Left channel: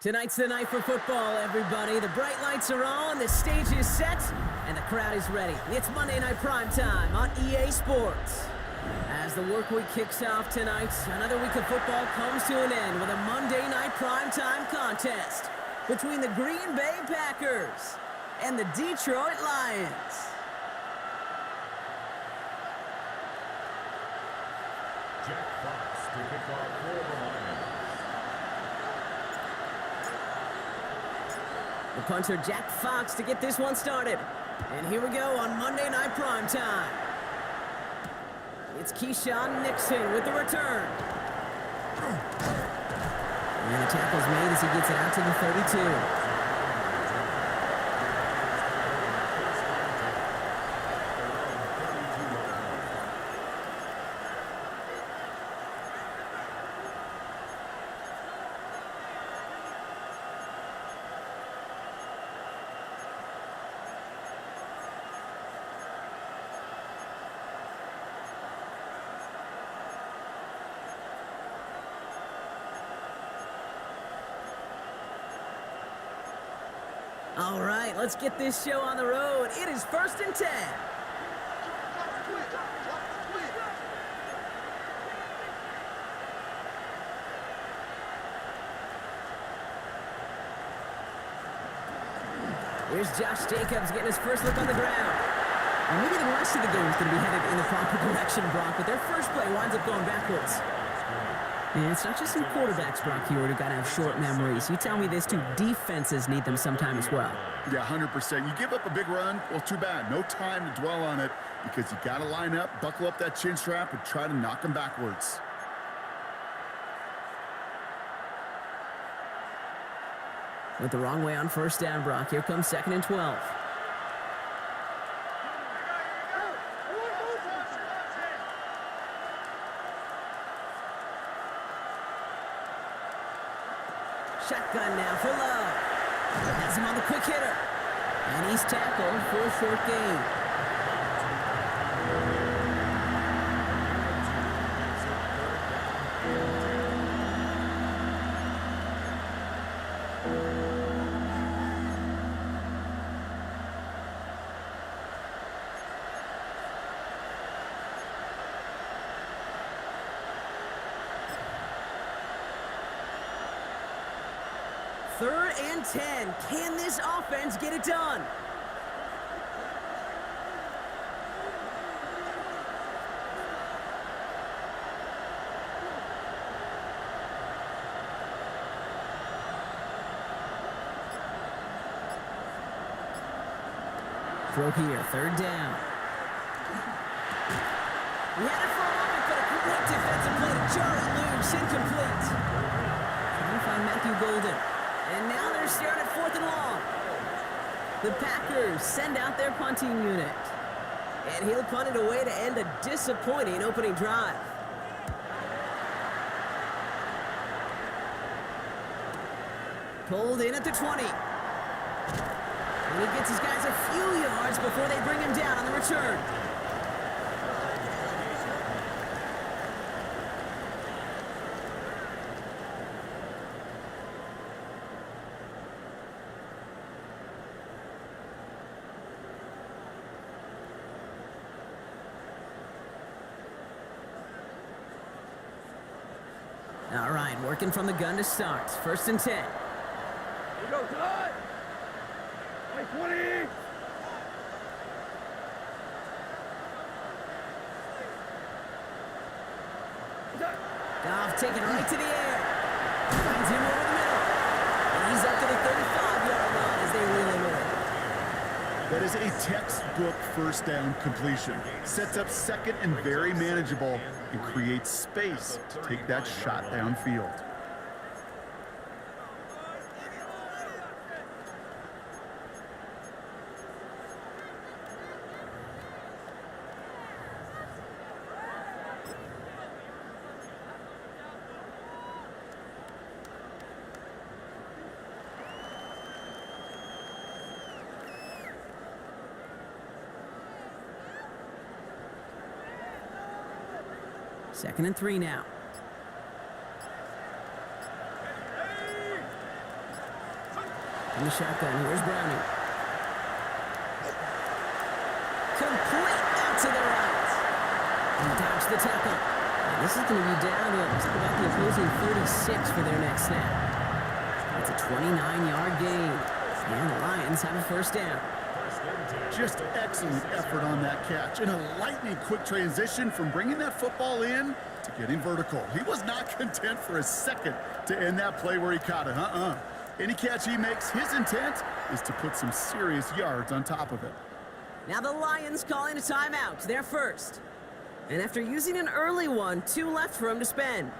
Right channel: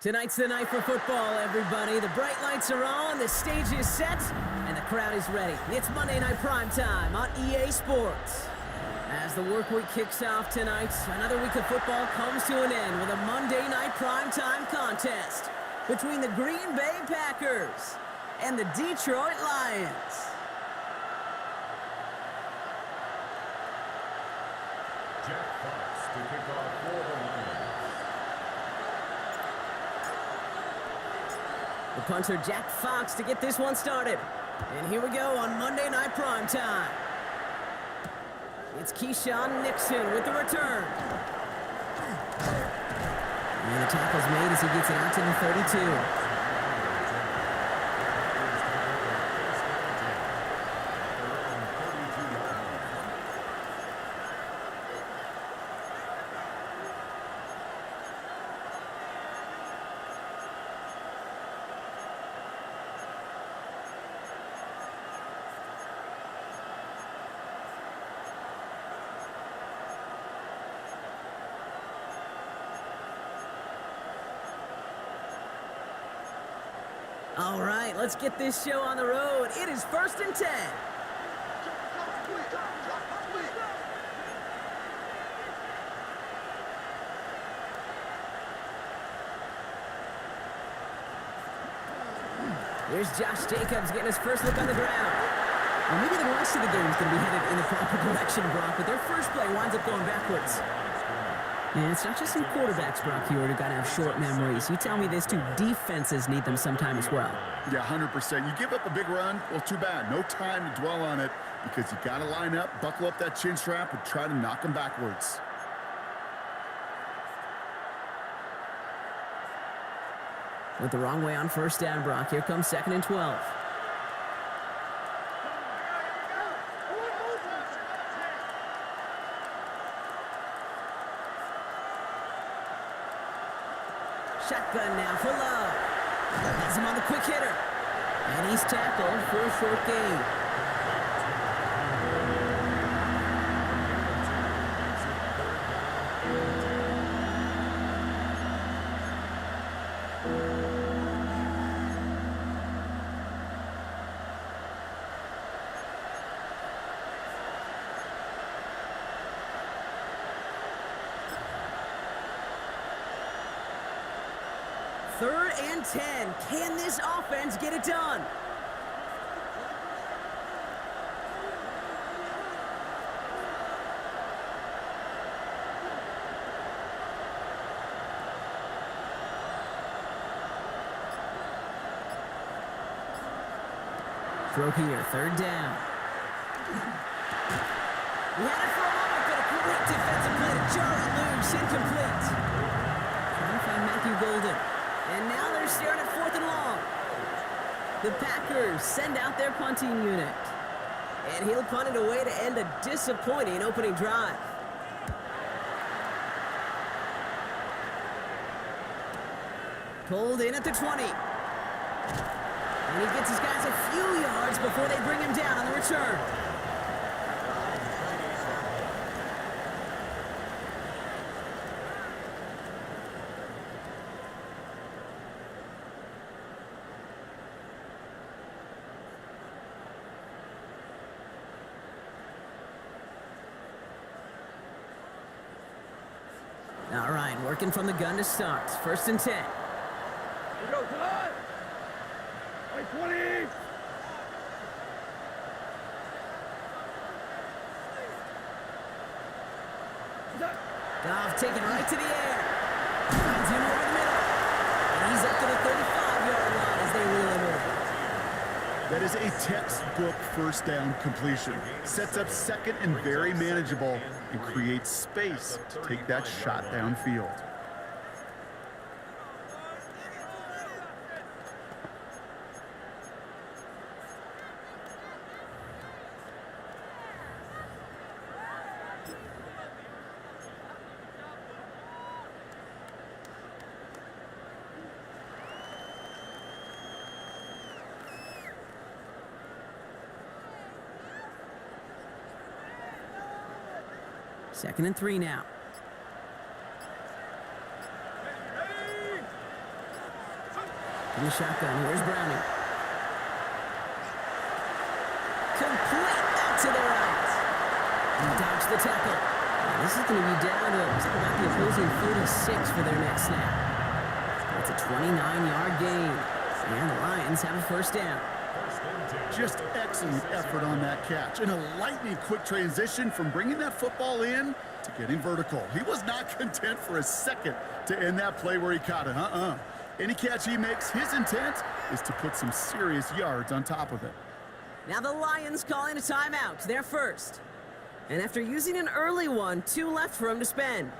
Tonight's the night for football, everybody. The bright lights are on, the stage is set, and the crowd is ready. It's Monday Night Primetime on EA Sports. As the work week kicks off tonight, another week of football comes to an end with a Monday Night Primetime contest between the Green Bay Packers and the Detroit Lions. Jack Fox to kick off for the Lions. The punter, Jack Fox, to get this one started. And here we go on Monday Night Primetime. It's Keyshawn Nixon with the return. And the tackle's made as he gets it out to the 32. All right, let's get this show on the road. It is 1st and 10. Here's Josh Jacobs getting his first look on the ground. Well, maybe the rest of the game is going to be headed in the proper direction, Brock, but their first play winds up going backwards. And it's not just some quarterbacks, Brock, here who got to have short memories. You tell me this too, defenses need them sometime as well. Yeah, 100%. You give up a big run, well, too bad. No time to dwell on it because you got to line up, buckle up that chin strap, and try to knock them backwards. Went the wrong way on first down, Brock. Here comes 2nd and 12. Shotgun now for Love. Has him on the quick hitter. And he's tackled for a short gain. Third and 10. Can this offense get it done? Throw here, 3rd down. We had it for a moment, but a great defensive play to jar it loose. Incomplete. Trying to find Matthew Golden. And now they're staring at 4th and long. The Packers send out their punting unit. And he'll punt it away to end a disappointing opening drive. Pulled in at the 20. And he gets his guys a few yards before they bring him down on the return. All right, working from the gun to start. 1st and 10. Here we go, tonight. 20. Goff taking right to the air. Finds him over the middle. And he's up to the 35-yard line as they reel him in. That is a textbook first down completion. Sets up 2nd and very manageable and creates space to take that shot downfield. Second and 3 now. From the shotgun, here's Browning. Complete out to the right. He dodged the tackle. And this is going to be downhill. Looks like about the opposing 36 for their next snap. It's a 29-yard gain. And the Lions have a first down. Just excellent effort on that catch. And a lightning quick transition from bringing that football in to getting vertical. He was not content for a second to end that play where he caught it. Any catch he makes, his intent is to put some serious yards on top of it. Now the Lions calling a timeout. They're first. And after using an early one, 2 left for him to spend.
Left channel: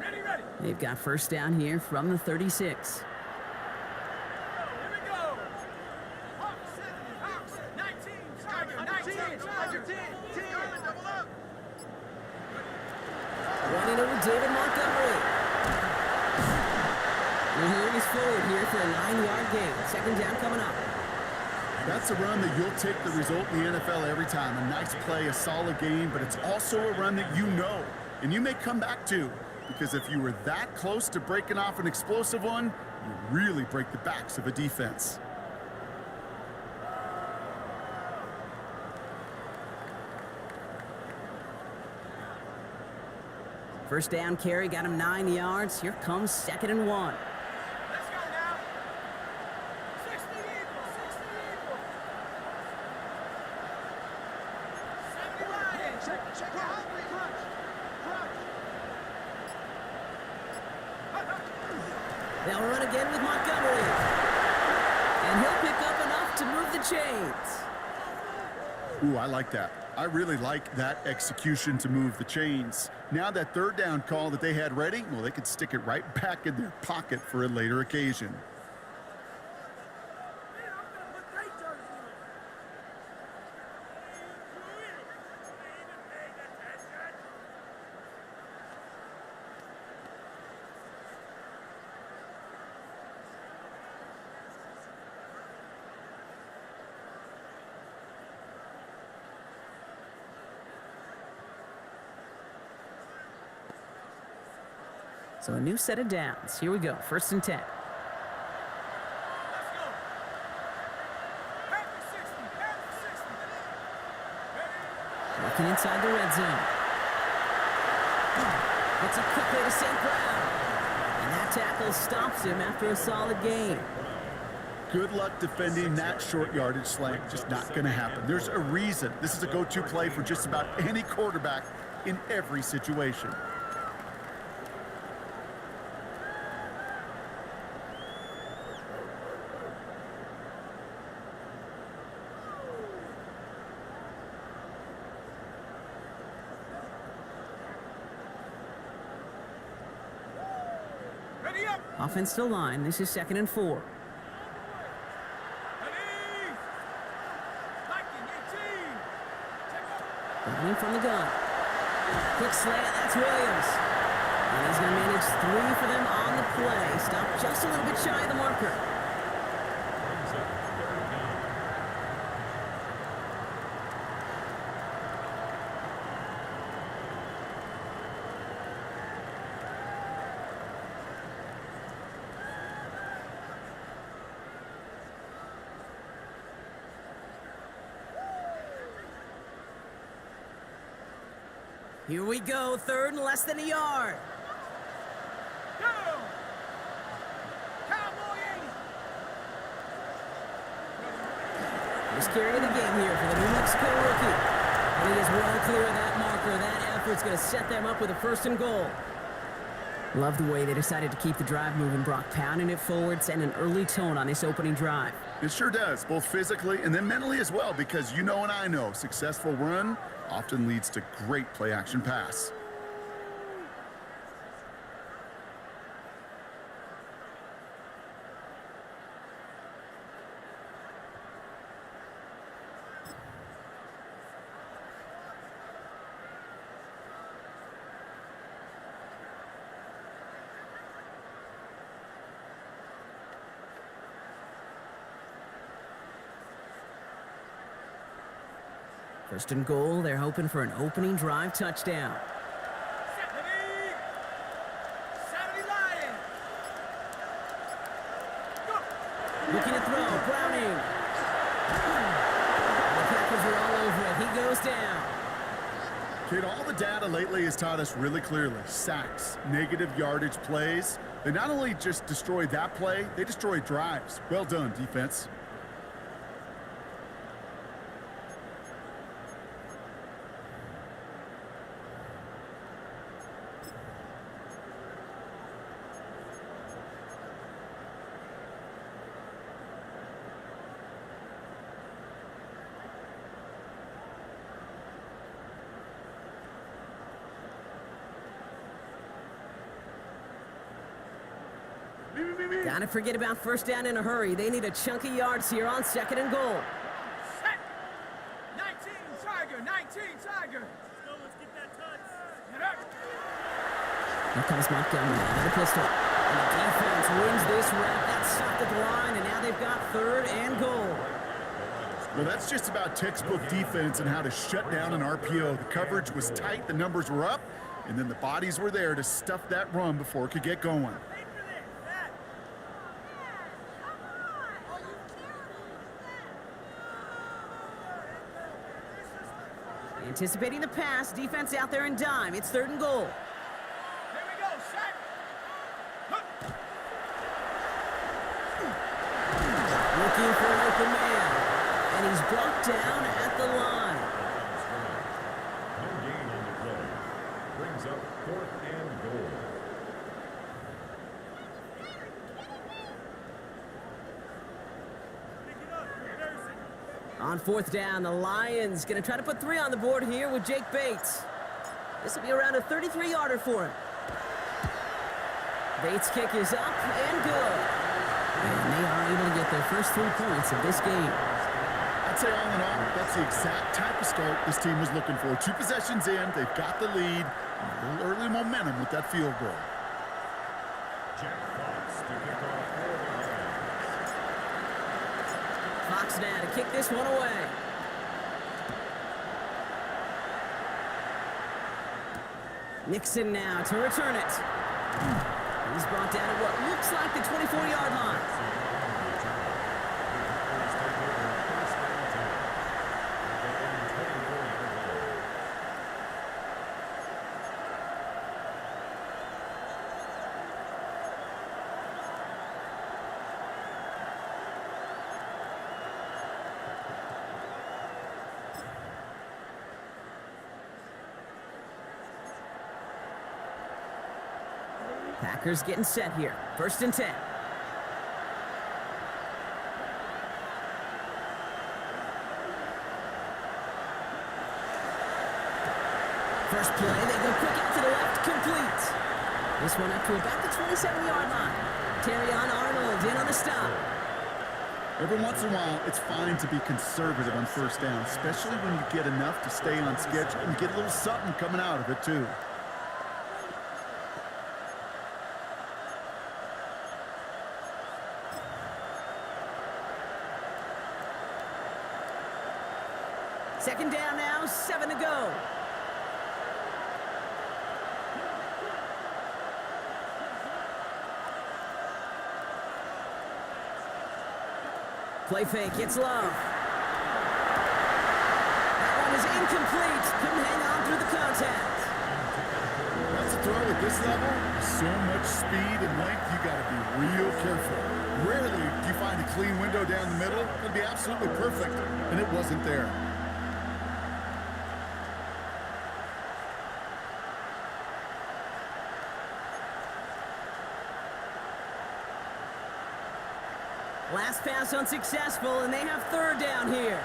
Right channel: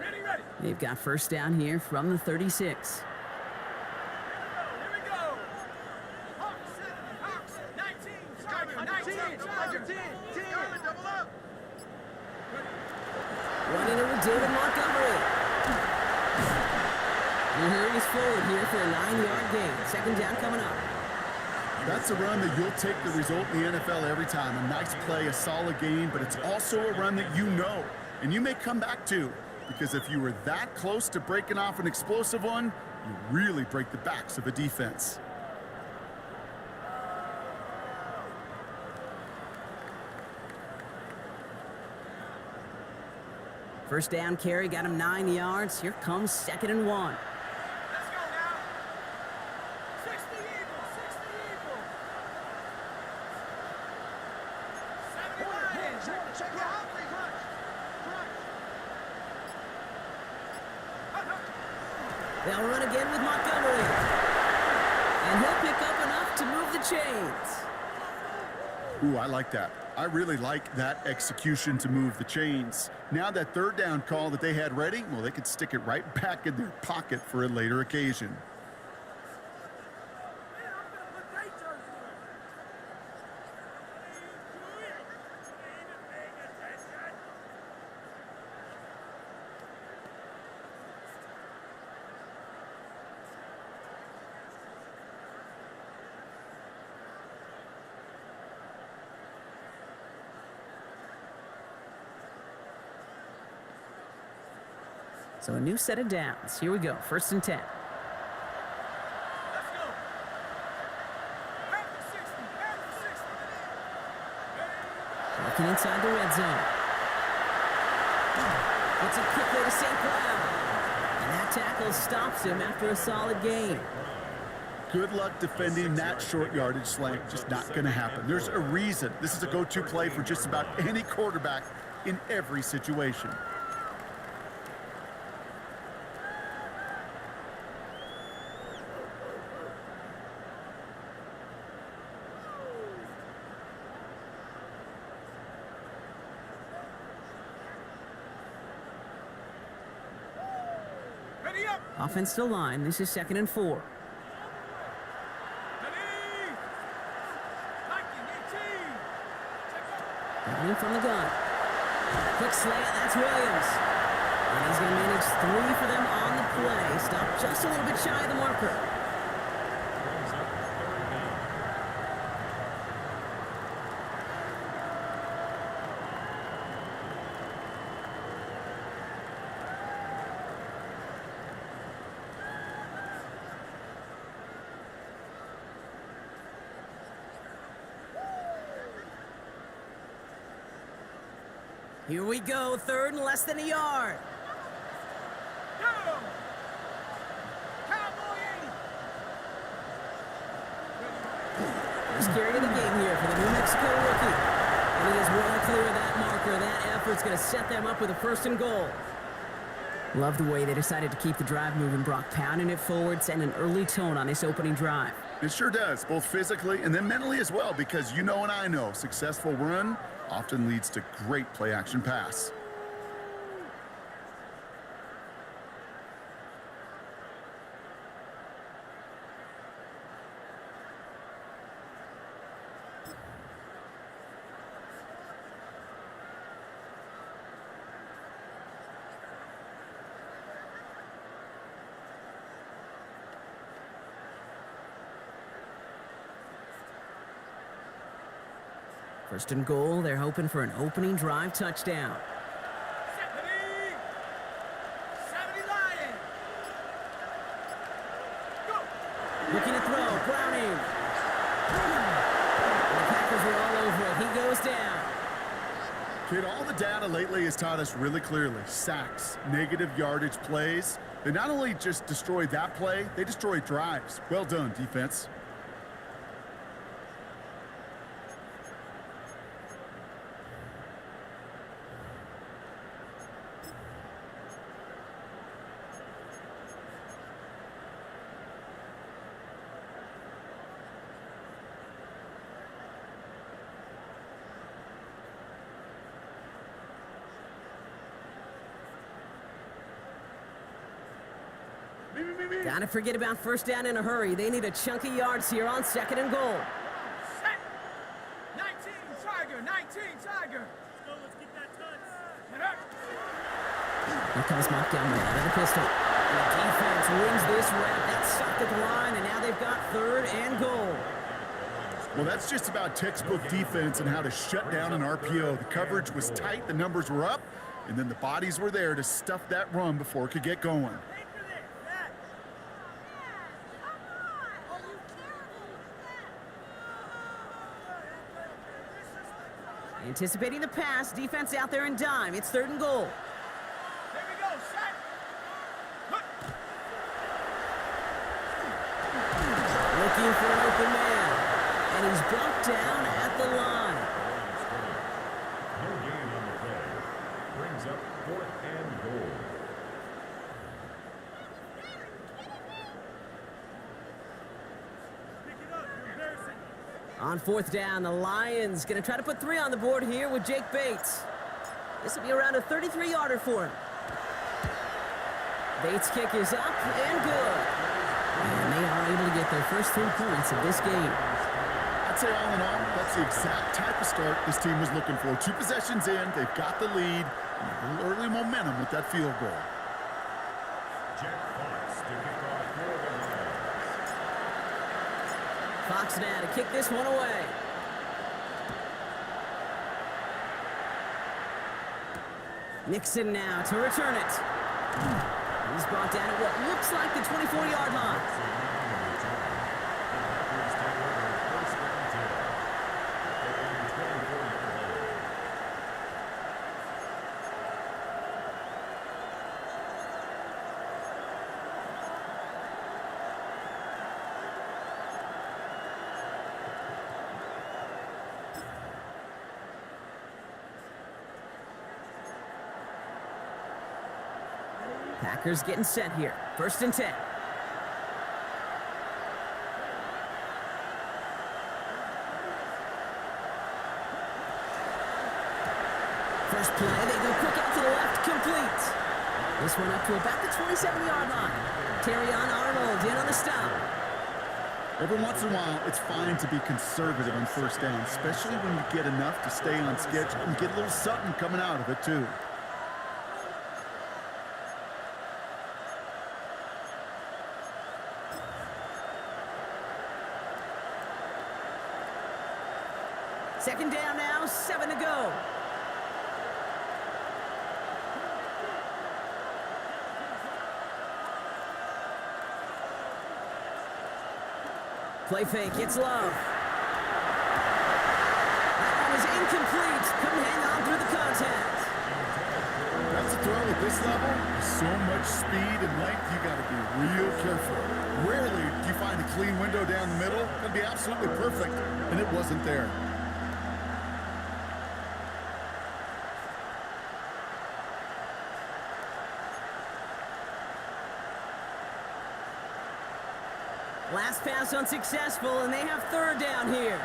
Ready. They've got first down here from the 36. Here we go. Hawks 7, Hawks 19, Tiger 10. Double up. Running it with David Montgomery. And he hurries forward here for a 9-yard gain. Second down coming up. That's a run that you'll take the result in the NFL every time. A nice play, a solid game, but it's also a run that you know, and you may come back to. Because if you were that close to breaking off an explosive one, you really break the backs of a defense. First down carry got him 9 yards. Here comes 2nd and 1. Let's go now. 60 Eagles. 70 Lions. Check it out. Crunch. They'll run again with Montgomery. And he'll pick up enough to move the chains. Ooh, I like that. I really like that execution to move the chains. Now that third down call that they had ready, well, they could stick it right back in their pocket for a later occasion. So a new set of downs. Here we go. 1st and 10. Let's go. Half the 60. Working inside the red zone. Gets it quickly to St. Brown. And that tackle stops him after a solid gain. Good luck defending that short yardage slant. Just not going to happen. There's a reason this is a go-to play for just about any quarterback in every situation. Ready up. Offensive line. This is 2nd and 4. Ready. Lightning 18. Check out. Browning from the gun. Quick slant. That's Williams. And he's going to manage 3 for them on the play. Stopped just a little bit shy of the marker. Brings up third down. Here we go, third and less than a yard. Down. Cowboy 80. First carry of the game here for the New Mexico rookie. And he is well clear of that marker. That effort's going to set them up with a first and goal. Love the way they decided to keep the drive moving. Brock pounding it forward, setting an early tone on this opening drive. It sure does, both physically and then mentally as well, because you know and I know successful run often leads to great play-action pass. First and goal, they're hoping for an opening drive touchdown. 70. 70 Lions. Go. Looking to throw, Browning. And the Packers are all over it. He goes down. Kid, all the data lately has taught us really clearly. Sacks, negative yardage plays. They not only just destroy that play, they destroy drives. Well done, defense. Gotta forget about first down in a hurry. They need a chunk of yards here on second and goal. Come on. Set. 19 Tiger. 19 Tiger. Let's go. Let's get that touch. Get up. Here comes Montgomery out of the pistol. And the defense wins this rep. That's stopped at the line, and now they've got third and goal. Well, that's just about textbook defense and how to shut down an RPO. The coverage was tight, the numbers were up, and then the bodies were there to stuff that run before it could get going. Pay for this. That. Come on! Are you terrible? What is that? This is like Anticipating the pass, defense out there in dime. It's third and goal. Here we go. Set. Hut. Looking for an open man. And he's brought down at the line. The line of scrimmage. No gain on the play. Brings up fourth and goal. Pick it up. You're embarrassing us. On fourth down, the Lions going to try to put 3 on the board here with Jake Bates. This will be around a 33-yarder for him. Bates' kick is up and good. And they are able to get their first 3 points of this game. I'd say all in all, that's the exact type of start this team was looking for. 2 possessions in, they've got the lead, and a little early momentum with that field goal. Jack Fox to kick off for the Lions. Fox now to kick this one away. Nixon now to return it. He's brought down at what looks like the 24-yard line. On the return. The Packers take over at first and 10 at their own 24-yard line. Packers getting set here. First and 10. First play, they go quick out to the left, complete. This one up to about the 27-yard line. Terrion Arnold in on the stop. Every once in a while, it's fine to be conservative on first down, especially when you get enough to stay on schedule and get a little something coming out of it, too. Second down now, 7 to go. Play fake, it's Love. That one is incomplete. Couldn't hang on through the contact. That's a throw at this level. So much speed and length, you got to be real careful. Rarely do you find a clean window down the middle. It'll be absolutely perfect, and it wasn't there. Last pass unsuccessful, and they have third down here.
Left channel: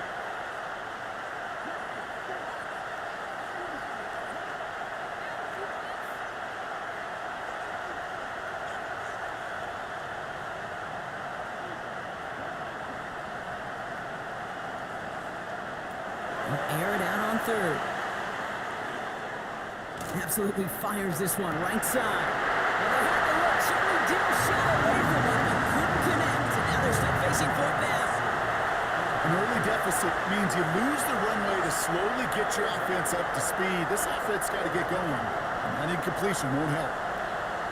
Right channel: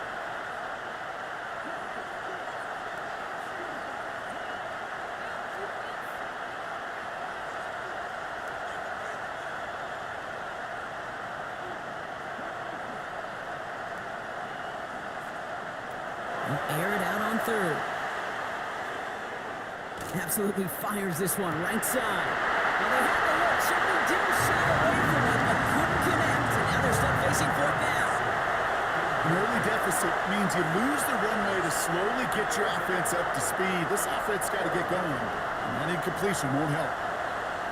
Air it out on third. Absolutely fires this one, right side. Well, they had the look, certainly didn't shy away from it, but couldn't connect, and now they're stuck facing fourth down. An early deficit means you lose the runway to slowly get your offense up to speed. This offense got to get going, and that incompletion won't help.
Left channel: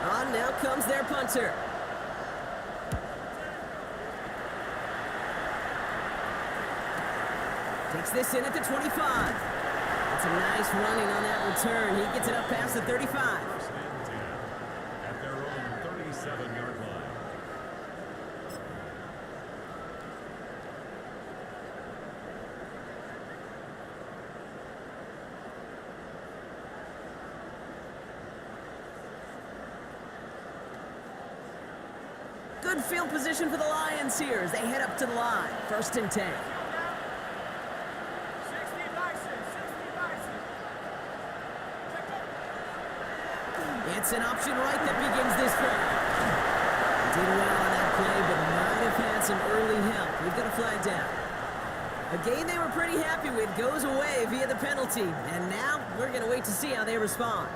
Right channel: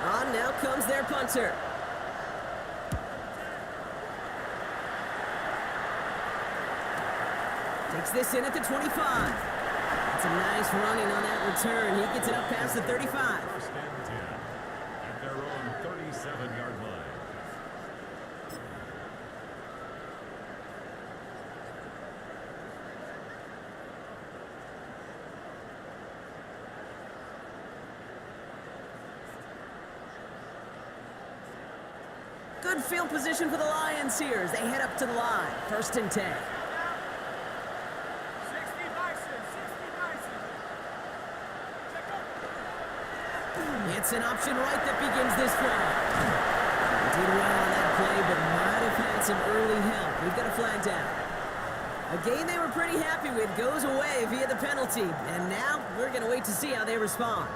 On now comes their punter. Takes this in at the 25. That's a nice running on that return. He gets it up past the 35. First and 10 at their own 37-yard line. Good field position for the Lions here as they head up to the line. First and 10. 60 Bison, 60 Bison. Check go. It's an option right that begins this drive. He did well on that play, but might have had some early help. We've got a flag down. A game they were pretty happy with goes away via the penalty. And now we're going to wait to see how they respond.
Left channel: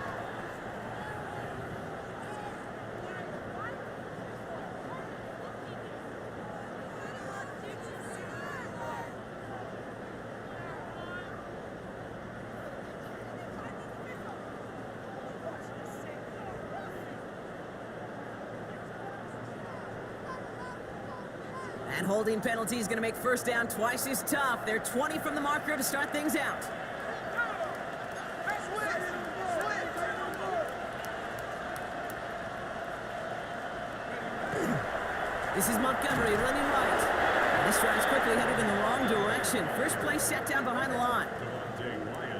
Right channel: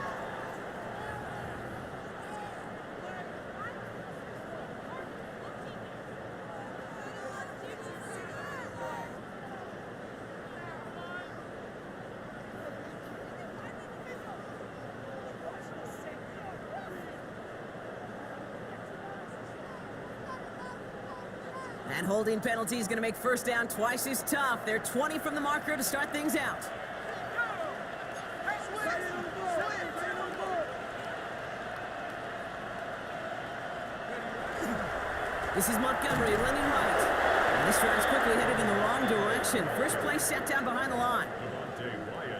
And holding penalty is going to make first down twice as tough. They're 20 from the marker to start things out. This is Montgomery running right. And this drive's quickly headed in the wrong direction. First play set down behind the line.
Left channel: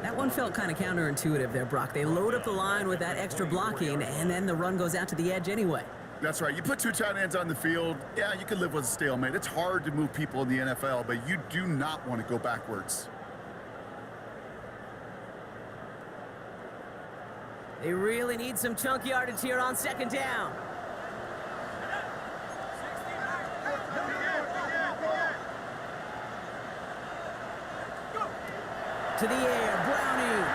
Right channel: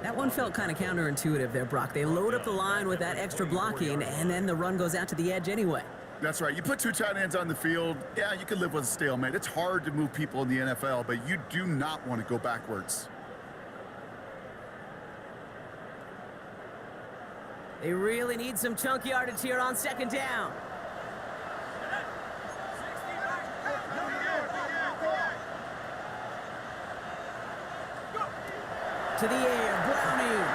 That one felt kind of counterintuitive there, Brock. They load up the line with that extra blocking, and then the run goes out to the edge anyway. That's right. You put two tight ends on the field, yeah, you can live with a stalemate. It's hard to move people in the NFL, but you do not want to go backwards. They really need some chunk yardage here on second down. To the air, Browning.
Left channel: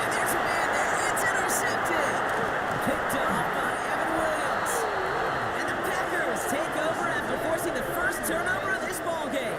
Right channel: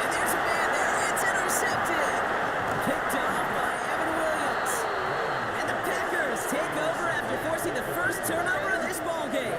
And there's a man there. It's intercepted. Picked off by Evan Williams. And the Packers take over after forcing the first turnover of this ball game.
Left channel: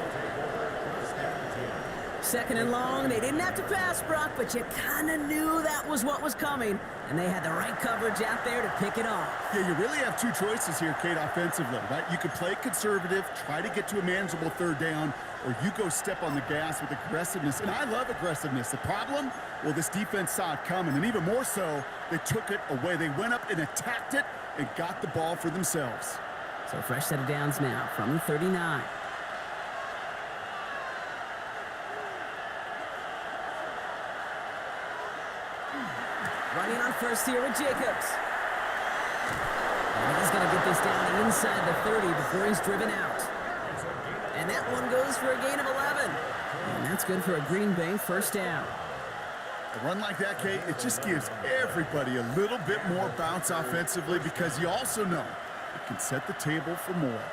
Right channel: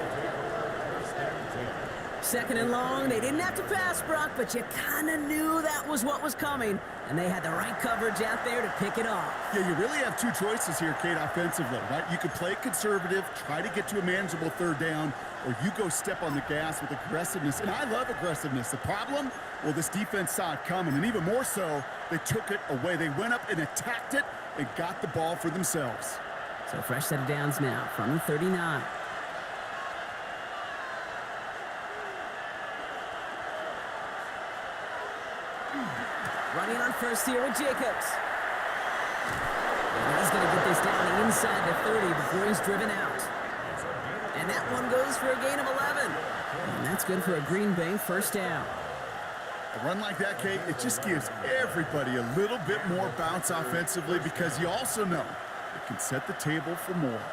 Second and long. They didn't have to pass, Brock, but you kind of knew that was what was coming. And they had the right coverage out there to pick it off. Yeah, you really have two choices here, Kate, offensively, right? You could play conservative, try to get to a manageable third down, or you go step on the gas with aggressiveness. And I love aggressiveness. The problem? Well, this defense saw it coming, and even more so, they took it away. They went up and attacked it and got the ball for themselves. So fresh set of downs now from the 39. Running on first here with Jacobs. And he's going to get this down inside the 30 before he's driven out. And that one goes for a gain of 11. And that's good for a Green Bay first down. A run like that, Kate, it just gives everybody a little bit more bounce offensively because you also know it can set the table for more.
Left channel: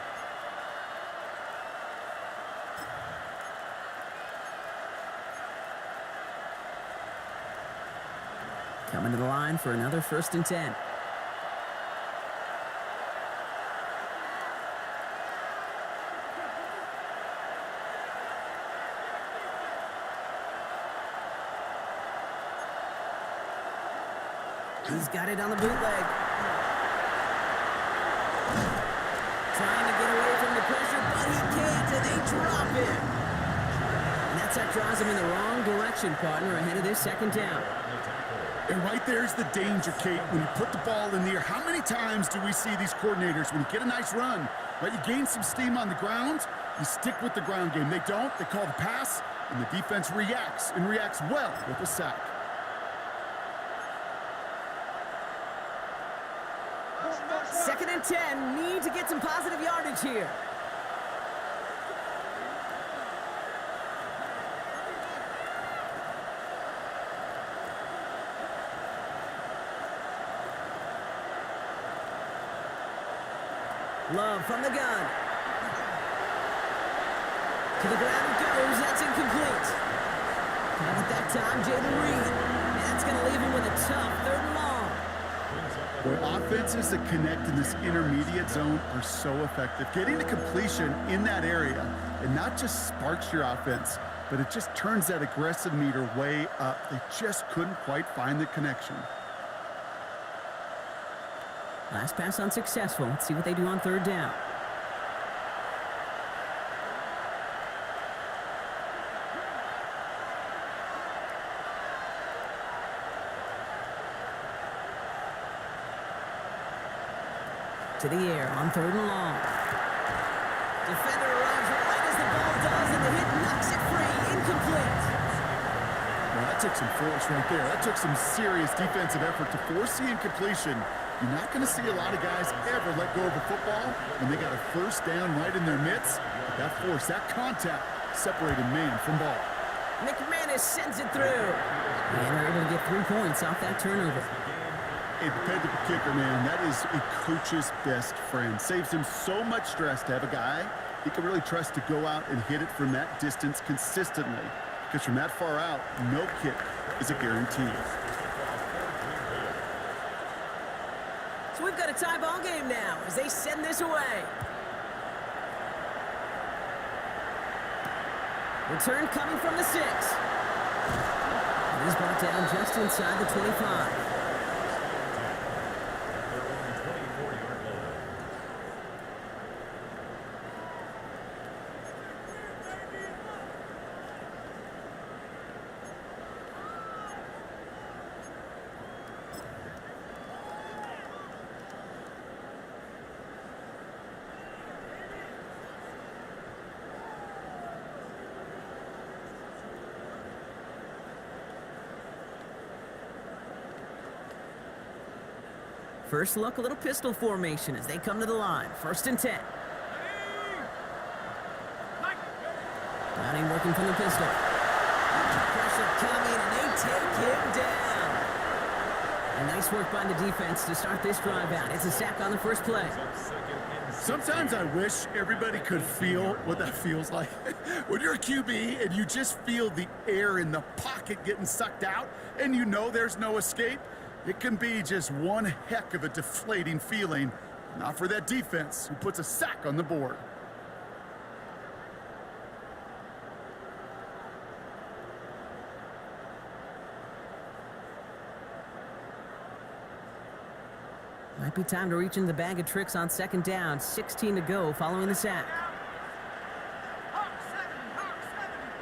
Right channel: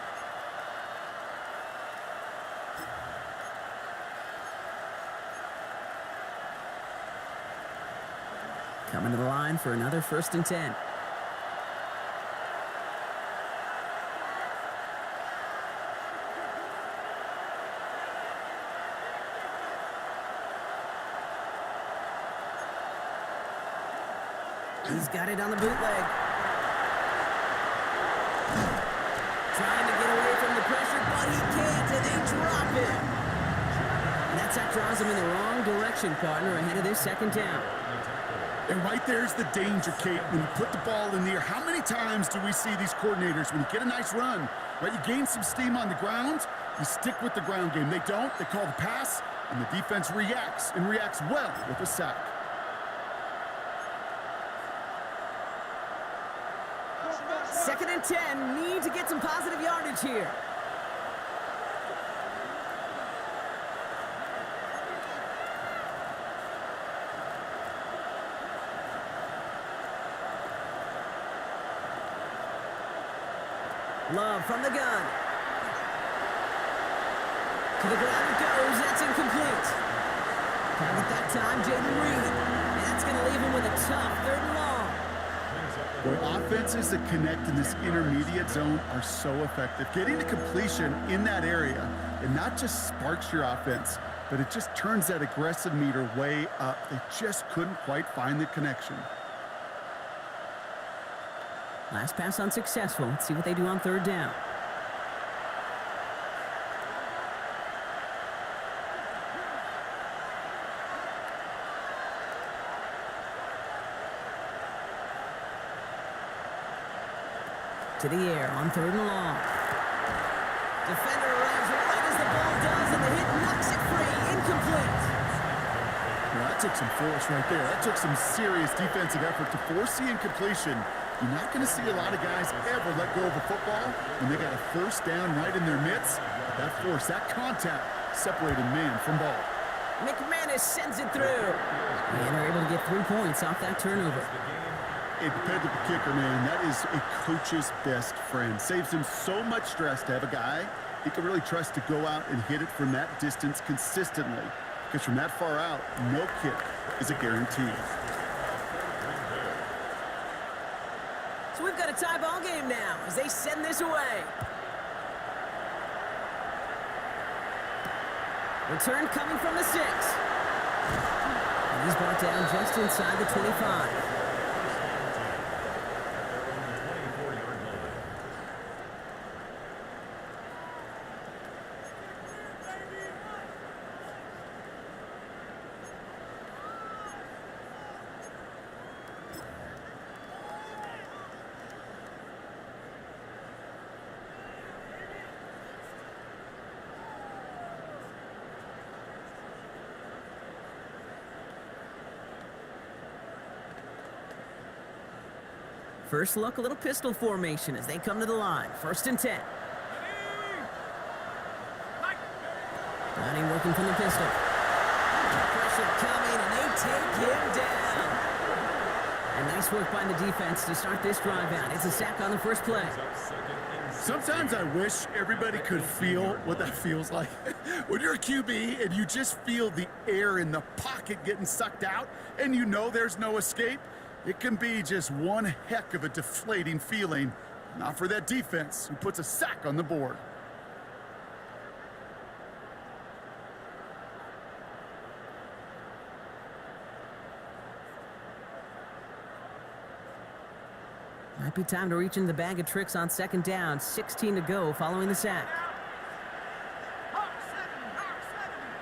Coming to the line for another first and 10. He's got it on the bootleg. Trying to get away from the pressure, but he can't, and they drop it. And that draws him in the wrong direction, partner, ahead of this second down. And right there's the danger, Kate. When you put the ball in the air, how many times do we see these coordinators, when you get a nice run, right, you gain some steam on the ground, you stick with the ground game. They don't, they call the pass, and the defense reacts, and reacts well with a sack. Second and 10, need to get some positive yardage here. Love from the gun. To the ground it goes. That's incomplete. Target that time, Jaden Reed. And that's going to leave him with a tough 3rd and long. Boy, offenses that connect in this intermediate zone are so effective. Getting to completion in that area, it not just sparks your offense, but it just turns that aggressive meter way up. They just couldn't quite find the connection. Last pass unsuccessful. Let's see what they do on 3rd down. To the air on 3rd and long. Defender arrives right as the ball does, and the hit knocks it free. Incomplete. Well, that took some force right there. That took some serious defensive effort to force the incompletion. You're not going to see a lot of guys ever let go of a football when they got a 1st down right in their midst. But that force, that contact, separated man from ball. McManus sends it through. And they're able to get 3 points off that turnover. A dependable kicker, man, that is a coach's best friend. Saves him so much stress to have a guy he can really trust to go out and hit it from that distance consistently. Because from that far out, no kick is a guarantee. So we've got a tie ball game now as they send this away. Return coming from the 6. And he's brought down just inside the 25. At their own 24-yard line. First look, a little pistol formation as they come to the line. 1st and 10. Browning working from the pistol. Pressure coming, and they take him down. And nice work by the defense to start this drive out. It's a sack on the first play. Sometimes I wish everybody could feel what that feels like. When you're a QB and you just feel the air in the pocket getting sucked out and you know there's no escape, it can be just one heck of a deflating feeling. Not for that defense who puts a sack on the board. Might be time to reach into the bag of tricks on 2nd down. 16 to go following the sack. Hawk 70, Hawk 70.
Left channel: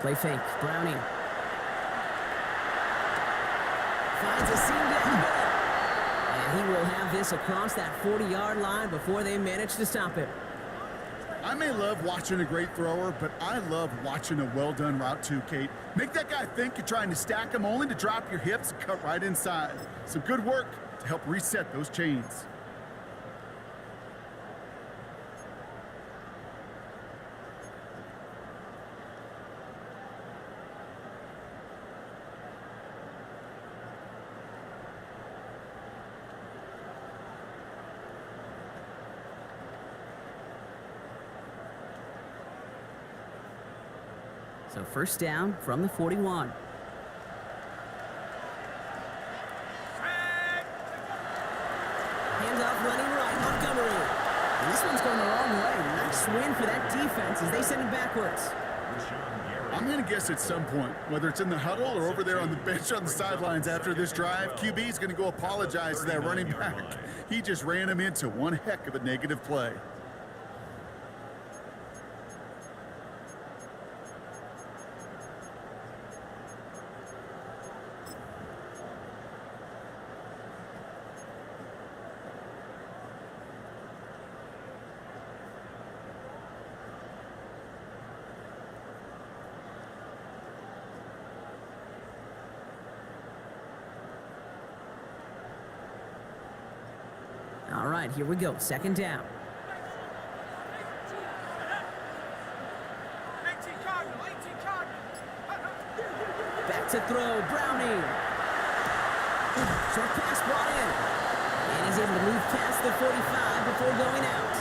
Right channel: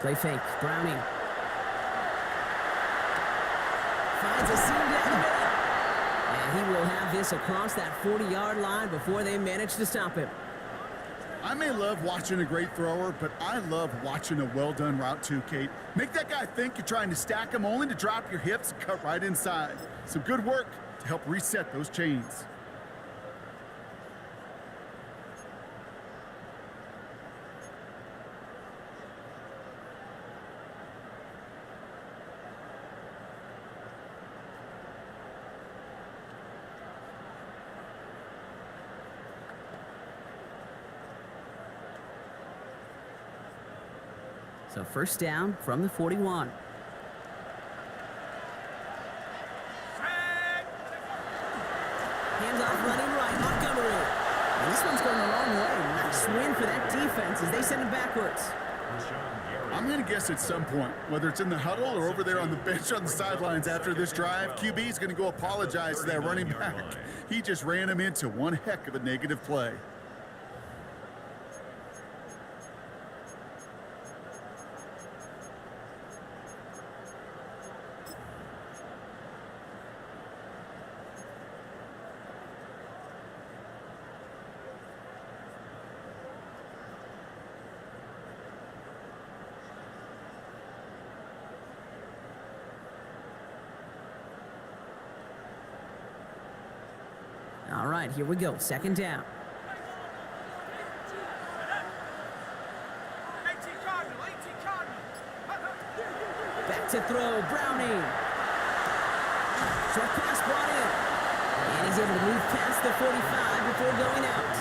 Play fake. Browning. Finds a seam down the middle. And he will have this across that 40-yard line before they manage to stop him. I may love watching a great thrower, but I love watching a well-done route too, Kate. Make that guy think you're trying to stack him only to drop your hips and cut right inside. Some good work to help reset those chains. So 1st down from the 41. Handoff running right, Montgomery. And this one's going the wrong way. Nice win for that defense as they send him backwards. I'm going to guess at some point, whether it's in the huddle or over there on the bench on the sidelines after this drive, QB is going to go apologize to that running back. He just ran him into one heck of a negative play. All right, here we go. Second down. 18 Cardinal, 18 Cardinal. Back to throw, Browning. Short pass brought in. And he's able to move past the 45 before going out.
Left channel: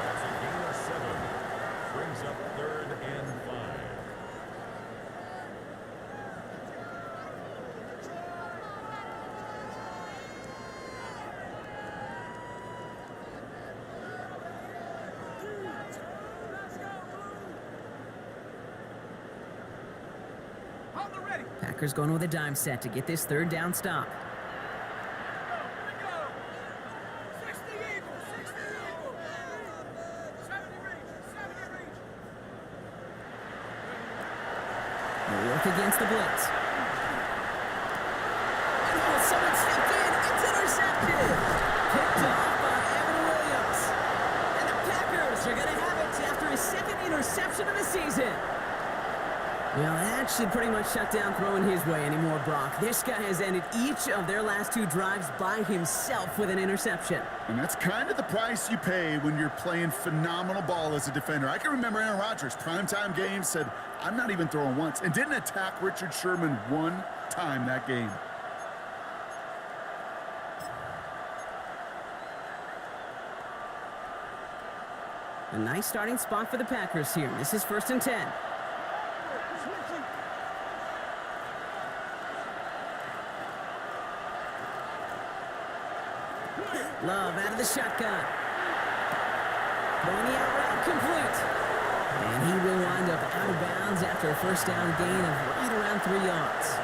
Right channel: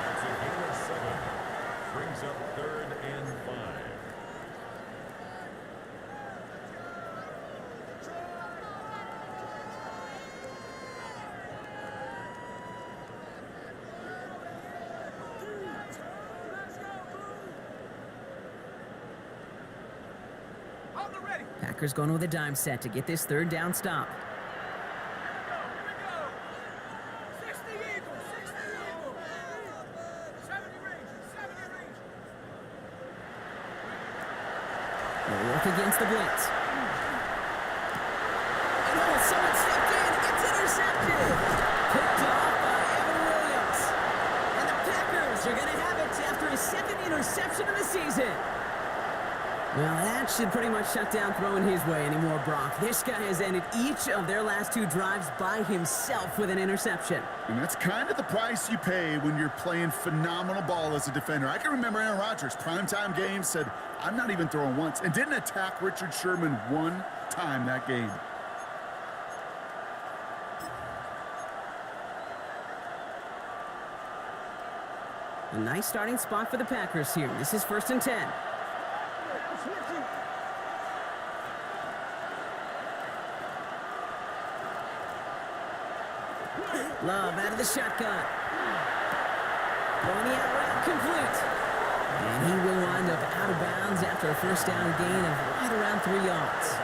That's a gain of 7. Brings up 3rd and 5. On the ready. Packers going with a dime set to get this third down stop. Here we go. 60 Eagles, 60 Eagles. 70 Rangers, 70 Rangers. They'll work against the blitz. And oh, someone stepped in. It's intercepted. Picked off by Evan Williams. And the Packers are going to have it after his second interception of the season. Well, that should pretty much shut down throwing his way anymore, Brock. This guy has ended each of their last 2 drives by himself with an interception. And that's kind of the price you pay when you're playing phenomenal ball as a defender. I can remember Aaron Rodgers, primetime game, said, I'm not even throwing once, and didn't attack Richard Sherman one time that game. A nice starting spot for the Packers here. This is 1st and 10. Love out of the shotgun. Throwing the out route complete. And he will wind up out of bounds after a first down gain of right around 3 yards.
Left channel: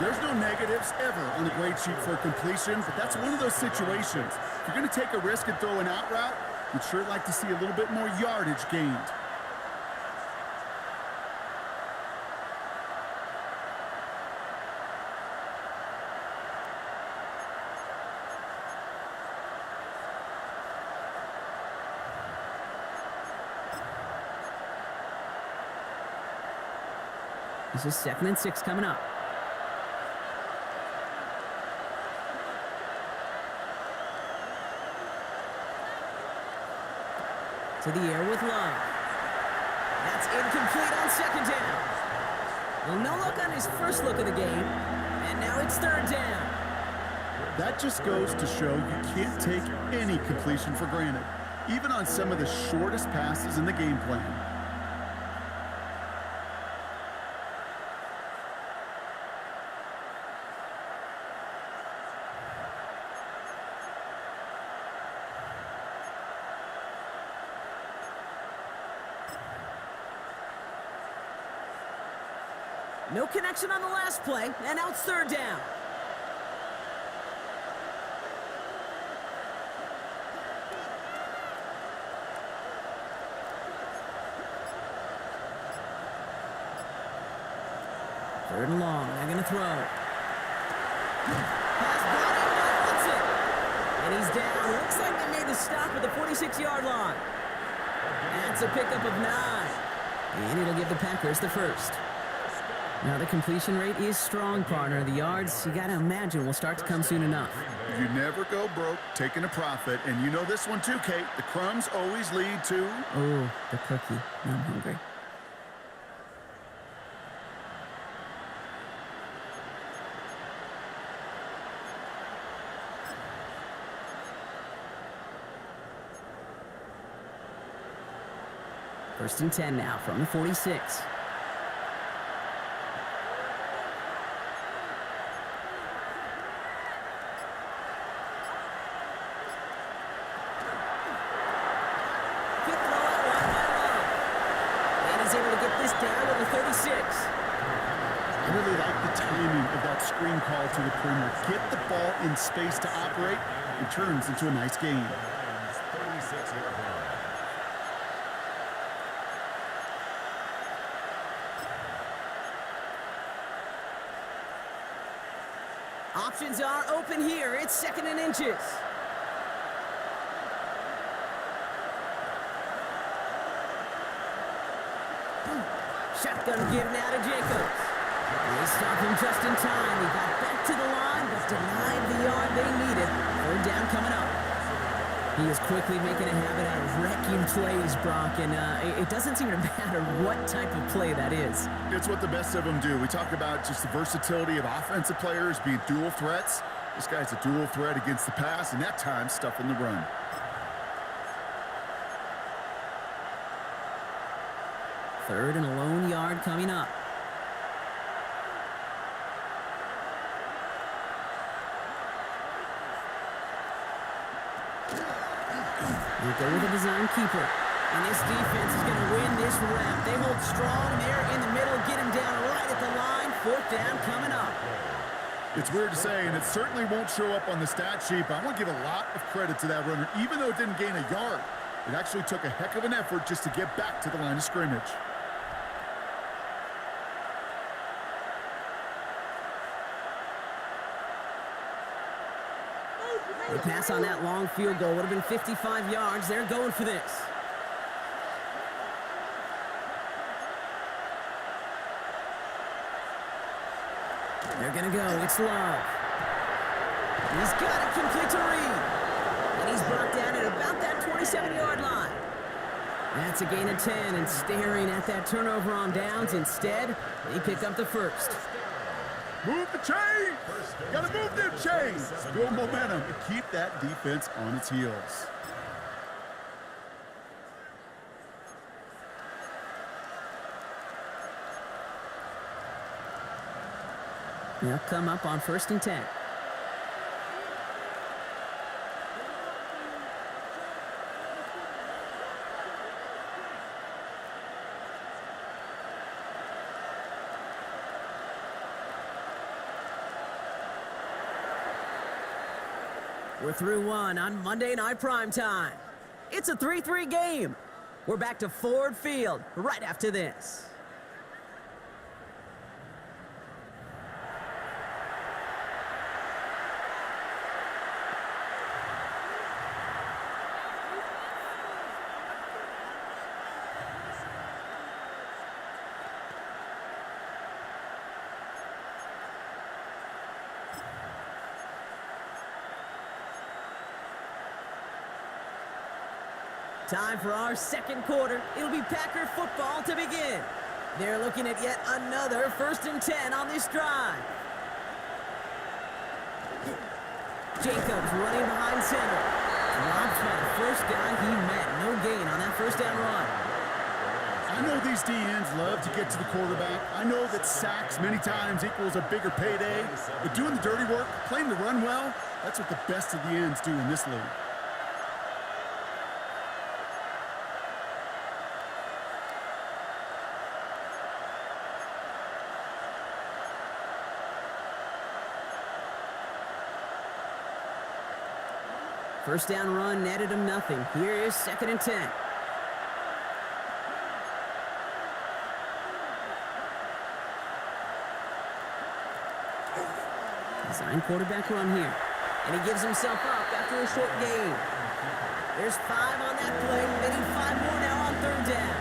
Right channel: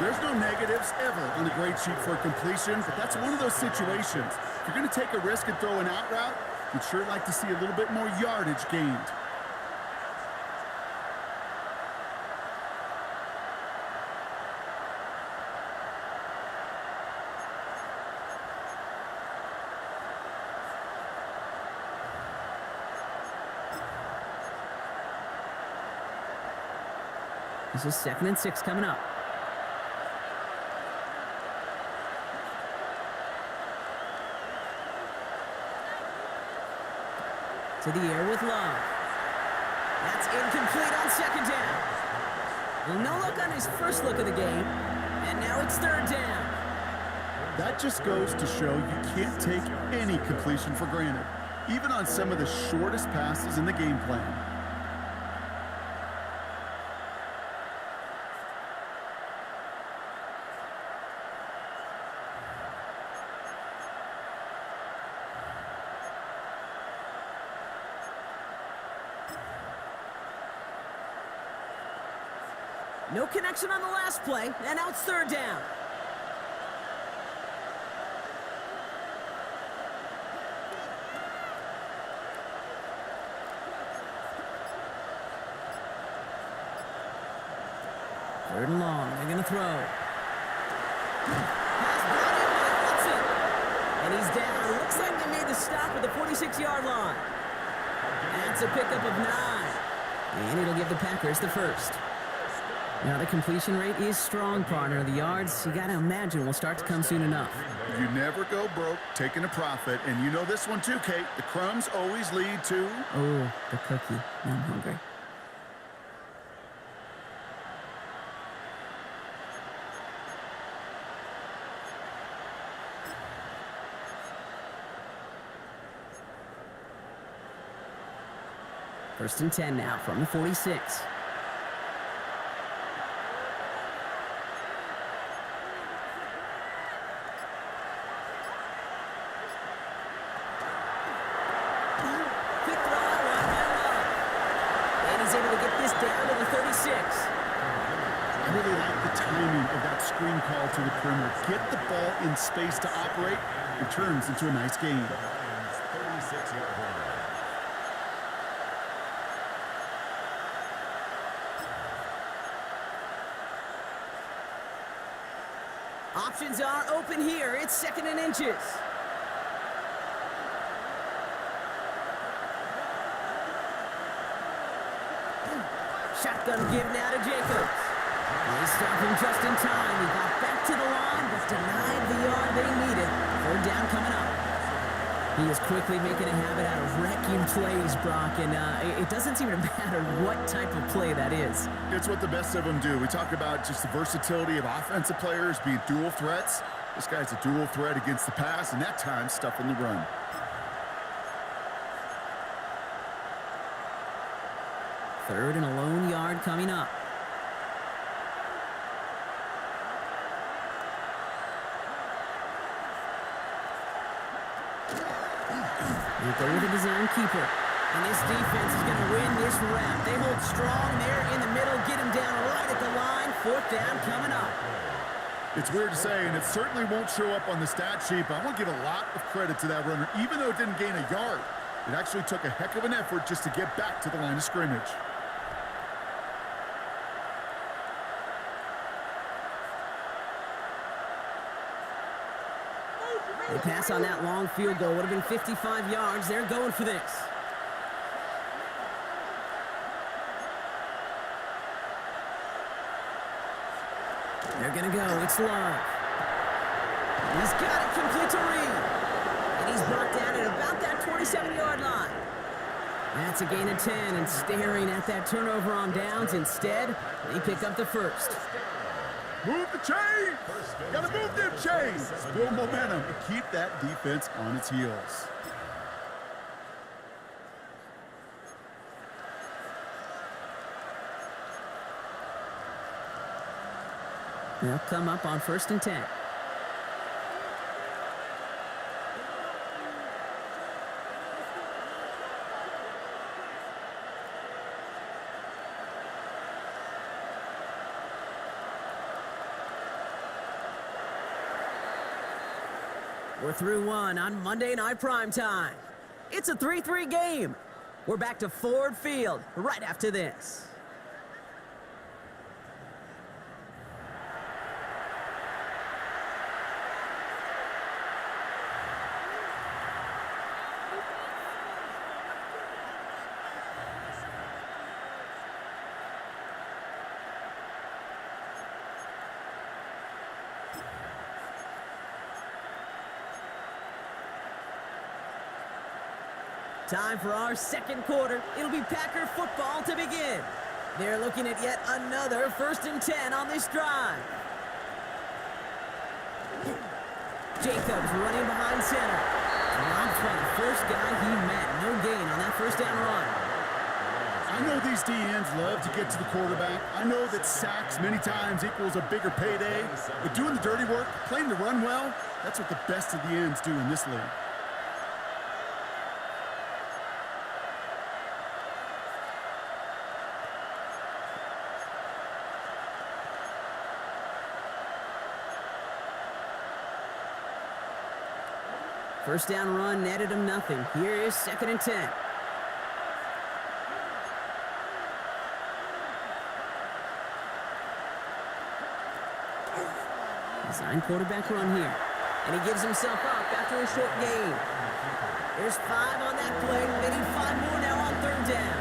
There's no negatives ever on the grade sheet for a completion, but that's one of those situations. If you're going to take a risk and throw an out route, you'd sure like to see a little bit more yardage gained. This is 2nd and 6 coming up. To the air with Love. That's incomplete on 2nd down. Well, no look on his first look of the game. And now it's 3rd down. That just goes to show you can't take any completion for granted, even on some of the shortest passes in the game plan. No connection on the last play, and now it's 3rd down. Third and long, they're gonna throw. Pass brought in by Watson. And he's down. Looks like they made the stop at the 46-yard line. That's a pickup of 9. And it'll give the Packers the first. Now the completion rate is strong, partner. The yards, you gotta imagine, will start to come soon enough. You never go broke taking a profit, and you know this one too, Kate. The crumbs always lead to... Oh, the cookie. Now I'm hungry. First and 10 now from the 46. Quick throw out wide by Love. And he's able to get this down to the 36. I really like the timing of that screen call to the perimeter. Get the ball in space to operate. It turns into a nice gain. The Lions' 36-yard line. Options are open here. It's 2nd and inches. Shotgun give now to Jacobs. They stop him just in time. He got back to the line, but denied the yard they needed. 3rd down coming up. He is quickly making a habit out of wrecking plays, Brock, and it doesn't seem to matter what type of play that is. It's what the best of them do. We talk about just the versatility of offensive players being dual threats. This guy's a dual threat against the pass, and that time stuffing the run. Third and a lone yard coming up. We go with a design keeper. And this defense is going to win this rep. They hold strong there in the middle, get him down right at the line. 4th down coming up. It's weird to say, and it certainly won't show up on the stat sheet, but I want to give a lot of credit to that runner. Even though it didn't gain a yard, it actually took a heck of an effort just to get back to the line of scrimmage. They pass on that long field goal. Would have been 55 yards. They're going for this. They're going to go. It's Love. He's got it complete to Reed. And he's brought down at about that 27-yard line. That's a gain of 10, and staring at that turnover on downs instead, they pick up the 1st. Move the chains! Gotta move them chains! Build momentum and keep that defense on its heels. They'll come up on 1st and 10. We're through one on Monday Night Primetime. It's a 3-3 game. We're back to Ford Field right after this. Time for our 2nd quarter. It'll be Packer football to begin. They're looking at yet another 1st and 10 on this drive. Jacobs running behind center. Dropped by the first guy he met. No gain on that 1st down run. I know these DNs love to get to the quarterback. I know that sacks many times equals a bigger payday. But doing the dirty work, playing the run well, that's what the best of the ends do in this league. First down run netted him nothing. Here is 2nd and 10. Design quarterback run here. And he gives himself up after a short gain. There's 5 on that play. They need 5 more now on 3rd down.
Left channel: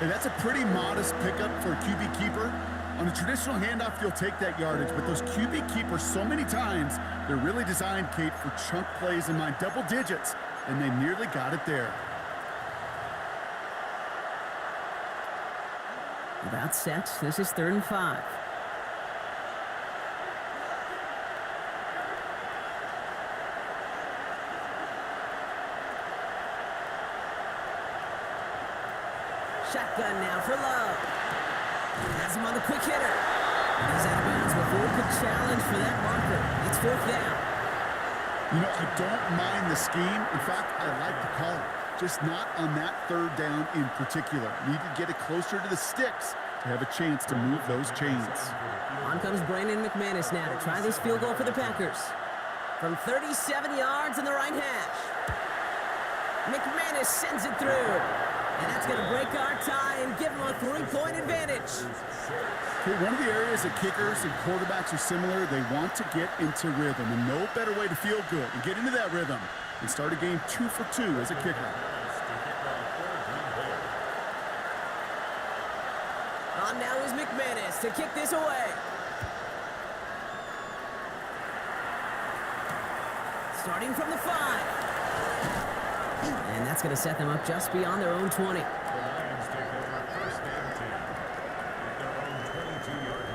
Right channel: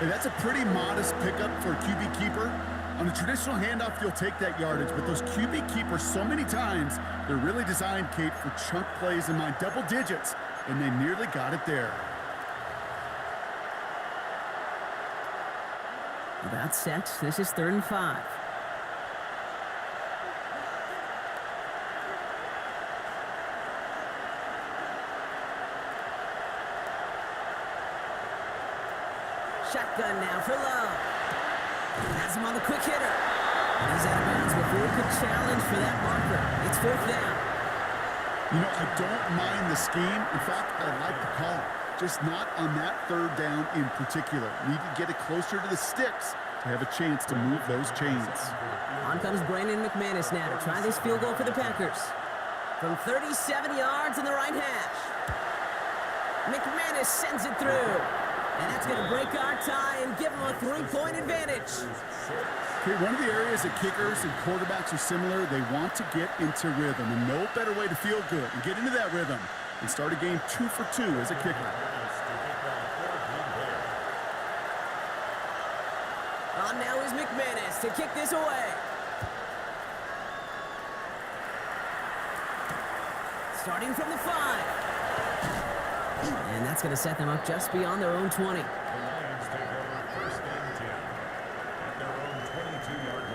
Hey, that's a pretty modest pickup for a QB keeper. On a traditional handoff, you'll take that yardage, but those QB keepers, so many times, they're really designed, Kate, for chunk plays in mind, double digits, and they nearly got it there. About set. This is 3rd and 5. Shotgun now for Love. Has him on the quick hitter. And he's out of bounds before he could challenge for that marker. It's 4th down. You know, I don't mind the scheme. In fact, I like the call. just not on that third down in particular. Need to get it closer to the sticks to have a chance to move those chains. On comes Brandon McManus now to try this field goal for the Packers. From 37 yards in the right hash. McManus sends it through. And that's going to break our tie and give them a 3-point advantage. Okay, one of the areas that kickers and quarterbacks are similar, they want to get into rhythm. And no better way to feel good and get into that rhythm and start a game 2 for 2 as a kicker. On now is McManus to kick this away. Starting from the 5. And that's going to set them up just beyond their own 20. The Lions take over 1st and 10 at their own 22-yard line.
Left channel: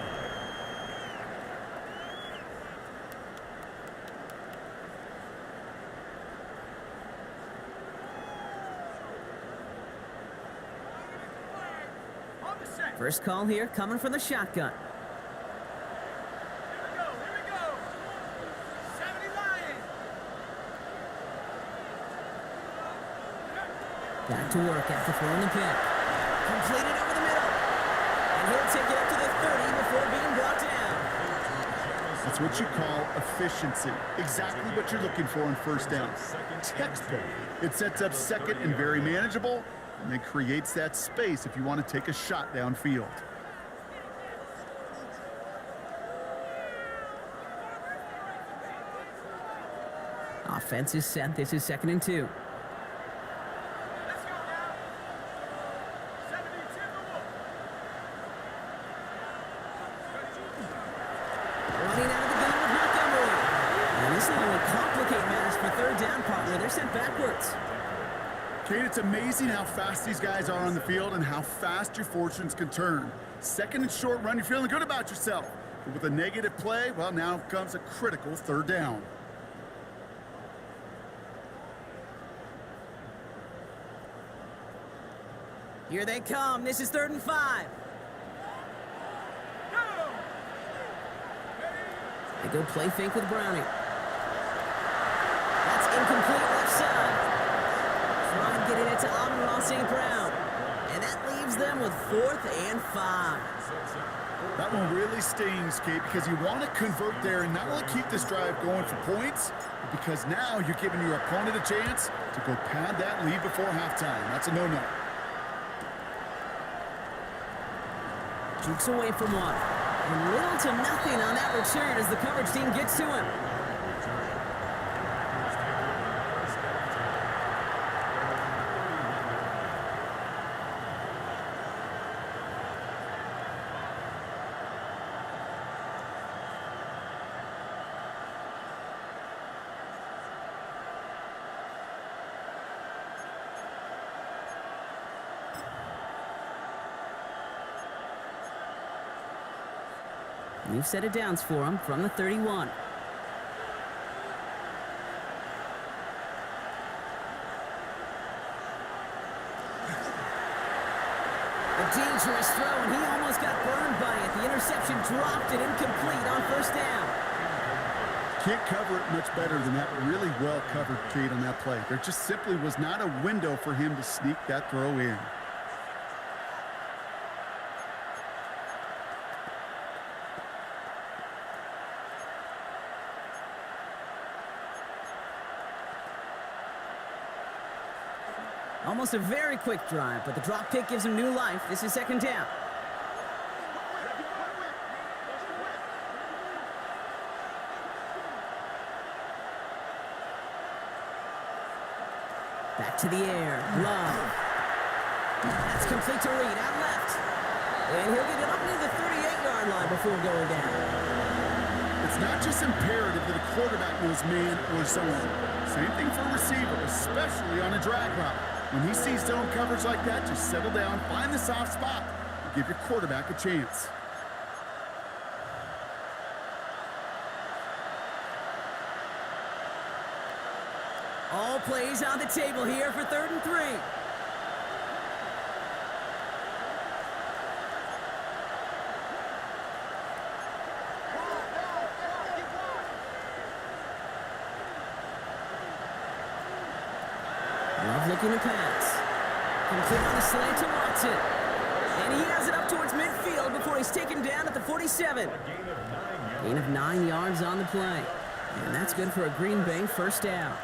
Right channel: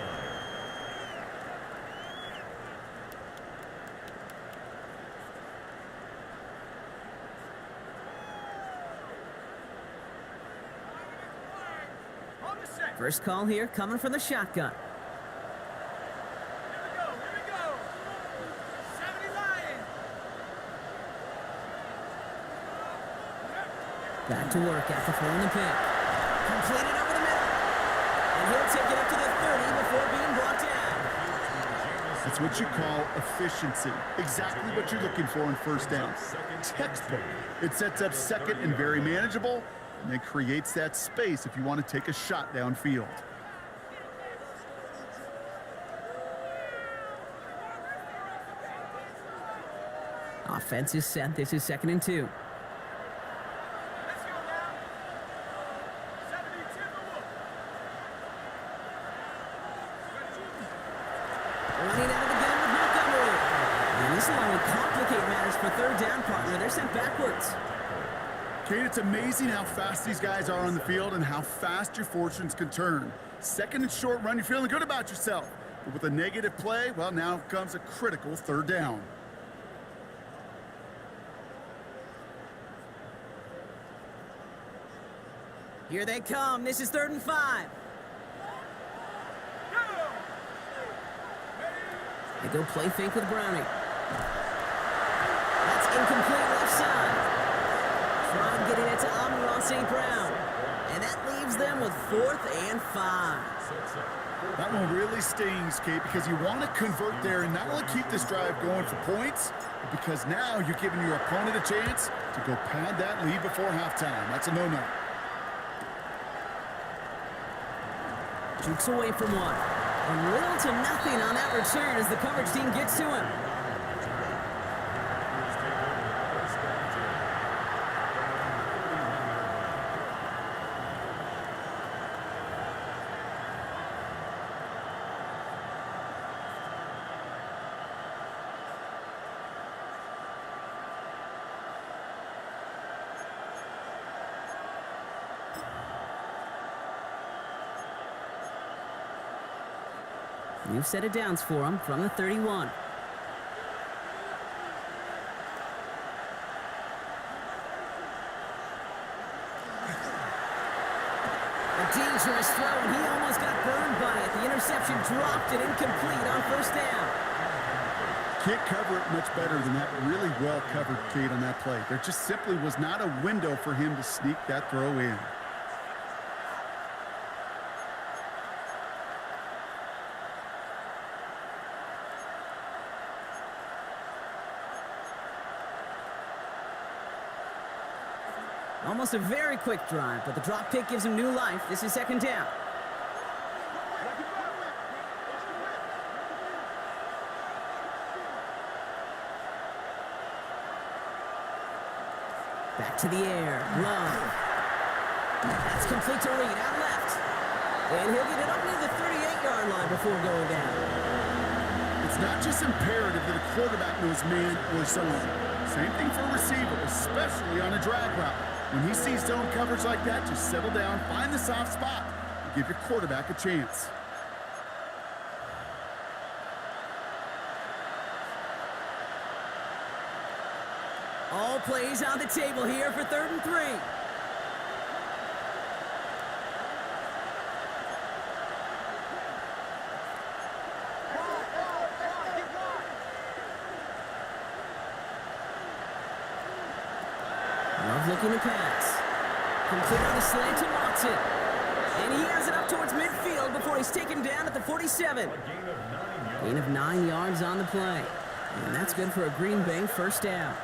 On the set. First call here coming from the shotgun. Here we go, here we go. 70 Lions. Back to work after throwing the pick. Completed over the middle. And he'll take it up to the 30 before being brought down. That's what you call efficiency. Exactly what you're looking for in first down. Textbook. It sets up second and very manageable, and then creates that space if you want to take a shot downfield. Offense is set. This is 2nd and 2. Let's go now. 70 Timberwolves. Running out of the gun with Montgomery. And this will only complicate matters for 3rd down, partner. They're sent backwards. Kate, it's amazing how fast these guys are on the field and how fast your fortunes can turn. 2nd and short run, you're feeling good about yourself. But with a negative play, well, now comes a critical 3rd down. Here they come. This is 3rd and 5. Go. They go play fake with Browning. That's incomplete left side. Trying getting it to Amon-Ra St. Brown. And that leaves them with 4th and 5. That one really stings, Kate, because you want to convert there and not only keep this drive going for points, but because now you're giving your opponent a chance to go pad that lead before halftime. That's a no-no. Jukes away from one. And little to nothing on that return as the coverage team gets to him. Return. The Packers take over 1st and 10 at their own 31-yard line. New set of downs for him from the 31. A dangerous throw, and he almost got burned by it. The interception dropped it incomplete on 1st down. Can't cover it much better than that really well covered, Kate, on that play. There just simply was not a window for him to sneak that throw in. Almost a very quick drive, but the drop kick gives him new life. This is 2nd down. Back to the air. Love. That's complete to Reed. Out left. And he'll get it up near the 38-yard line before going down. It's not just imperative that a quarterback knows man or zone. Same thing for a receiver, especially on a drag route. When he sees zone coverage like that, just settle down, find the soft spot, and give your quarterback a chance. All plays on the table here for 3rd and 3. Love looking to pass. Complete on the slant to Watson. And he has it up towards midfield before he's taken down at the 47. A gain of 9 yards. Gain of 9 yards on the play. And that's good for a Green Bay first down.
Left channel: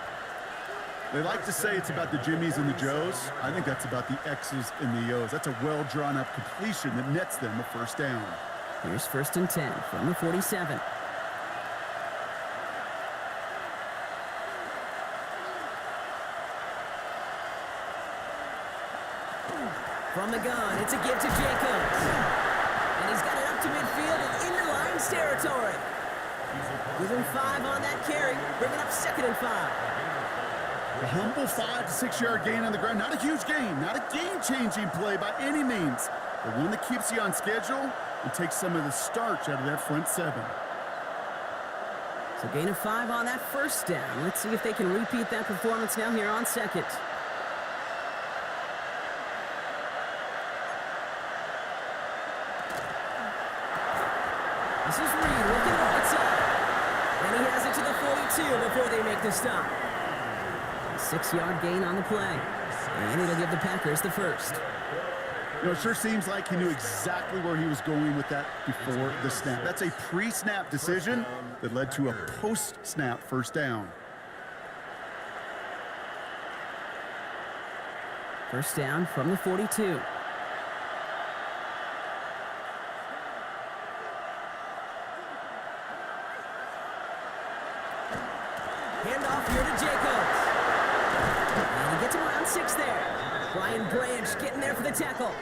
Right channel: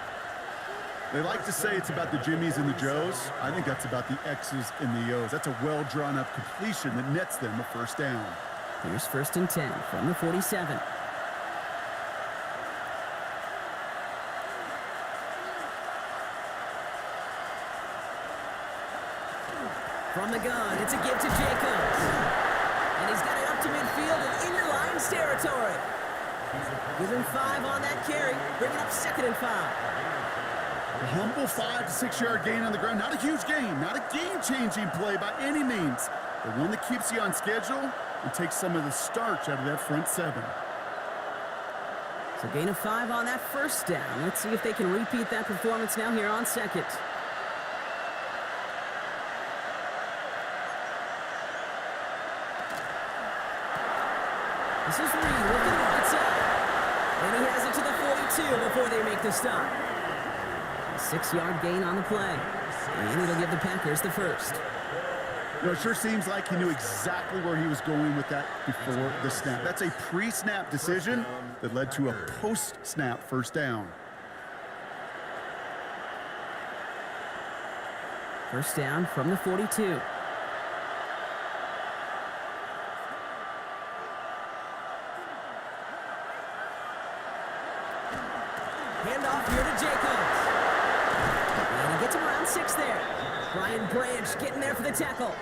They like to say it's about the Jimmies and the Joes. I think that's about the X's and the O's. That's a well-drawn-up completion that nets them a first down. Here's 1st and 10 from the 47. From the gun, it's a give to Jacobs. And he's got it up to midfield and into Lions territory. Give him 5 on that carry, bringing up 2nd and 5. A humble 5 to 6 yard gain on the ground. Not a huge gain, not a game-changing play by any means, but one that keeps you on schedule and takes some of the starch out of that front 7. So gain of 5 on that first down. Let's see if they can repeat that performance now here on 2nd. This is Reed working the right side. And he has it to the 42 before they make the stop. A 6-yard gain on the play. And it'll give the Packers the first. You know, it sure seems like he knew exactly where he was going with that before the snap. That's a pre-snap decision that led to a post-snap first down. First down from the 42. Handoff here to Jacobs. And he gets him around 6 there. Brian Branch getting there for the tackle.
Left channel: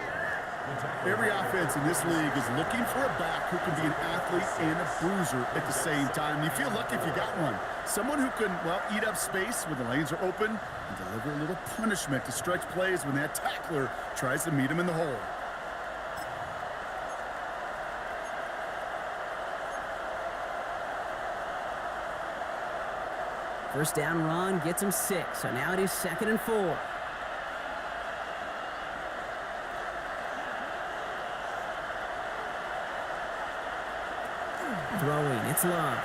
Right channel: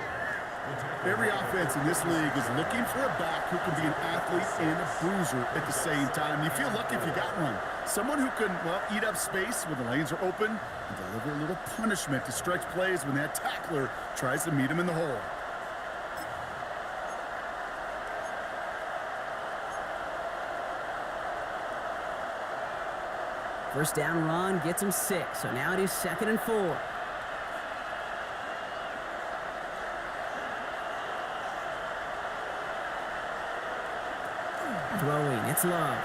Every offense in this league is looking for a back who can be an athlete and a bruiser at the same time. You feel lucky if you got one. Someone who can, well, eat up space when the lanes are open and deliver a little punishment to stretch plays when that tackler tries to meet him in the hole. First down run gets him 6, so now it is 2nd and 4. Throwing, it's Love.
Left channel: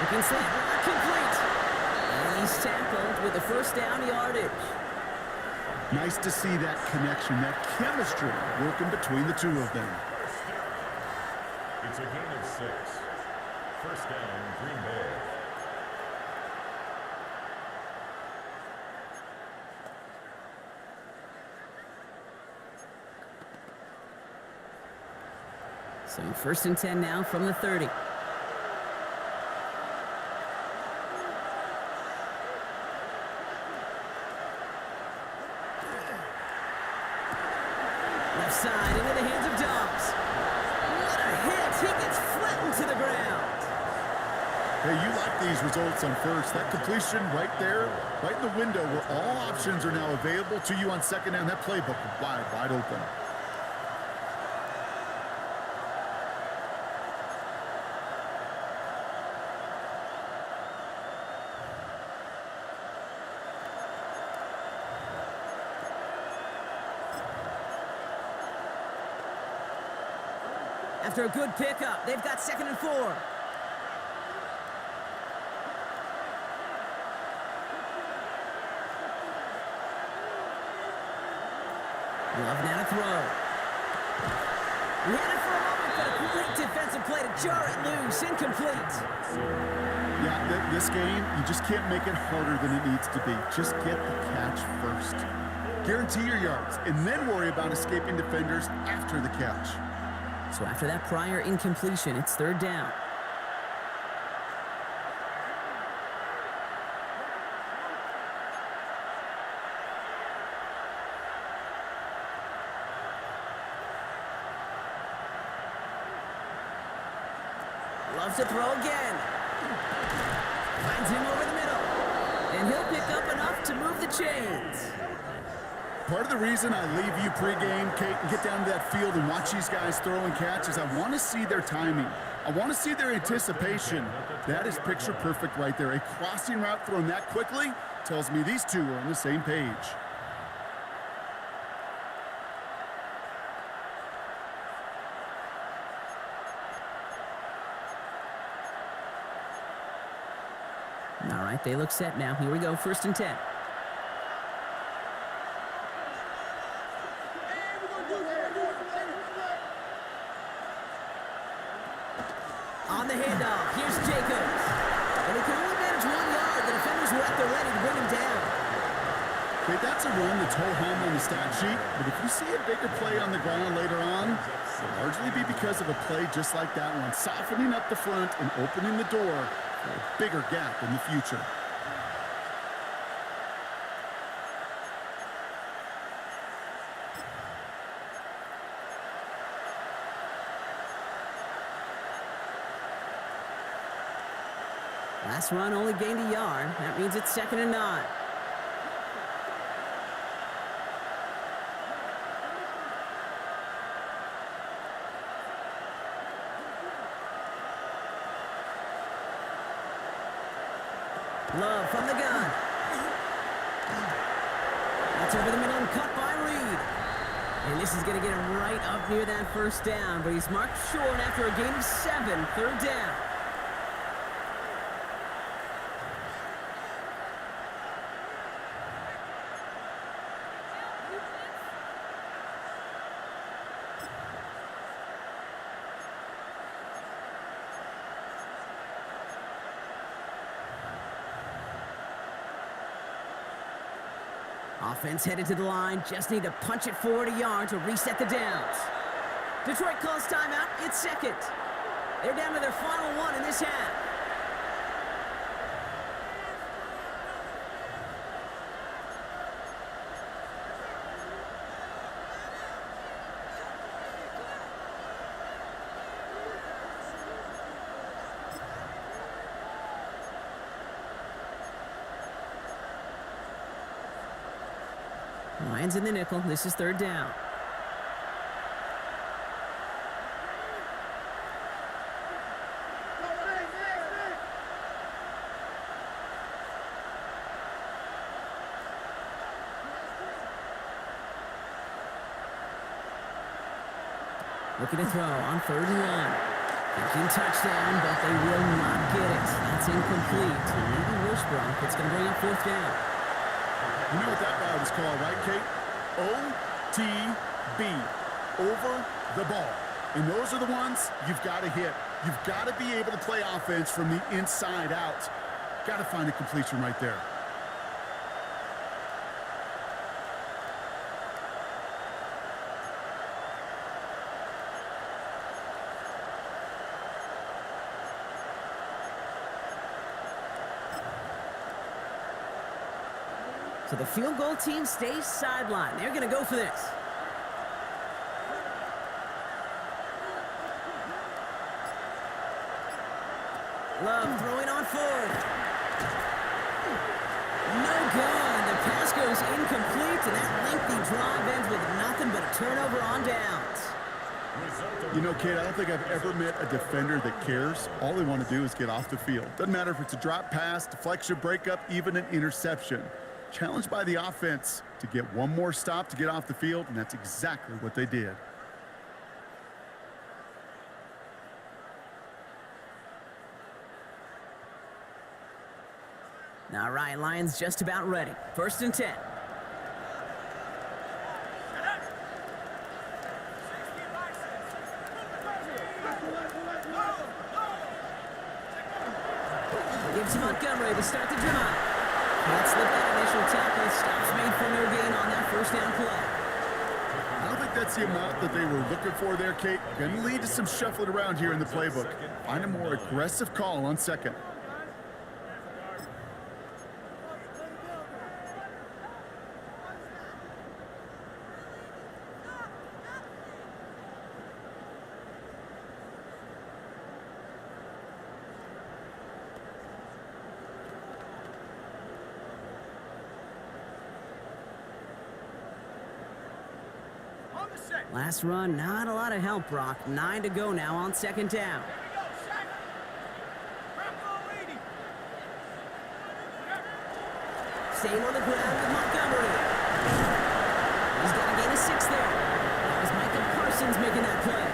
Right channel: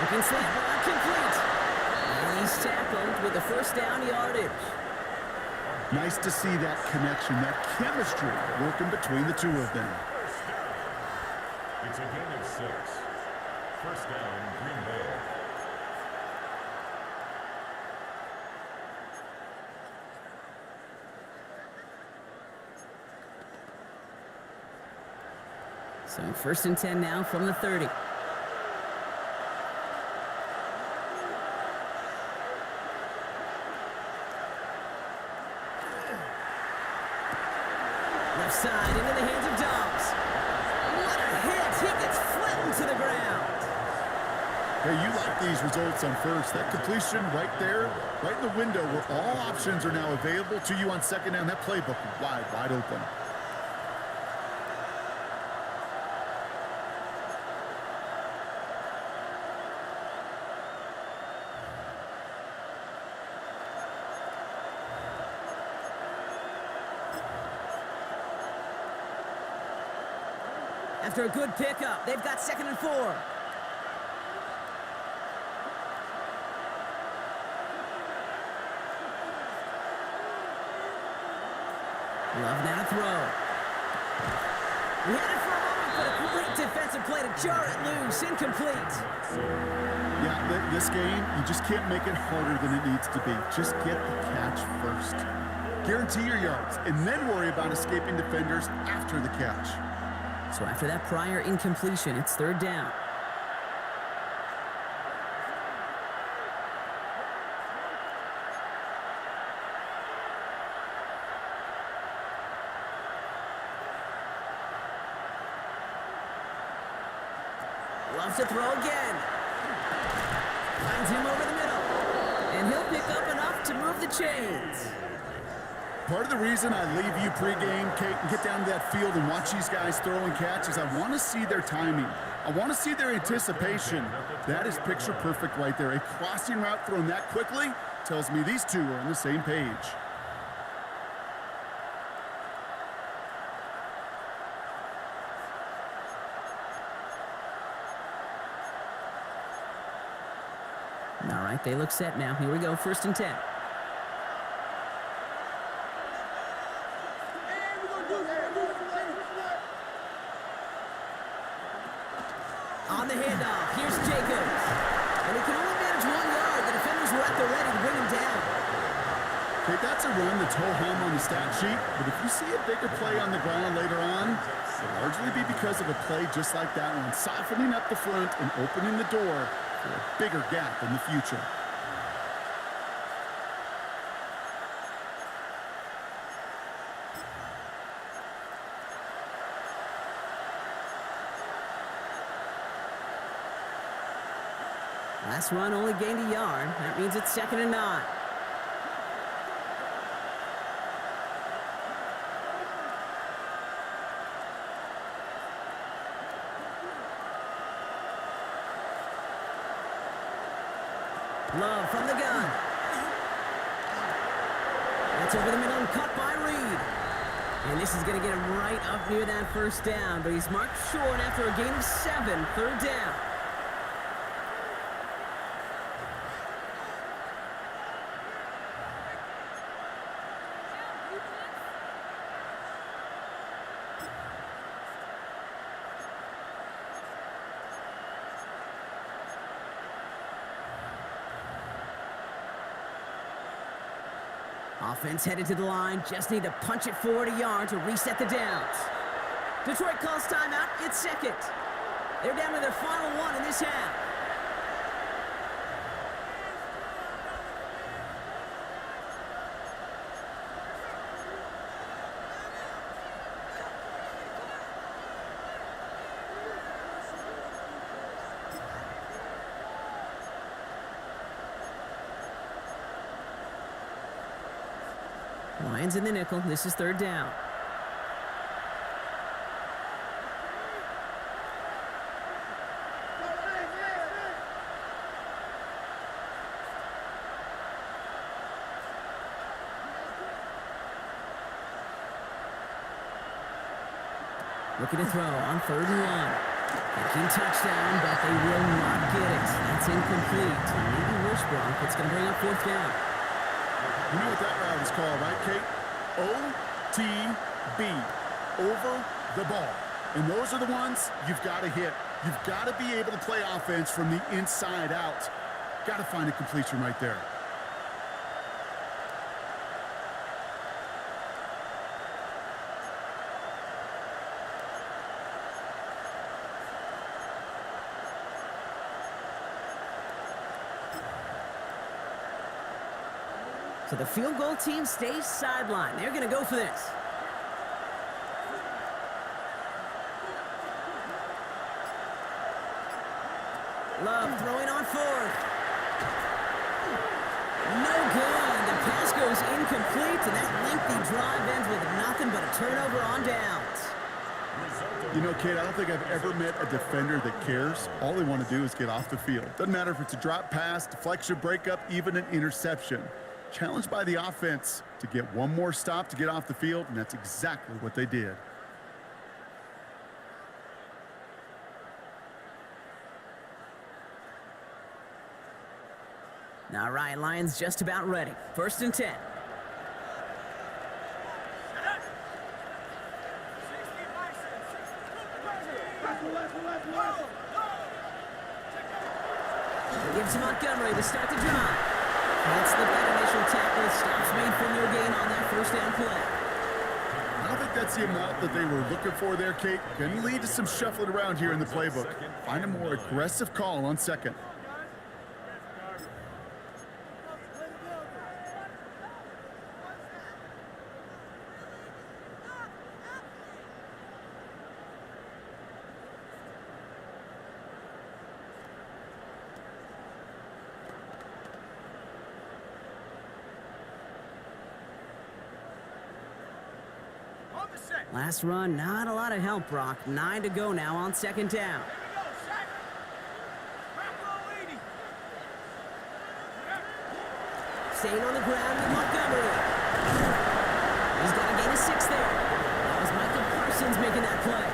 Looking slant route, complete. And he's tackled with the first down yardage. Nice to see that connection, that chemistry working between the two of them. First down. It's a gain of 6. First down, Green Bay. So 1st and 10 now from the 30. Left side into the hands of Dobbs. What a hit! He gets flattened to the ground. Hey, you like these results on first. That completion right there, right in the window where all options are now available to you on 2nd down. That playbook wide open. After a good pickup, they've got 2nd and 4. Love now to throw. He had it for a moment, but a great defensive play to jar it loose. Incomplete. Yeah, this game, you just can't make it harder than it needs to be. Just get the catch first. Guarantee your yards, and then worry about escaping defenders after the catch. So after that prior incompletion, it's 3rd down. Loves to throw again. Finds him over the middle. And he'll pick up enough to move the chains. Part of the reason I leave you pregame, Kate, and get down to that field and watch these guys throw and catch is I want to see their timing. I want to see their anticipation. That is picture perfect right there. A crossing route thrown that quickly tells me these two are on the same page. All right, they look set now. Here we go, 1st and 10. the handoff. Here's Jacobs. And he can only manage 1 yard. The defenders were at the ready to bring him down. Okay, that's a run that's ho-hum on the stat sheet, but if you see a bigger play on the ground later on, it'll largely be because of a play just like that one, softening up the front and opening the door for a bigger gap in the future. Last run only gained a yard. That means it's 2nd and 9. Love from the gun. That's over the middle and caught by Reed. And this is going to get him right up near that first down, but he's marked short after a gain of 7, 3rd down. Offense headed to the line, just need to punch it forward a yard to reset the downs. Detroit calls timeout, it's 2nd. They're down to their final 1 in this half. Lions in the nickel. This is 3rd down. Looking to throw on 3rd and 1. Thinking touchdown, but they will not get it. That's incomplete. Maybe worse, Brock. It's going to bring up 4th down. You know what that route is called, right, Kate? OTB, over the ball. And those are the ones you've got to hit. You've got to be able to play offense from the inside out. Got to find a completion right there. So the field goal team stays sidelined. They're going to go for this. Love throwing on 4th. No good. The pass goes incomplete, and that lengthy drive ends with nothing but a turnover on downs. You know, Kate, I don't think I've ever met a defender that cares. All they want to do is get off the field. Doesn't matter if it's a drop pass, deflection, breakup, even an interception. Challenged by the offense to get one more stop to get off the field, and that's exactly what they did. All right, Lions just about ready. 1st and 10. Gives to Montgomery to start the drive. Can't slip that initial tackle. Stops made for no gain on that 1st down play. I don't think that's the amount that they were looking for there, Kate. Going to lead to some shuffling around here in the playbook. Find a more aggressive call on 2nd. Last run, not a lot of help, Brock. 9 to go now on 2nd down. Here we go, sack. Bronco 80. Staying on the ground with Montgomery. He's got a gain of 6 there. That was Micah Parsons making that play.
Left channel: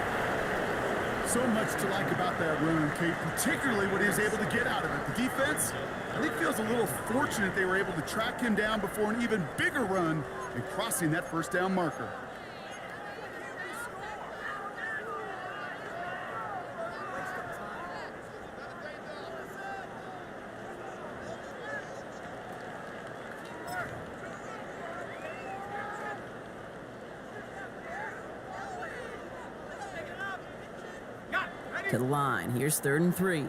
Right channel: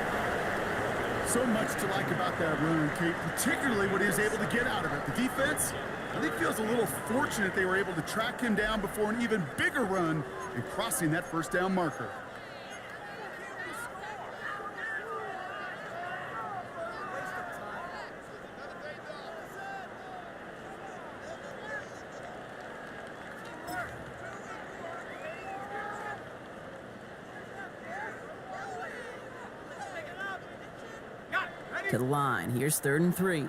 So much to like about that run, Kate, particularly what he was able to get out of it. The defense, I think, feels a little fortunate they were able to track him down before an even bigger run and crossing that 1st down marker. To the line. Here's 3rd and 3.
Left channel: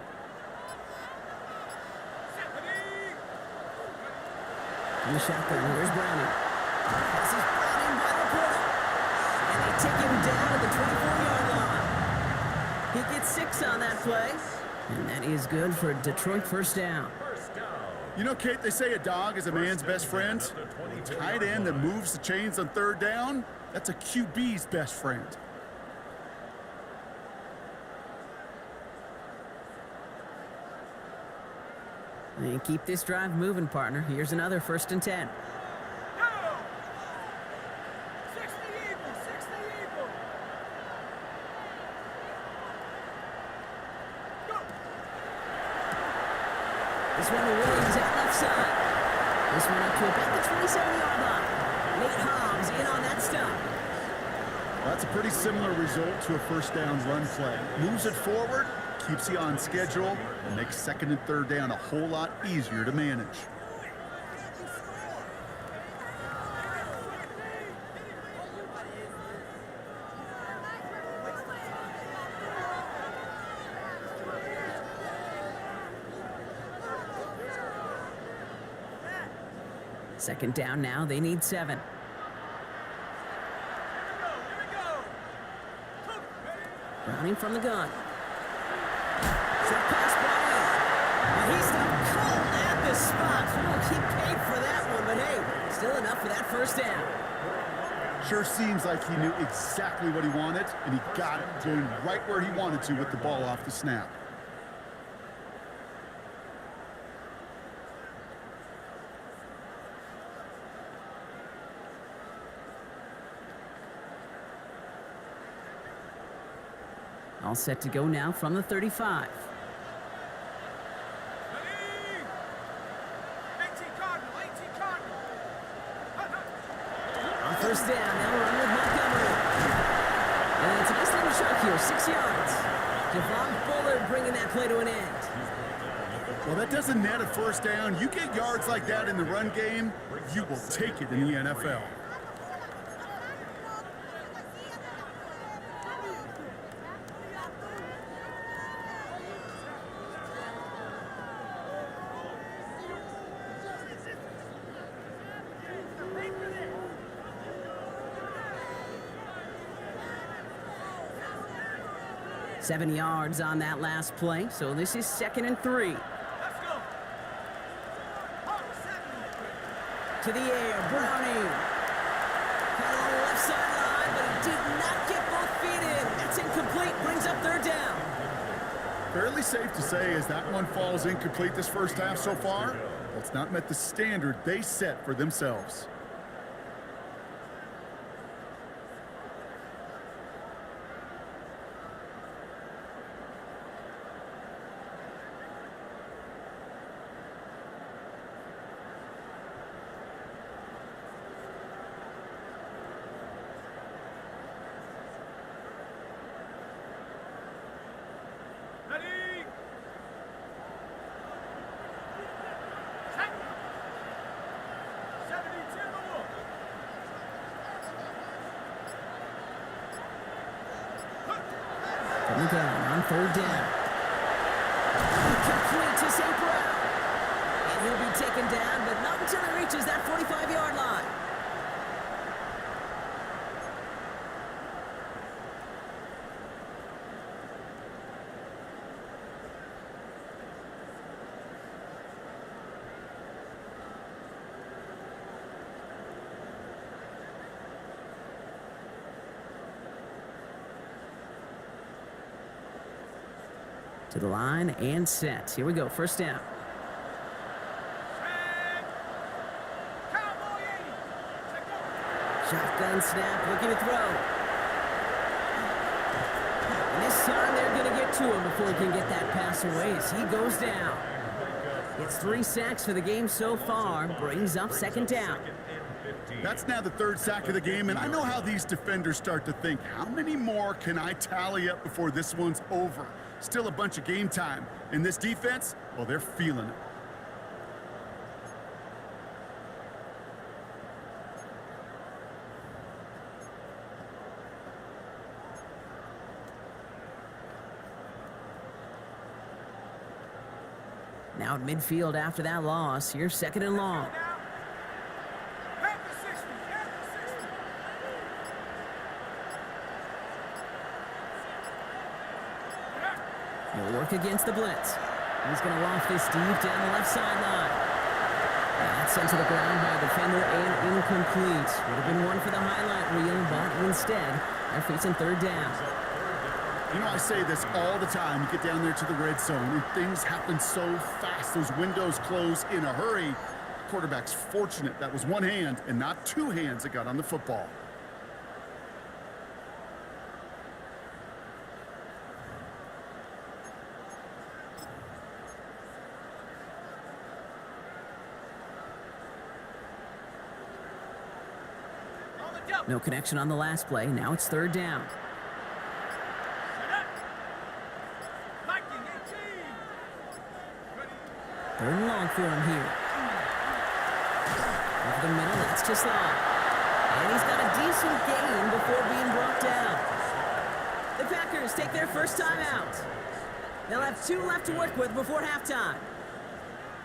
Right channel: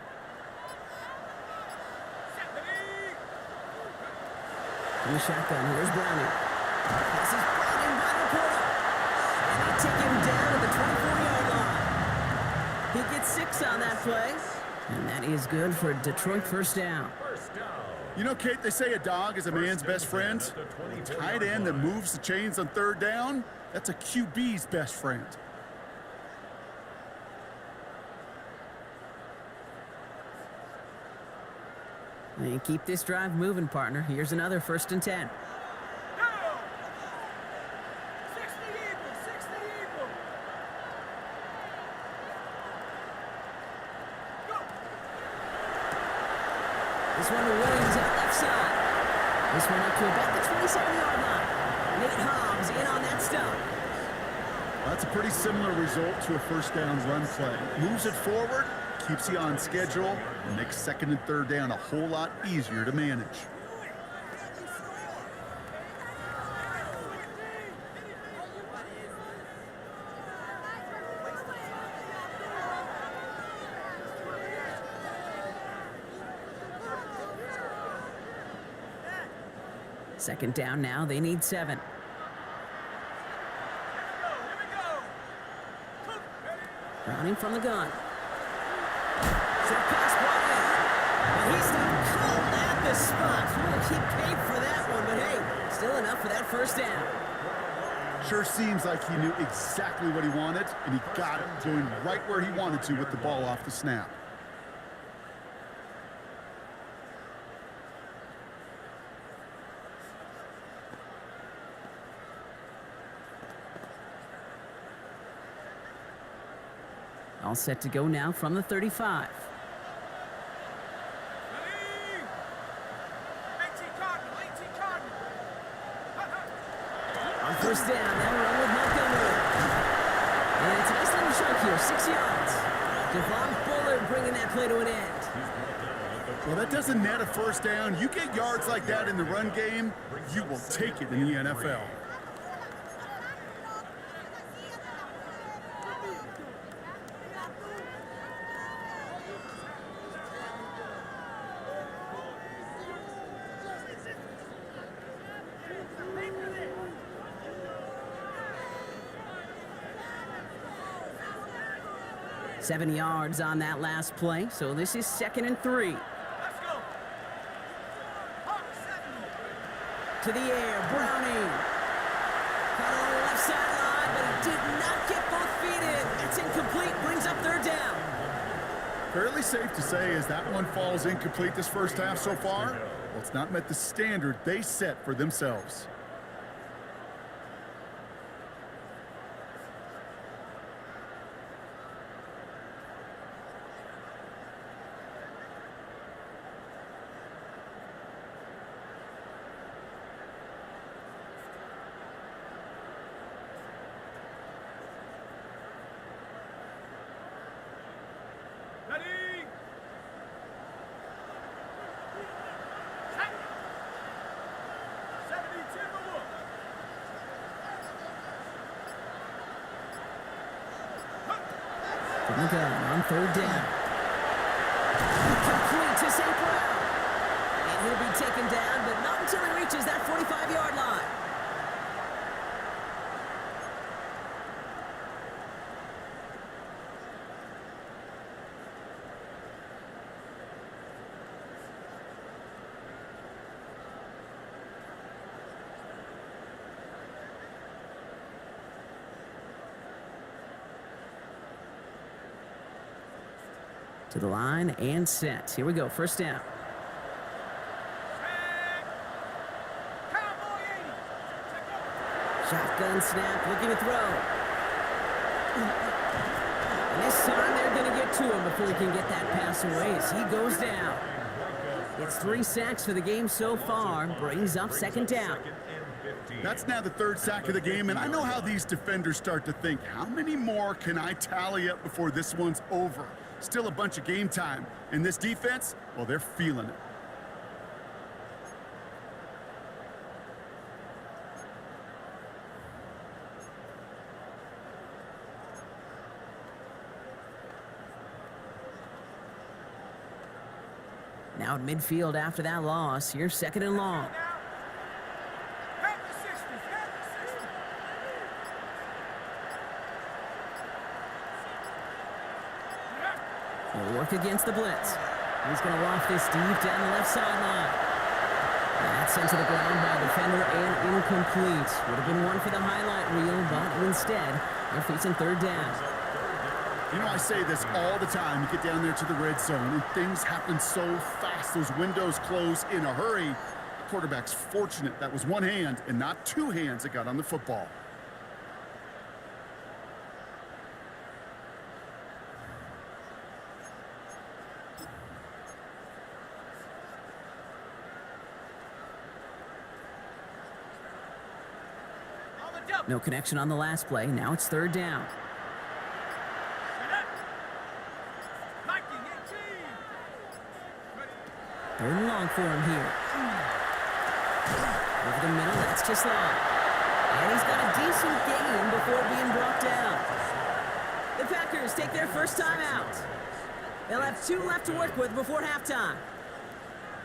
From the shotgun, here's Browning. Pass is brought in by Laporta. And they take him down at the 24-yard line. He gets 6 on that play. And that is good for a Detroit first down. You know, Kate, they say a dog is a man's best friend. A tight end that moves the chains on 3rd down, that's a QB's best friend. And keep this drive moving, partner. Here's another 1st and 10. Go! 60 Eagle, 60 Eagle. Go! This one to Williams out left side. This one up to about the 27-yard line. Nate Hobbs in on that stop. Well, that's a pretty similar result to a first down run play. Moves it forward, keeps you on schedule, and makes 2nd and 3rd down a whole lot easier to manage. Second down now. They need 7. Here we go. Cook, ready? Browning from the gun. Short pass brought in. And he stopped cold at the spot. Ooh, he paid for that one, but hey, still enough for that first down. Sure seems like he knew exactly what he wanted, and he got it, going right where he wanted to with the ball off the snap. All set to go now from the 35. Ready? 18 Cardinal, 18 Cardinal. Hut, hut. On first down, they'll run with Montgomery. And it's a nice little chunk here, 6 yards. Devon Bullard bringing that play to an end. Well, that doesn't net a first down. You get yards like that in the run game, you will take it in the NFL. Seven yards on that last play, so this is 2nd and 3. Let's go. Hawk 70. To the air, Browning. Caught along the left sideline, but he did not get both feet in. That's incomplete, brings up 3rd down. Fairly safe to say as that one falls incomplete this first half so far, well, it's not met the standard they set for themselves. Ready? Check. 70 Timberwolf. From the gun on 3rd down. Complete to St. Brown. And he'll be taken down, but not until he reaches that 45-yard line. To the line and set. Here we go, first down. Check. Cowboy 80. Check up. Shotgun snap, looking to throw. And this time they're going to get to him before he can get that pass away as he goes down. It's 3 sacks for the game so far, brings up 2nd down. That's now the 3rd sack of the game, and I know how these defenders start to think, how many more can I tally up before this one's over? Still a bunch of game time. In this defense, well, they're feeling it. Now at midfield after that loss, here's second and long. Head to 60, head to 60. He'll work against the blitz. He's going to loft this deep down the left sideline. And that's sent to the ground by a defender and incomplete. Would have been one for the highlight reel, but instead, they're facing third down. You know, I say this all the time. You get down there to the red zone, and things happen so fast. Those windows close in a hurry. The quarterback's fortunate that was one hand and not two hands that got on the football. On the double. No connection on the last play. Now it's third down. Set up. Liking 18. Ready. Third and long for him here. Over the middle, that's to Slaw. And he's got a decent gain before being brought down. The Packers take their first time out. They'll have 2 left to work with before halftime.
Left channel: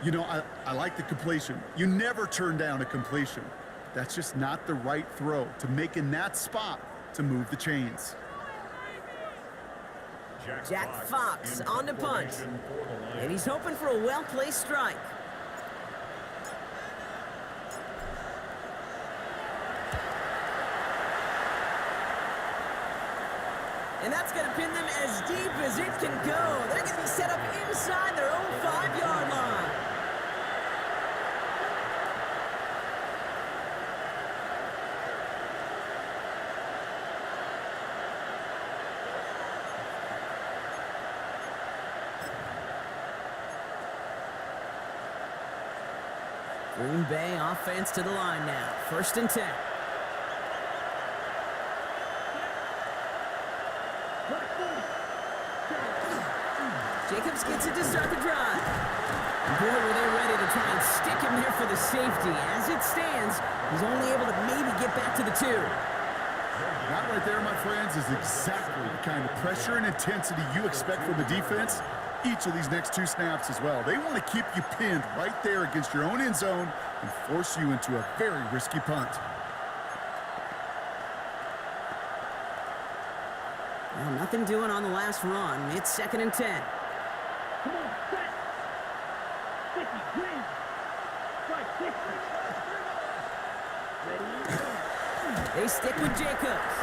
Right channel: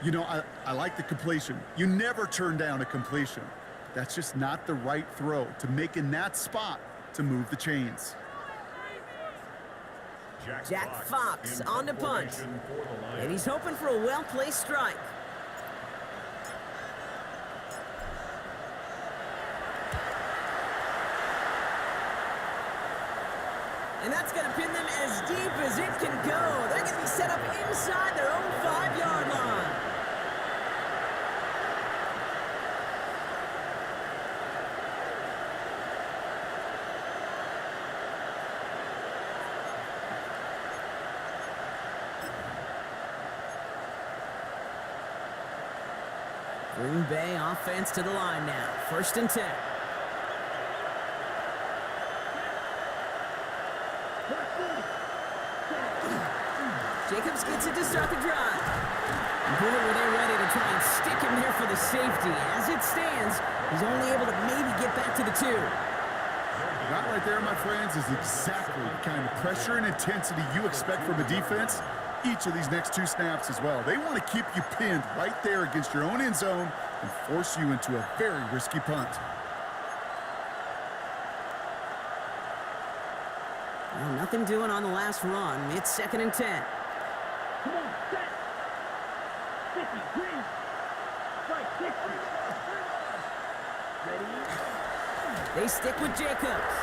You know, I like the completion. You never turn down a completion. That's just not the right throw to make in that spot to move the chains. Jack Fox in on the punt. formation for the Lions. And he's hoping for a well-placed strike. And that's going to pin them as deep as it can go. They're going to be set up inside their own 5-yard line. Green Bay offense to the line now. First and 10. Jacobs gets it to start the drive. Boy, were they ready to try and stick him there for the safety. As it stands, he's only able to maybe get back to the 2. That right there, my friends, is exactly the kind of pressure and intensity you expect from a defense. Each of these next 2 snaps as well. They want to keep you pinned right there against your own end zone and force you into a very risky punt. Well, nothing doing on the last run. It's second and 10. Come on, set. 50, green. Strike, 6. Ready? They stick with Jacobs.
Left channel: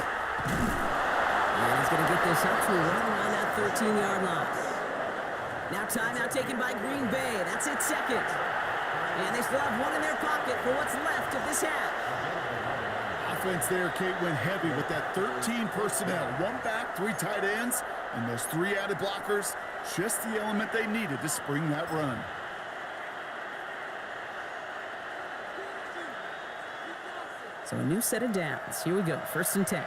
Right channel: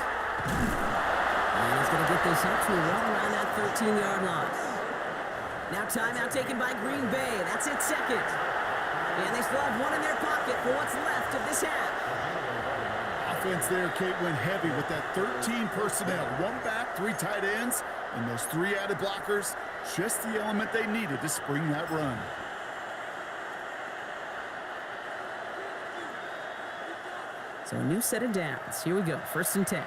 And he's going to get this up to right around that 13-yard line. Now timeout taken by Green Bay. That's it, second. And they still have 1 in their pocket for what's left of this half. Offense there, Kate, went heavy with that 13 personnel. 1 back, 3 tight ends, and those 3 added blockers. Just the element they needed to spring that run. So a new set of downs. Here we go. First and 10.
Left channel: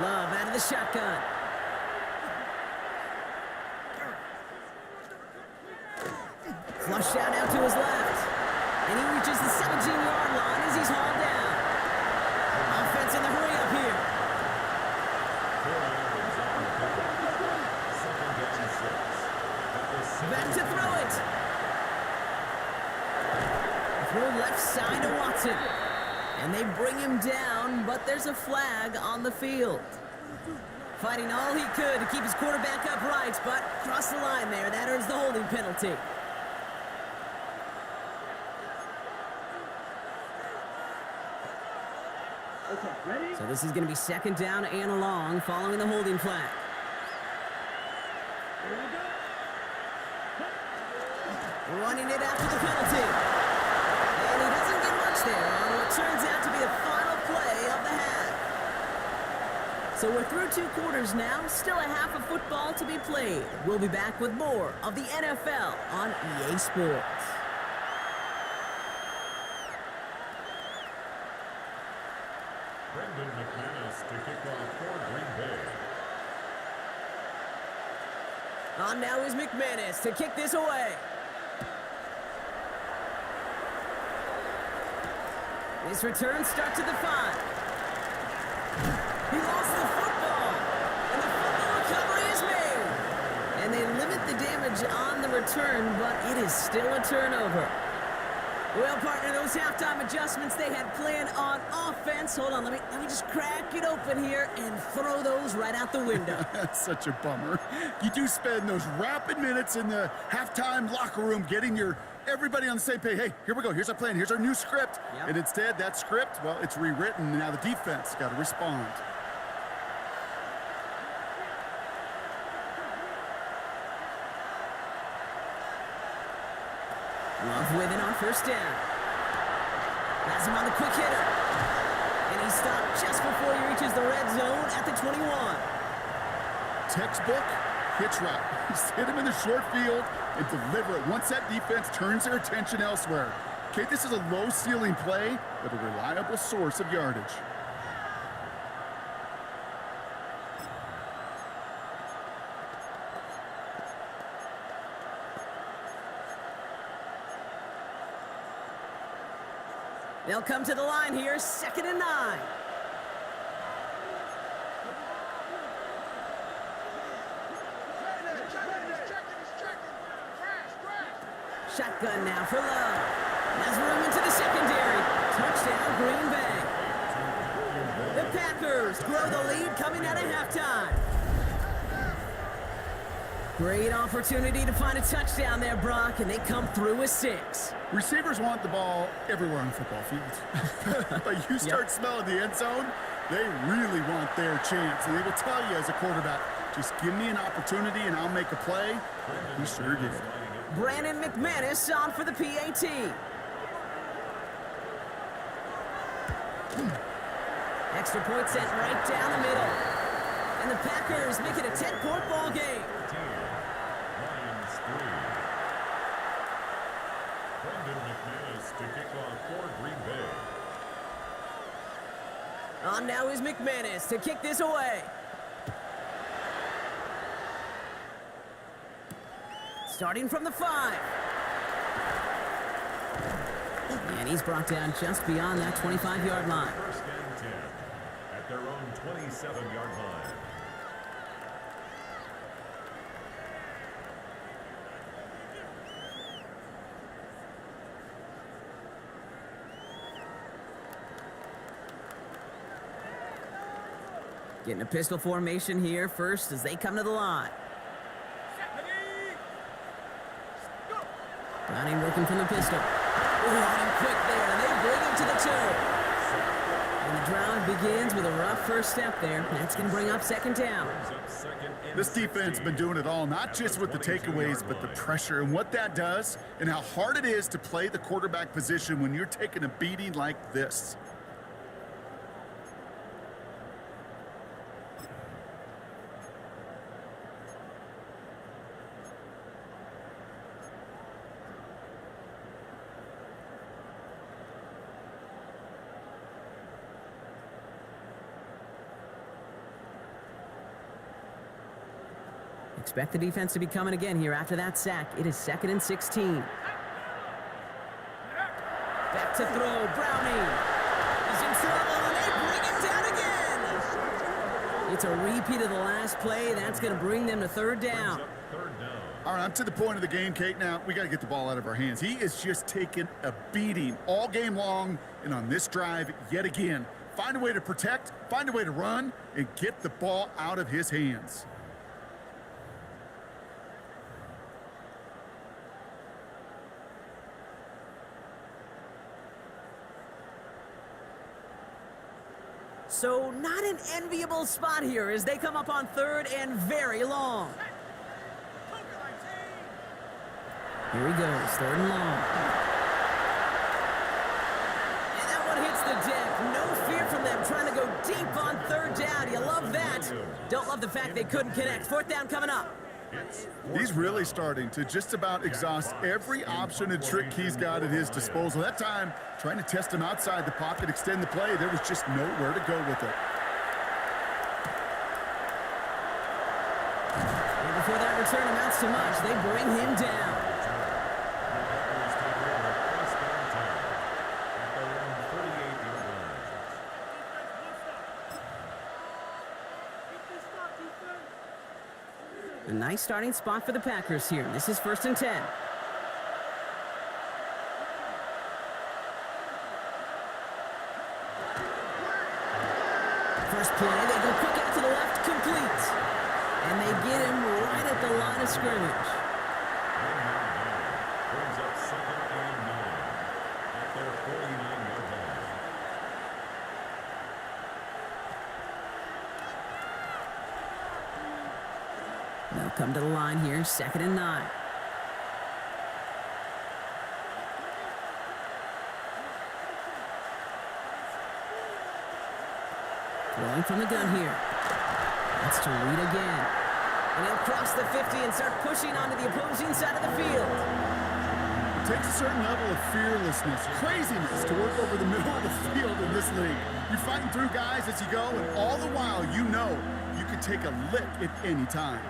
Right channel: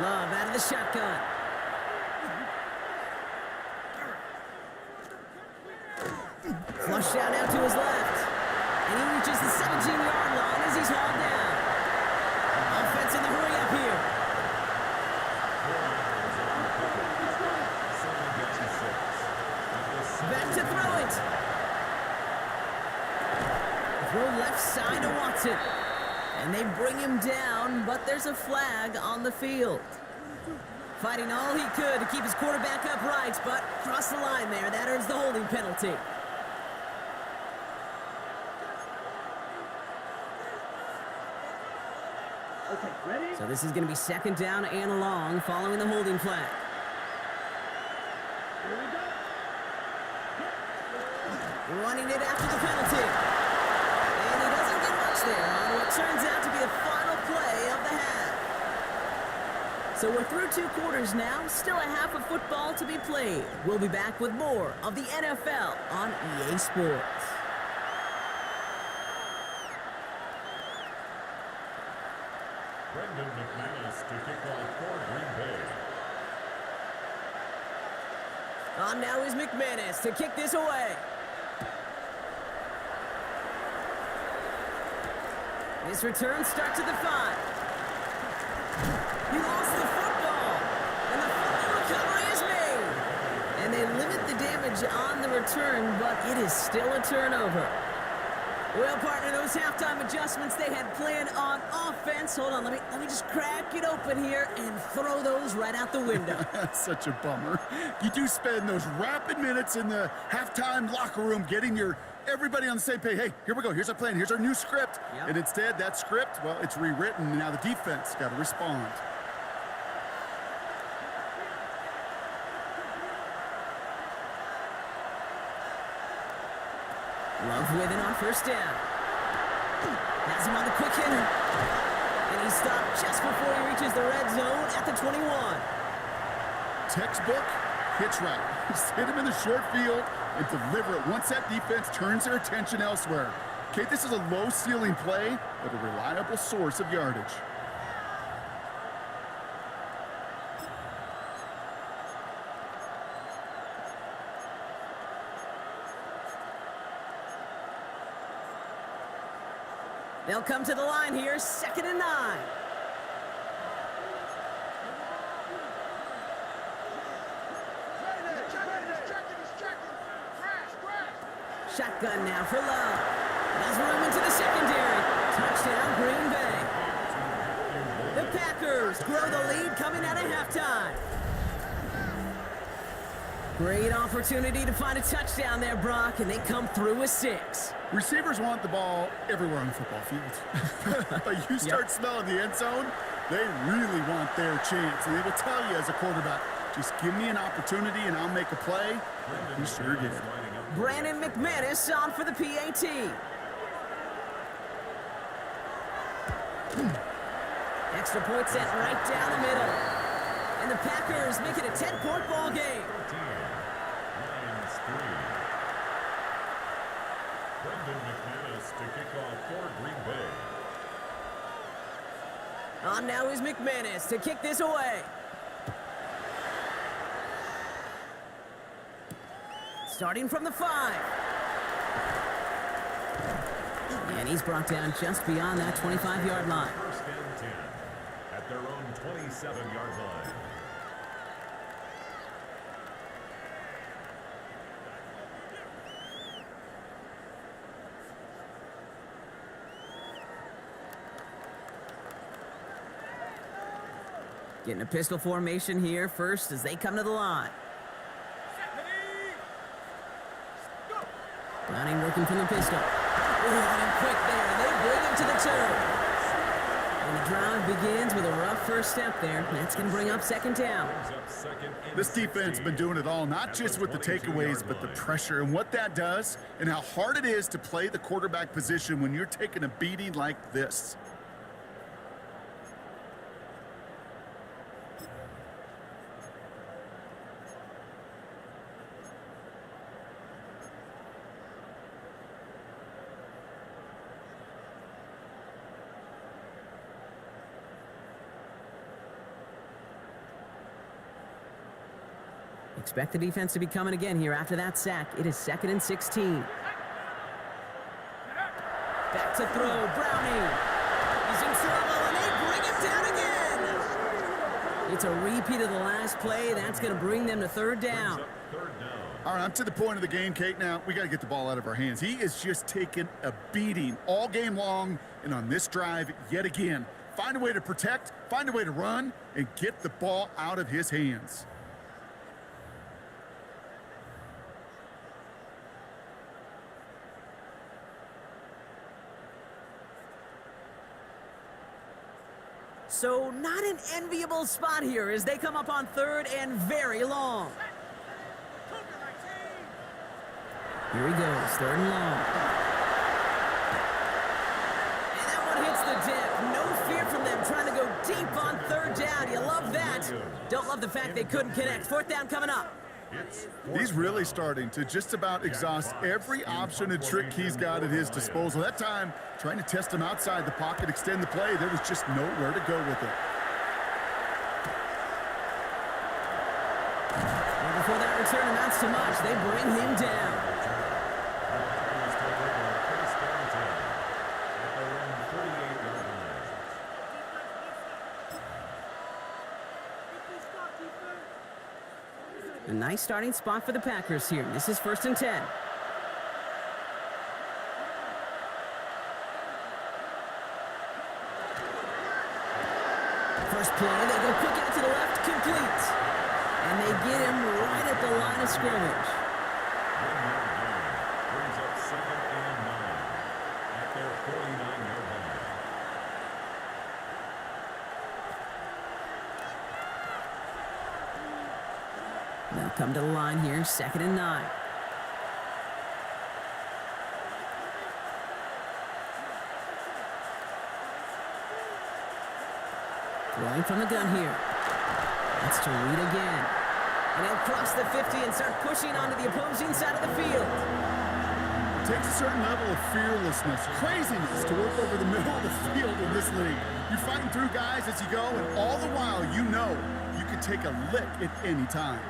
Love out of the shotgun. Flushed out now to his left. And he reaches the 17-yard line as he's hauled down. Offense in the hurry up here. 4 yards on the pickup. Second and 6. At the 7. Back to throw it. Throw left side to Watson. And they bring him down, but there's a flag on the field. Fighting all he could to keep his quarterback upright, but crossed the line there. That earns the holding penalty. Okay, ready? So this is going to be second down and long following the holding flag. Here we go. Running it after the penalty. And he doesn't get much there on what turns out to be the final play of the half. So we're through 2 quarters now, still a half of football to be played. We'll be back with more of the NFL on EA Sports. Brendan McManus to kick off for Green Bay. On now is McManus to kick this away. This return starts at the 5. lost the football. And the fumble recovery is made. And they limit the damage on the return, but it is still a turnover. Well, partner, those halftime adjustments they had planned on offense. Hold on, let me just crack it open here and throw those right out the window. That's such a bummer. You do spend those rapid minutes in the halftime locker room getting everybody on the same page. Hey, here we go. Here's our plan. Here's our new script. Yep. And instead, that script, well, it's rewritten. And now the defense got to respond. Love with it on first down. Has him on the quick hitter. And he stopped just before he reaches the red zone at the 21. Textbook hitch route. Just hit him in the short field and deliver it once that defense turns their attention elsewhere. Okay, this is a low ceiling play, but a reliable source of yardage. They'll come to the line here, 2nd and 9. Shotgun now for Love. Has room into the secondary. Touchdown, Green Bay. The Packers grow the lead coming out of halftime. Great opportunity to find a touchdown there, Brock, and they come through with 6. Receivers want the ball everywhere on the football field. But you start smelling the end zone, they really want their chance. And they will tell you as a quarterback, just give me an opportunity and I'll make a play. He sure did. Brandon McManus on for the PAT. Extra point sent right down the middle. And the Packers make it a 10-point ball game. 13, Lions 3. Brendan McManus to kick off for Green Bay. On now is McManus to kick this away. Starting from the 5. And he's brought down just beyond that 25-yard line. 1st and 10 at their own 27-yard line. Getting a pistol formation here first as they come to the line. Browning working from the pistol. Oh, on him quick there, and they bring him to the turf. And the drive begins with a rough first step there. That's going to bring up 2nd down. This defense has been doing it all, not just with the takeaways, but the pressure and what that does and how hard it is to play the quarterback position when you're taking a beating like this. Expect the defense to be coming again here after that sack. It is 2nd and 16. Back to throw, Browning. He's in trouble, and they bring him down again. It's a repeat of the last play. That's going to bring them to 3rd down. All right, I'm to the point of the game, Kate. Now, we got to get the ball out of our hands. He is just taking a beating all game long, and on this drive, yet again, find a way to protect, find a way to run, and get the ball out of his hands. So not an enviable spot here as they come up on 3rd and very long. Here he goes, 3rd and long. And that one hits the deck. No fear from them trying to go deep on 3rd down. You love that. Don't love the fact they couldn't connect. 4th down coming up. He's really starting to just about exhaust every option and trick he's got at his disposal. That time, trying to test him outside the pocket, extend the play, there was just nowhere to go with it. And before that return amounts to much, they bring him down. The Packers take over 1st and 10 at their own 48-yard line. A nice starting spot for the Packers here. This is 1st and 10. First play, they go quick out to the left, complete. And they get him right at the line of scrimmage. 1 yard gain brings up 2nd and 9 at their 49-yard line. They'll come to the line here, 2nd and 9. Throwing from the gun here. That's to Reed again. And he'll cross the 50 and start pushing onto the opposing side of the field. It takes a certain level of fearlessness, craziness to work over the middle of the field in this league. You're fighting through guys as you go, and all the while you know you could take a lick at any time.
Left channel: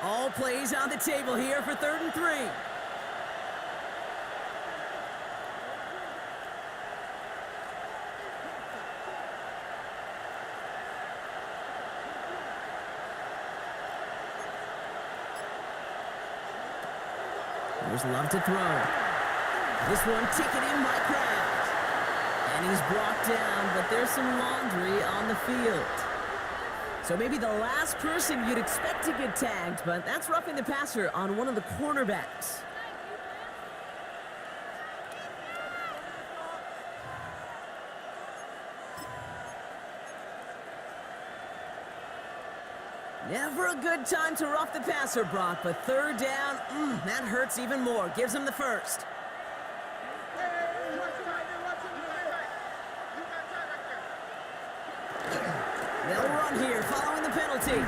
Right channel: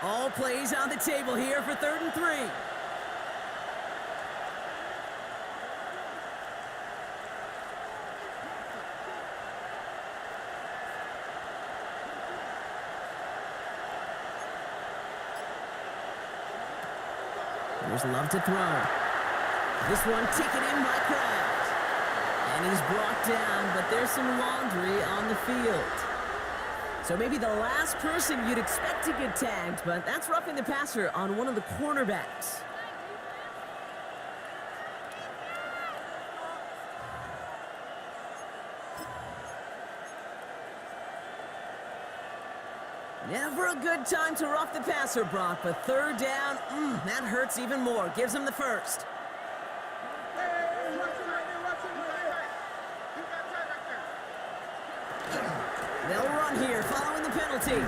All plays on the table here for 3rd and 3. Here's Love to throw. This one taken in by Kraft. And he's brought down, but there's some laundry on the field. So maybe the last person you'd expect to get tagged, but that's roughing the passer on one of the cornerbacks. Never a good time to rough the passer, Brock, but 3rd down, that hurts even more. Gives him the first. Hey, watch him right there, watch him right there. You got tight right there. They'll run here, following the penalty.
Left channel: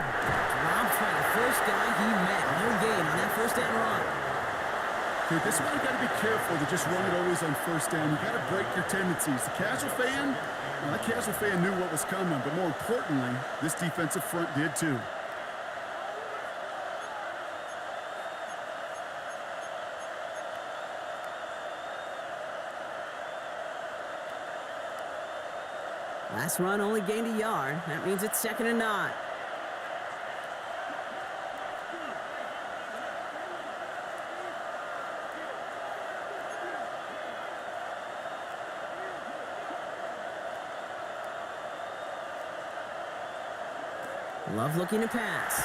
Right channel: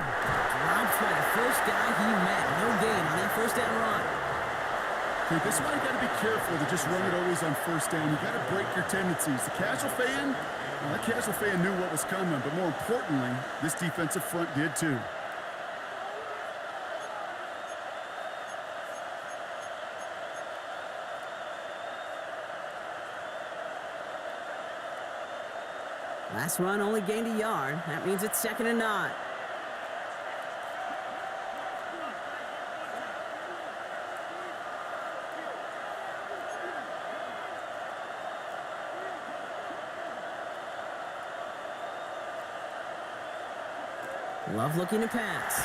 Dropped by the first guy he met. No gain on that 1st down run. Okay, this is why you got to be careful to just run it always on 1st down. You got to break your tendencies. The casual fan, well, that casual fan knew what was coming, but more importantly, this defensive front did too. Last run only gained a yard. That means it's 2nd and 9. Love looking to pass.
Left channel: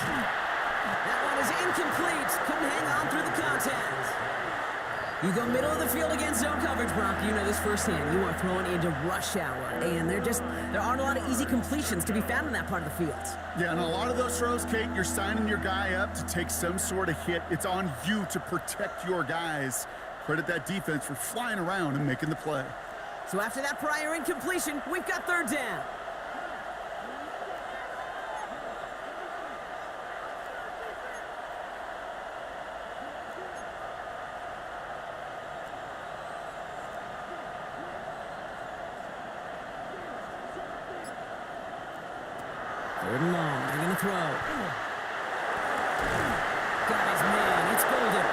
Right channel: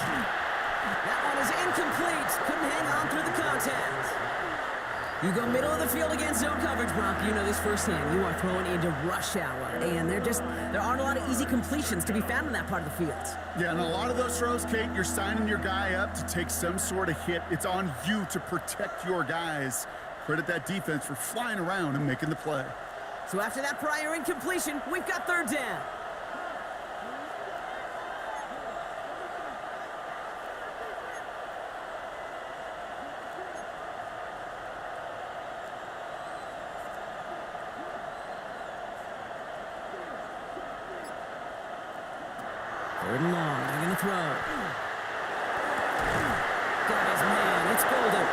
That one is incomplete. Couldn't hang on through the contact. You go middle of the field against zone coverage, Brock. You know this firsthand. You are throwing into rush hour, and there aren't a lot of easy completions to be found in that part of the field. Yeah, and a lot of those throws, Kate, you're signing your guy up to take some sort of hit. It's on you to protect your guys. Credit that defense for flying around and making the play. So after that prior incompletion, we've got 3rd down. Third and long, they're gonna throw. Got his man, it's Golden.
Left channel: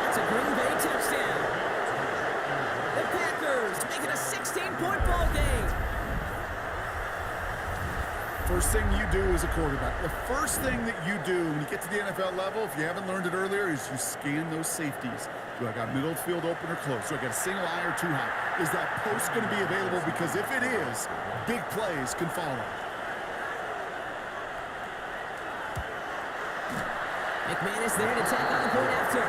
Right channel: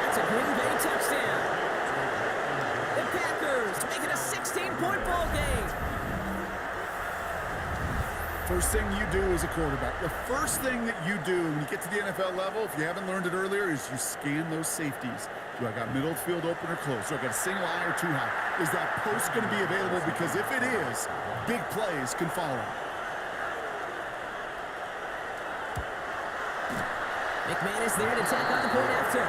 That's a Green Bay touchdown. The Packers make it a 16-point ball game. First thing you do as a quarterback, the first thing that you do when you get to the NFL level, if you haven't learned it earlier, is you scan those safeties. Do I got middle of the field open or close? Do I got a single eye or too high? Is that post going to be available? Because if it is, big plays can follow. McManus there to tack on the point after.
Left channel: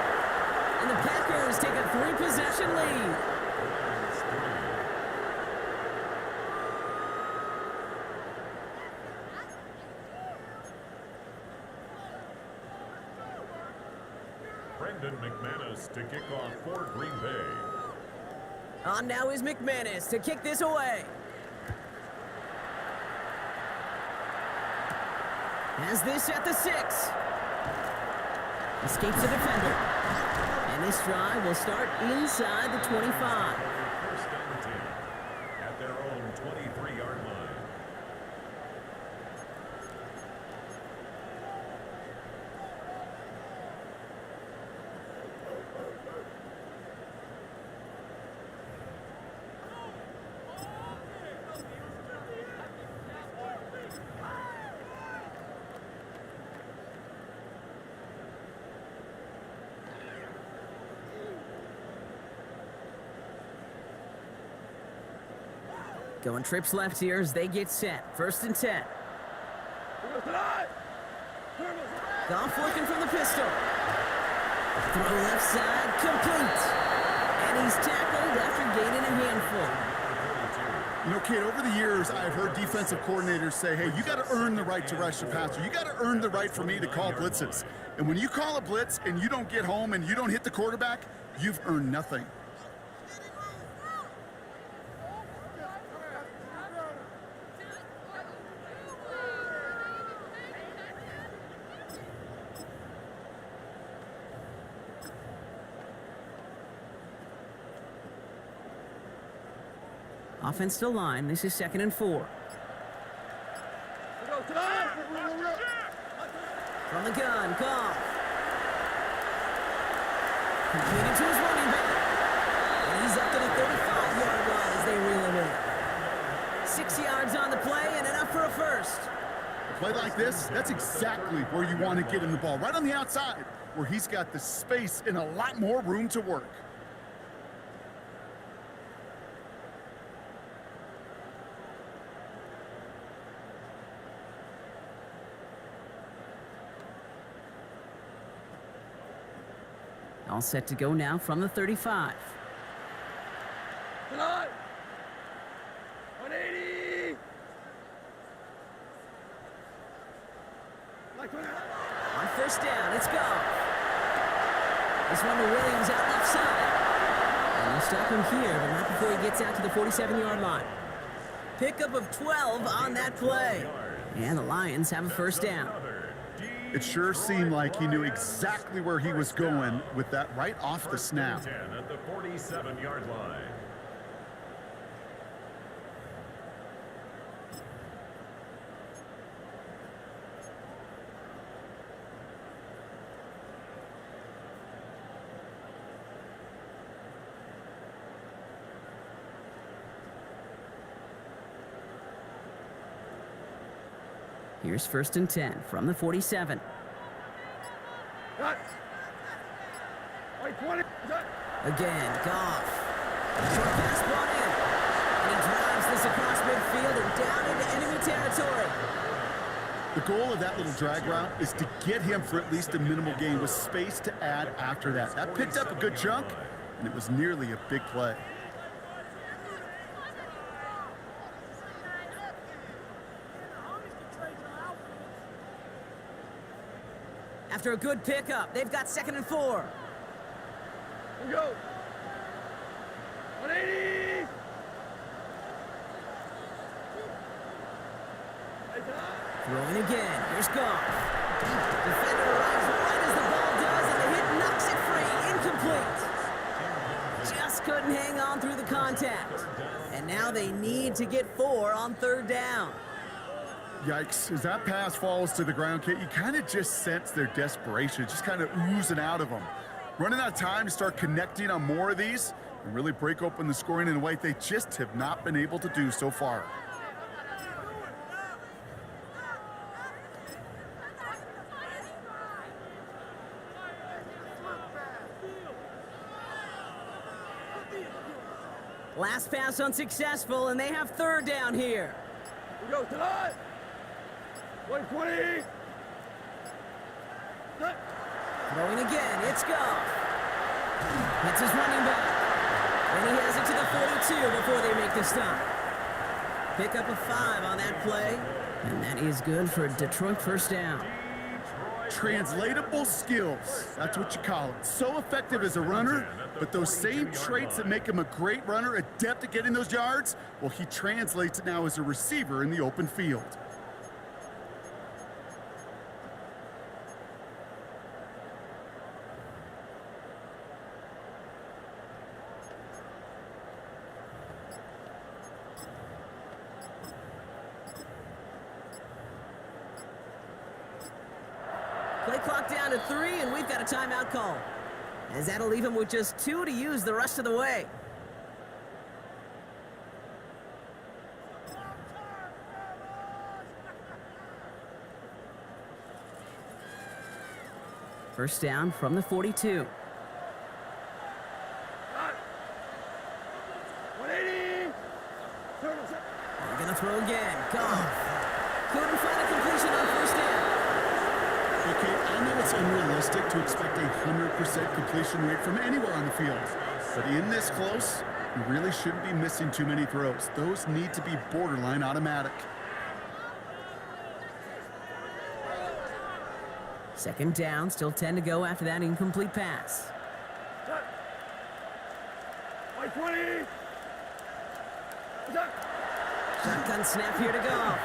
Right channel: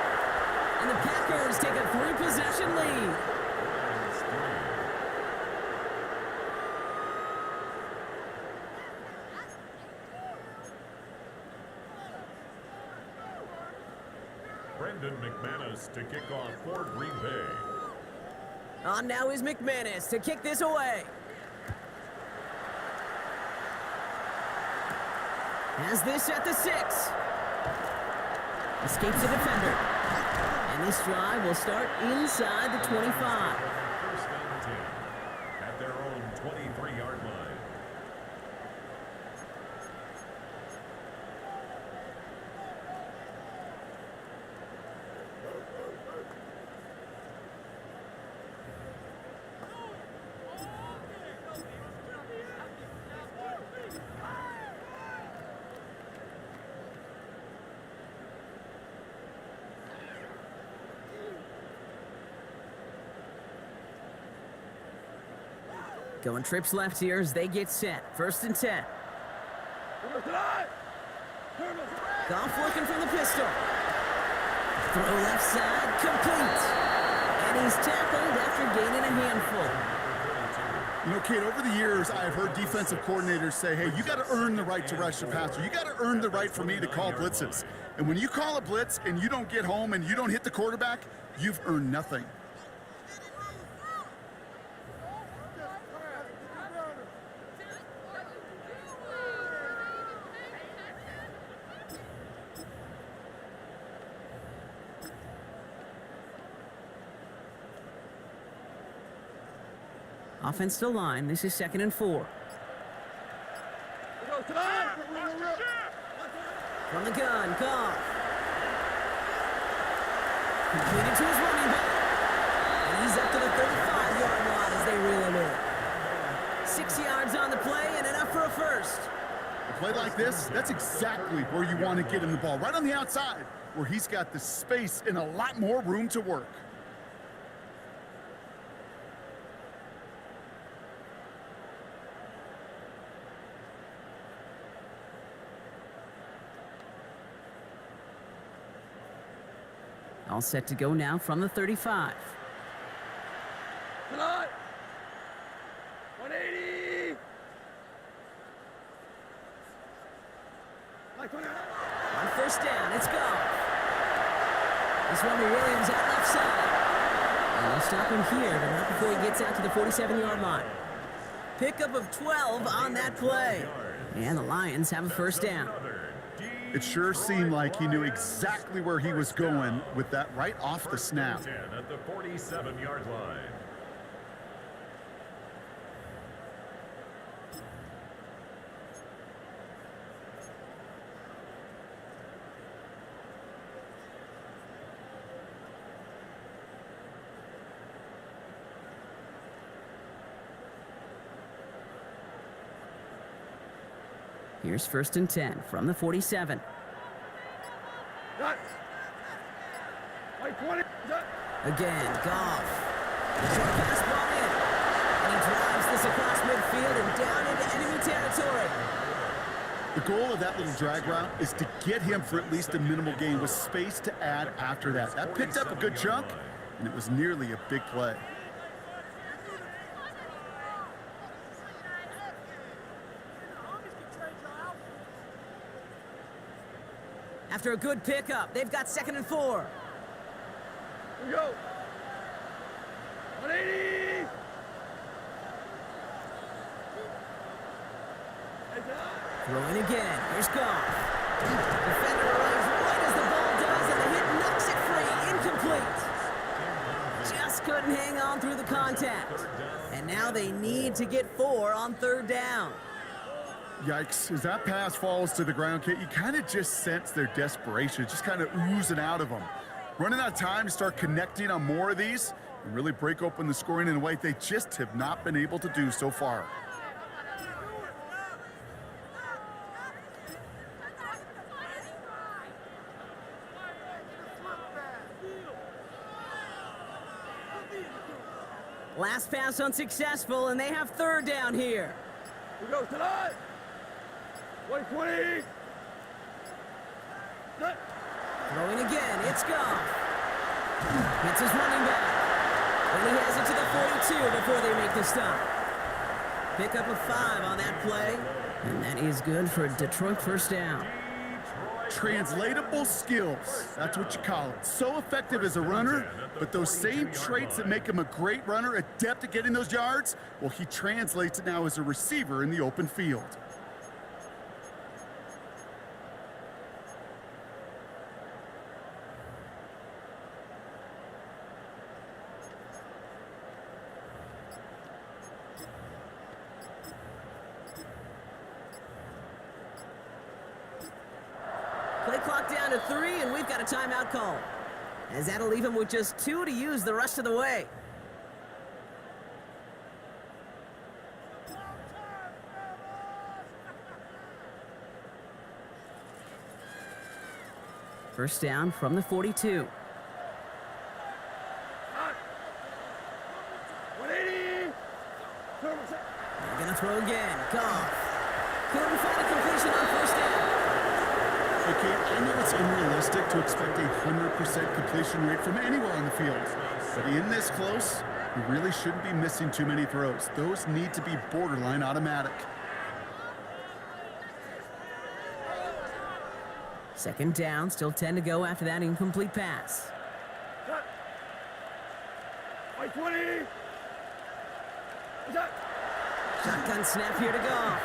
And the Packers take a 3-possession lead. Lions 3. Brendan McManus to kick off for Green Bay. On now is McManus to kick this away. Has this at the 6. Escapes the defender. And this drive will start inside the 25. First and 10 at their own 23-yard line. Going trips left here as they get set. 1st and 10. Goff working from the pistol. Throw left side, complete. And he's tackled after gaining a handful. You know, Kate, over the years, I've heard defensive coordinators say, hey, you got to earn the right to rush the passer. You got to earn the right for me to call blitzes. And when you call a blitz and you don't get home and you don't hit the quarterback, you've earned nothing. Offense to line. This is 2nd and 4. From the gun, Goff. Completed to his running back. And he's up to the 35-yard line as they reel him in. 6 yards on the play and enough for a first. A play like this, that's exactly where you want to get him the ball. Right on the outside, where he's got the space and a lot more room to work. All set to go now from the 35. Tonight, 180. On 1st down, it's Goff. This one to Williams out left side. And they'll stop him here, but not before he gets out to the 47-yard line. Pickup of 12 on that play. And the Lions have a 1st down. It sure seemed like he knew exactly where he was going with that right off the snap. 10 at the 47-yard line. Here's 1st and 10 from the 47. Again, Goff. Short pass brought in. And he drives this across midfield and down into enemy territory. The goal of that little drag route is to get him for at least a minimal gain with space to add after that. That picked up a good chunk, and it was nearly a big play. After a good pickup, they've got 2nd and 4. Here we go. 180. Throwing again. Here's Goff. Defender arrives right as the ball does, and the hit knocks it free. Incomplete. Just couldn't hang on through the contact. And now they need to get 4 on 3rd down. Yikes, as that pass falls to the ground, Kate, you kind of just sense their desperation, just kind of oozing out of them. Running out of time to start connecting on more of these and really break open the scoring in a way they just have not been able to do so far. Last pass unsuccessful, and they have 3rd down here. Here we go. Tonight. 120. Throwing again, it's Goff. Hits his running back. Then he has it to the 42 before they make the stop. Pickup of 5 on that play, and that is good for a Detroit 1st down. Translatable skills, that's what you call it. So effective as a runner, but those same traits that make him a great runner, adept at getting those yards, well, he translates it now as a receiver in the open field. Play clock down to 3, and we've got a timeout call. As that'll leave him with just 2 to use the rest of the way. First down from the 42. 180. They're gonna throw again. Goff. Couldn't find a completion on first down. Hey, Kate, I know it's unrealistic to expect a 100% completion rate from anywhere on the field, but in this close, you really shouldn't be missing too many throws. Those need to be borderline automatic. Second down, still 10 to go after that incomplete pass. White 20. What's that? Shotgun snap here to Goff.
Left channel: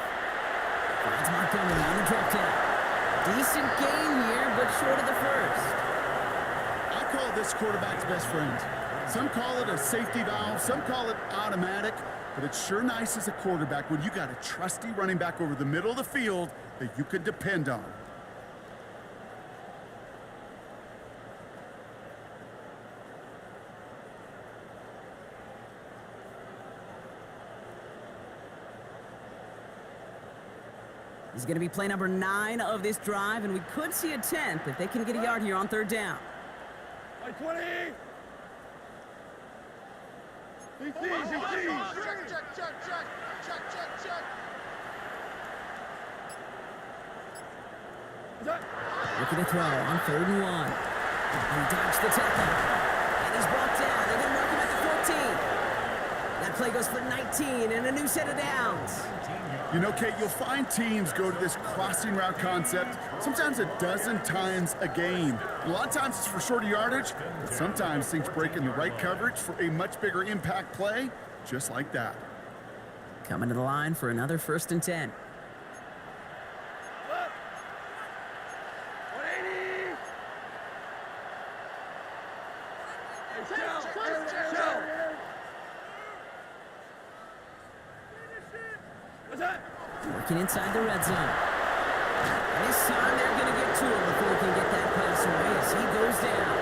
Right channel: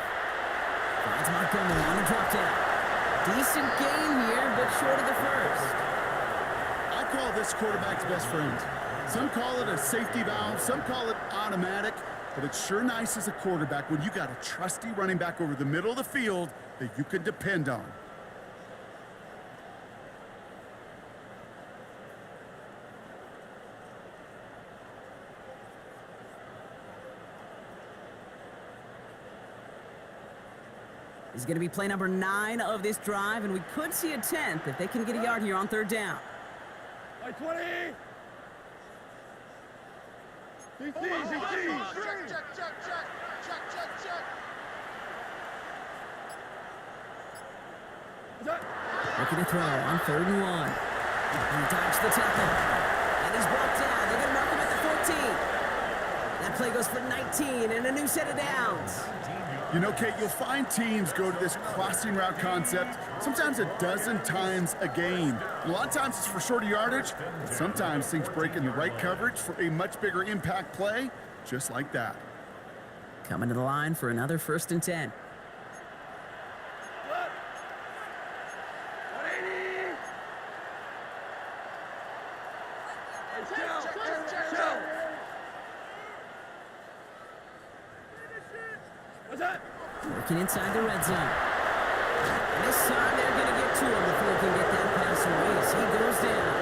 Finds Montgomery on a drop down. Decent gain here, but short of the first. I call this quarterback's best friend. Some call it a safety valve, some call it automatic, but it's sure nice as a quarterback when you got a trusty running back over the middle of the field that you can depend on. This is going to be play number 9 of this drive, and we could see a 10th if they can get a yard here on third down. White 20. CC. Check. What's that? Looking to throw on 3rd and 1. He dodged the tackle, and he's brought down. They're going to mark him at the 14. That play goes for 19 and a new set of downs. You know, Kate, you'll find teams go to this crossing route concept sometimes a dozen times a game. A lot of times it's for shorter yardage, but sometimes things break in the right coverage for a much bigger impact play, just like that. Coming to the line for another 1st and 10. 180. Hey, shell. What's that? Working inside the red zone. And this time they're going to get to him before he can get that pass away as he goes down.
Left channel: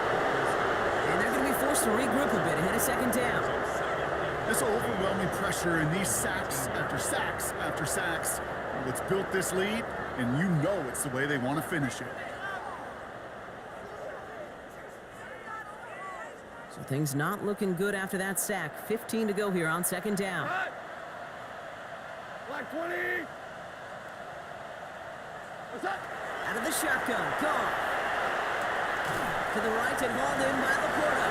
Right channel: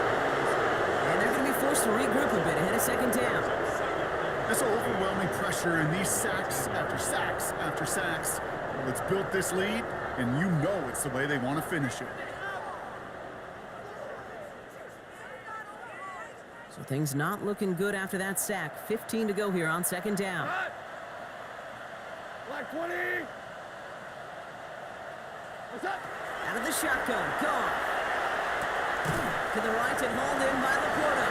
And they're going to be forced to regroup a bit ahead of 2nd down. This overwhelming pressure and these sacks after sacks after sacks, well, it's built this lead, and you know it's the way they want to finish it. So things not looking good after that sack. 15 to go here on 2nd down. Black 20. What's that? Out of the shotgun, Goff. To the right and hauled in by Laporta.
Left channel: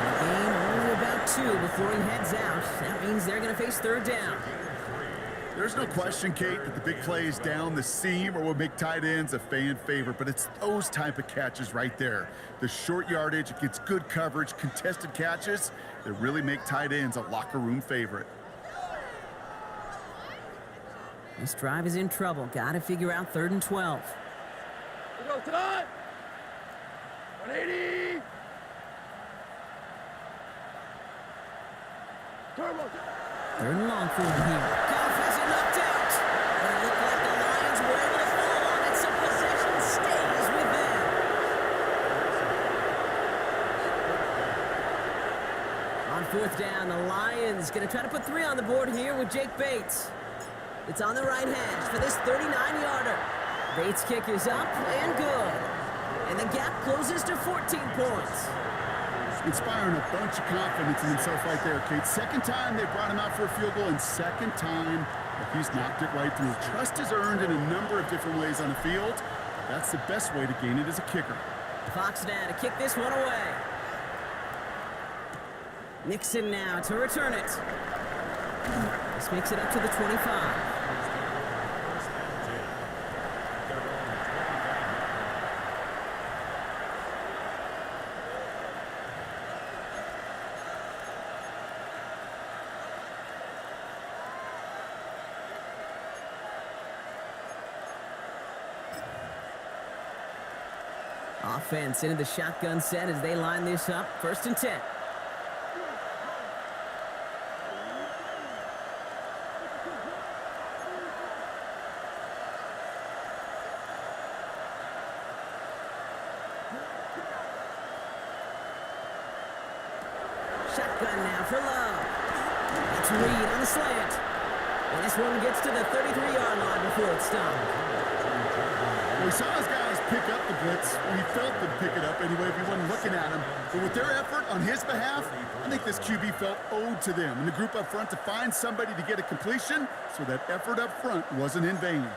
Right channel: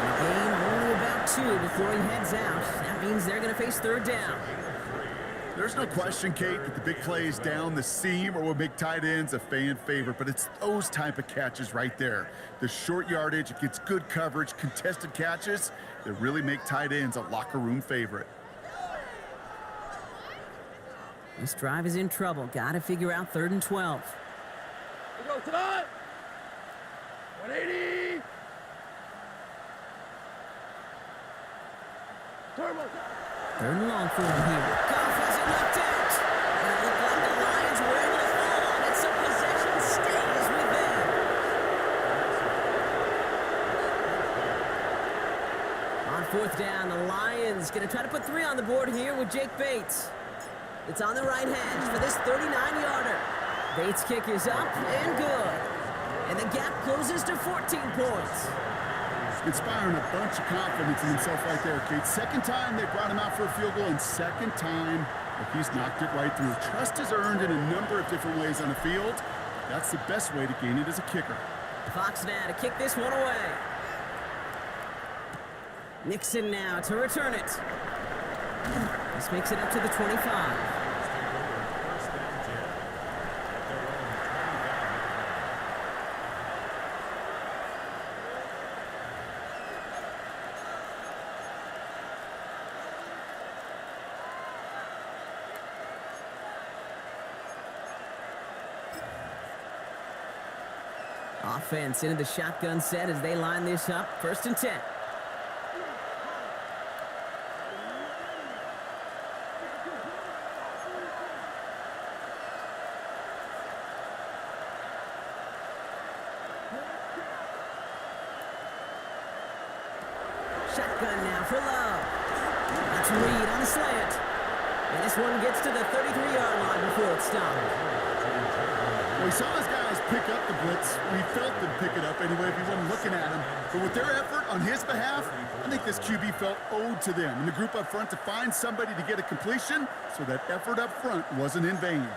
And a gain only about 2 before he heads out. That means they're going to face 3rd down. There's no question, Kate, that the big plays down the seam or what make tight ends a fan favorite, but it's those type of catches right there. The short yardage, it gets good coverage, contested catches that really make tight ends a locker room favorite. This drive is in trouble. Got to figure out 3rd and 12. We go tonight. 180. Turbo. 3rd and long for him here. Goff has it knocked out. And it looked like the Lions were able to fall on it, so possession stays with them. On 4th down, the Lions going to try to put 3 on the board here with Jake Bates. It's on the right hash for this 39-yarder. Bates' kick is up and good. And the gap closes to 14 points. Inspiring a bunch of confidence in himself right there, Kate. 2nd time they brought him out for a field goal, and 2nd time, well, he's knocked it right through. Trust is earned in a number of different ways on the field, but that's the best way to gain it as a kicker. Fox now to kick this one away. Nixon now to return it. This makes it up to the 25. Take over 1st and 10 at their own 25-yard line. Offense into the shotgun set as they line this up. 1st and 10. Shotgun now for Love. That's Reed on the slant. And this one gets to the 33-yard line before it's stopped. Well, he saw his guys pick up the blitz, or he felt them pick it up anyway if he wasn't looking at him. But with their effort on his behalf, I think this QB felt owed to them and the group up front to find somebody to get a completion, so that effort up front wasn't in vain.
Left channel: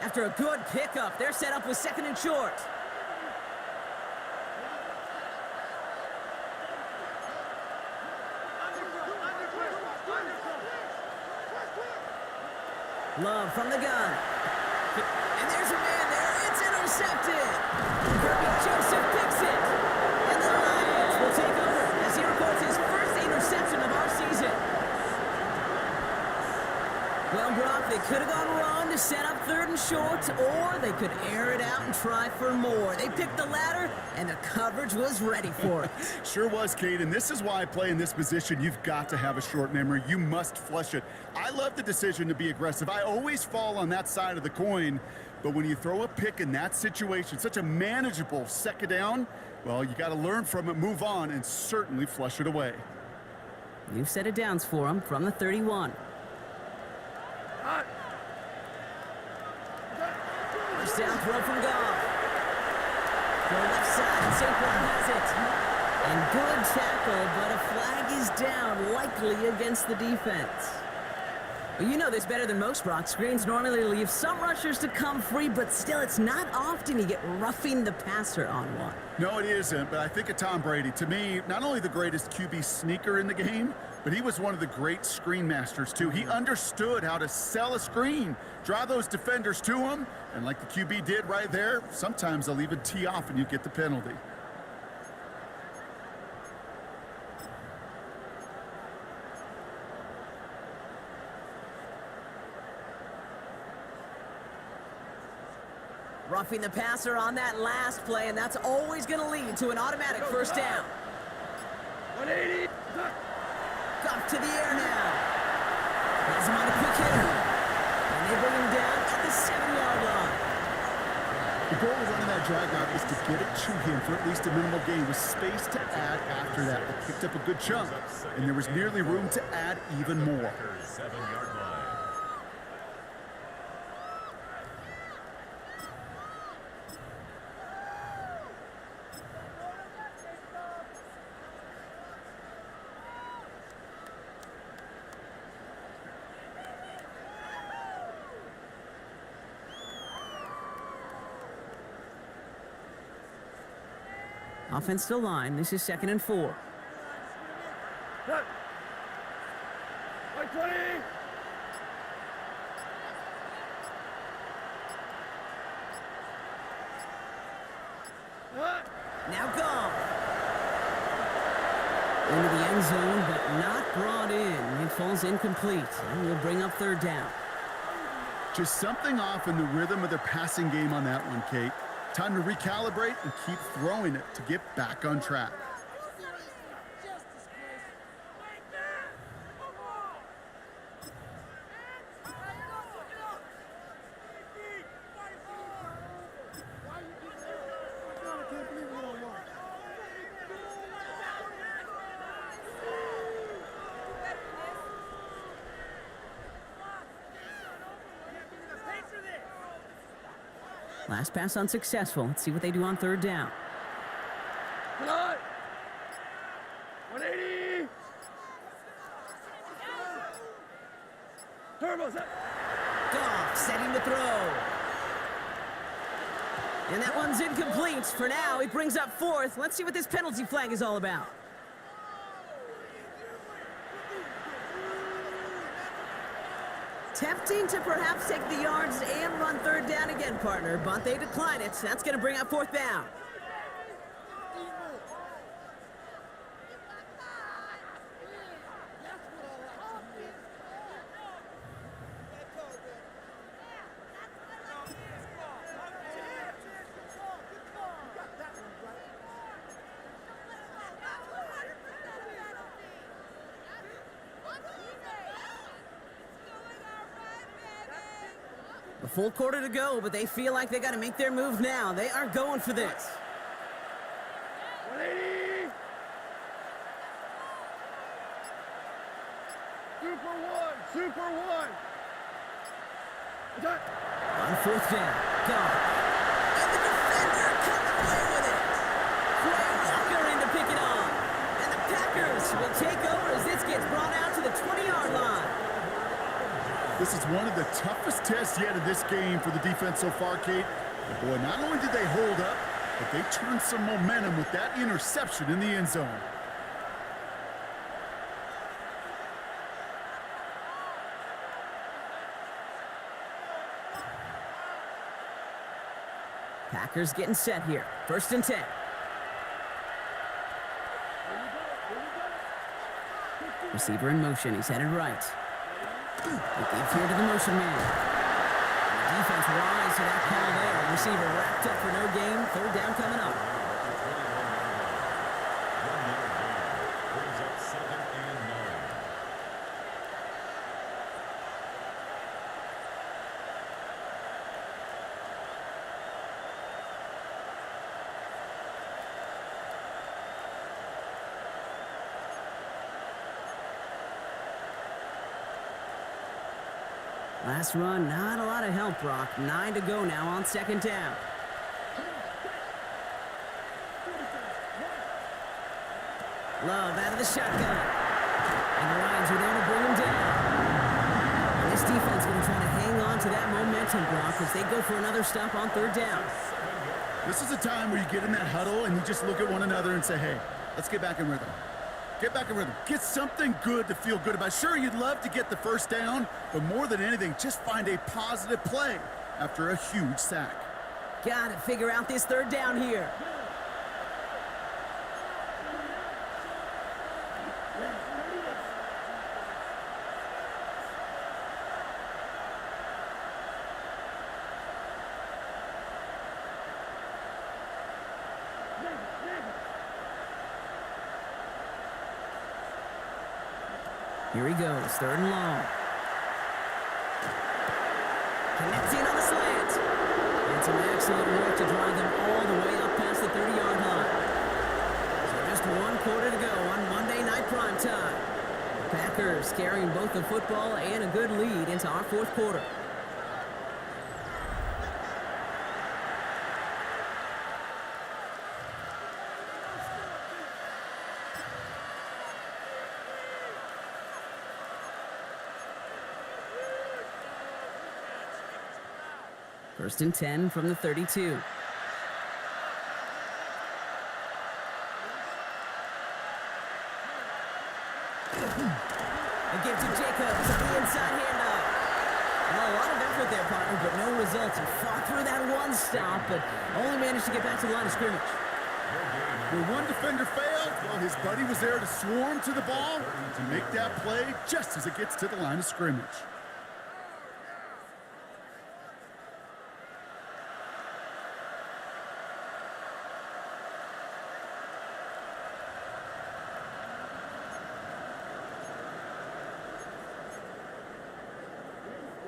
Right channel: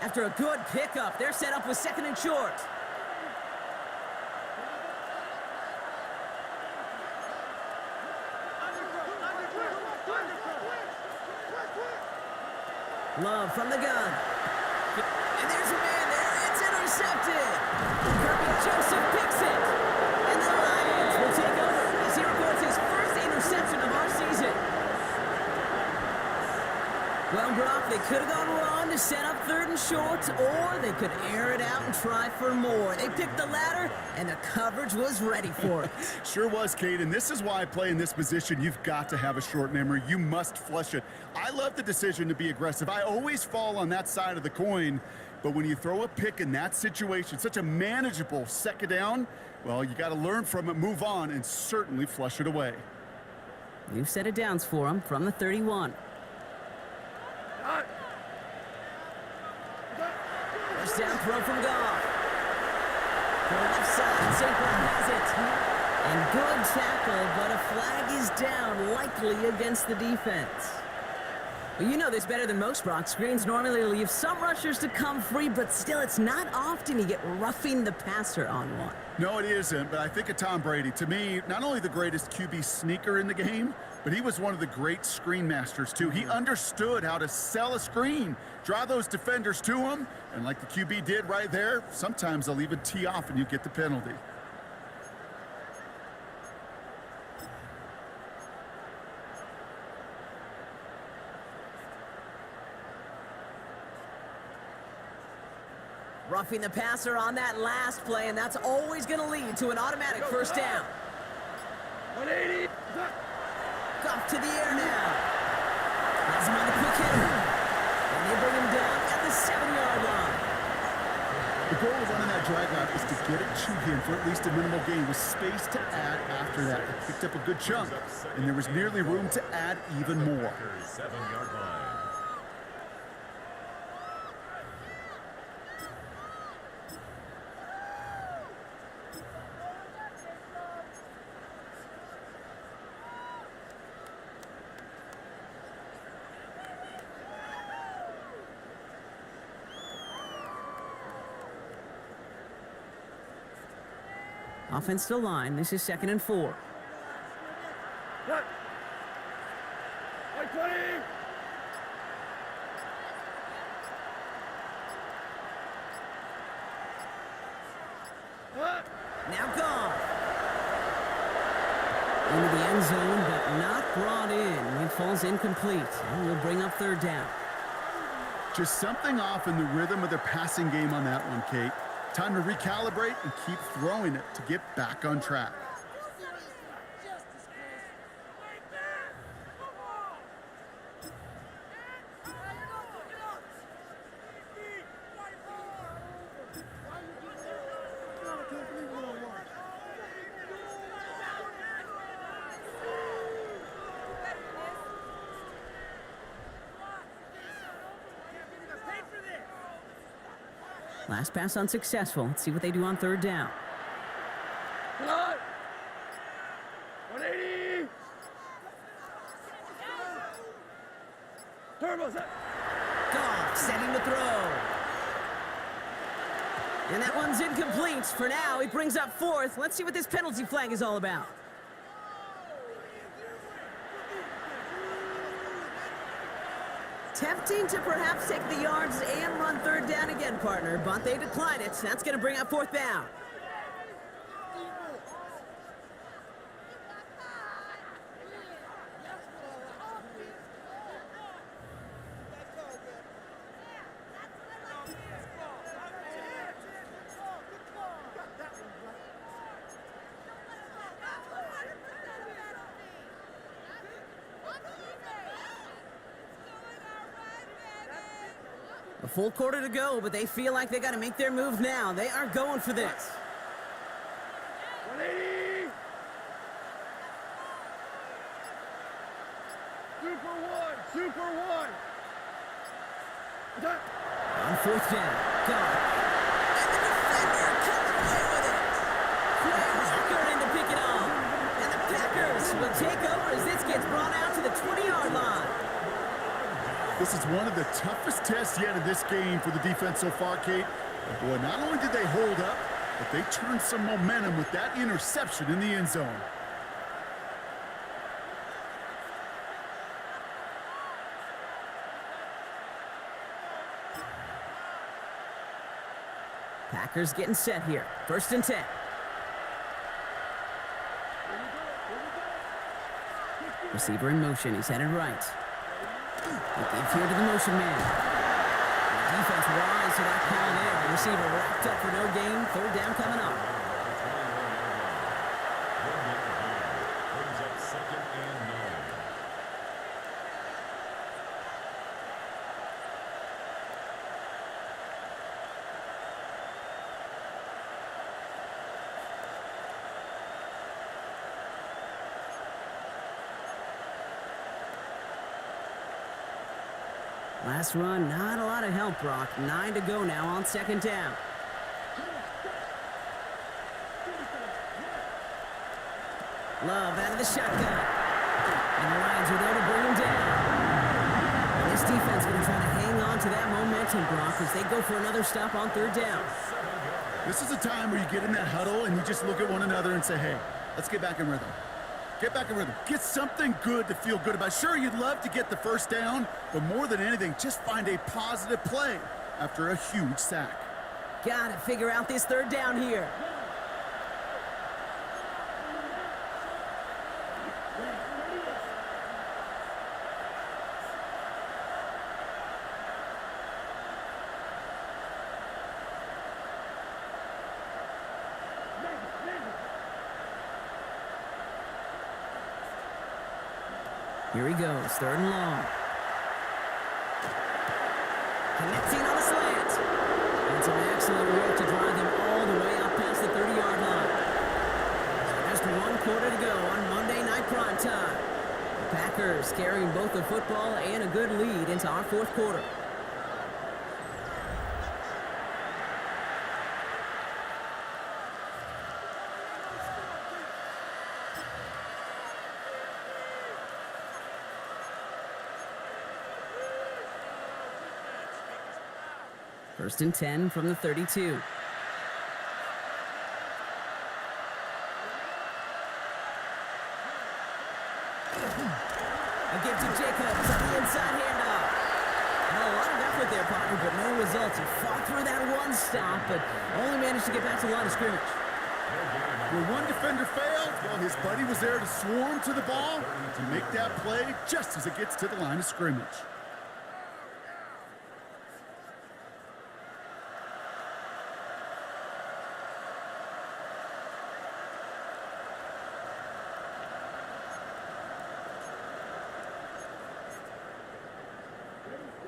After a good pickup, they're set up with 2nd and short. Love from the gun. And there's a man there. It's intercepted. Kirby Joseph picks it. And the Lions will take over as he records his first interception of our season. Well, Brock, they could have gone wrong to set up 3rd and short, or they could air it out and try for more. They picked the latter, and the coverage was ready for it. Sure was, Kate, and this is why I play in this position. You've got to have a short memory. You must flush it. I love the decision to be aggressive. I always fall on that side of the coin, but when you throw a pick in that situation, such a manageable 2nd down, well, you got to learn from it, move on, and certainly flush it away. New set of downs for him from the 31. First down throw from Goff. Throw left side, and St. Brown has it. And good tackle, but a flag is down, likely against the defense. Well, you know this better than most, Brock. Screens normally leave some rushers to come free, but still, it's not often you get roughing the passer on one. No, it isn't, but I think of Tom Brady. To me, not only the greatest QB sneaker in the game, but he was one of the great screen masters, too. He understood how to sell a screen, draw those defenders to him, and like the QB did right there, sometimes they'll even tee off and you get the penalty. Roughing the passer on that last play, and that's always going to lead to an automatic first down. 180. Goff to the air now. Has him on the quick hitter. And they bring him down at the 7-yard line. The goal of running that drag route is to get it to him for at least a minimal gain with space to add after that. They picked up a good chunk, and there was nearly room to add even more. 7-yard line. Offensive line, this is 2nd and 4. Cut. 120. Cut. Now Goff. Into the end zone, but not brought in. It falls incomplete, and we'll bring up 3rd down. Just something off in the rhythm of their passing game on that one, Kate. Time to recalibrate and keep throwing it to get back on track. Last pass unsuccessful. Let's see what they do on 3rd down. 180. Turbo set. Goff setting to throw. And that one's incomplete. For now, he brings up 4th. Let's see what this penalty flag is all about. Tempting to perhaps take the yards and run 3rd down again, partner, but they decline it. That's going to bring up 4th down. A full quarter to go, but they feel like they got to make their move now. They are going for this. 180. Super one. Attack. On fourth down, gone. And the defender comes away with it. Quay Walker in to pick it off. And the Packers will take over as this gets brought out to the 20-yard line. This is one of the toughest tests yet in this game for the defense so far, Kate. And boy, not only did they hold up, but they turned some momentum with that interception in the end zone. Packers getting set here. First and 10. Receiver in motion. He's headed right. They give here to the motion man. And the defense wise to that call there. Receiver wrapped up for no gain. Third down coming up. At the 21-yard line. 1 yard gain brings up 2nd and 9. Last run, not a lot of help, Brock. 9 to go now on second down. Love out of the shotgun. And the Lions are there to bring him down. And this defense going to try to hang on to that momentum, Brock, as they go for another stop on third down. This is a time where you get in that huddle and you just look at one another and say, hey, let's get back in rhythm. Get back in rhythm. Get something good to feel good about. Sure, you'd love to get the first down, but more than anything, just find a positive play after a huge sack. Gotta figure out this third down here. Here he goes, third and long. Connecting on the slant. And some excellent work to drive them all the way up past the 30-yard line. So just one quarter to go on Monday Night Primetime. The Packers carrying both the football and a good lead into our fourth quarter. First and 10 from the 32. A give to Jacobs on the inside handoff. Well, a lot of effort there, partner, but no results. He fought through that one stop, but only managed to get back to the line of scrimmage. Where one defender failed, well, his buddy was there to swarm to the ball to make that play just as it gets to the line of scrimmage.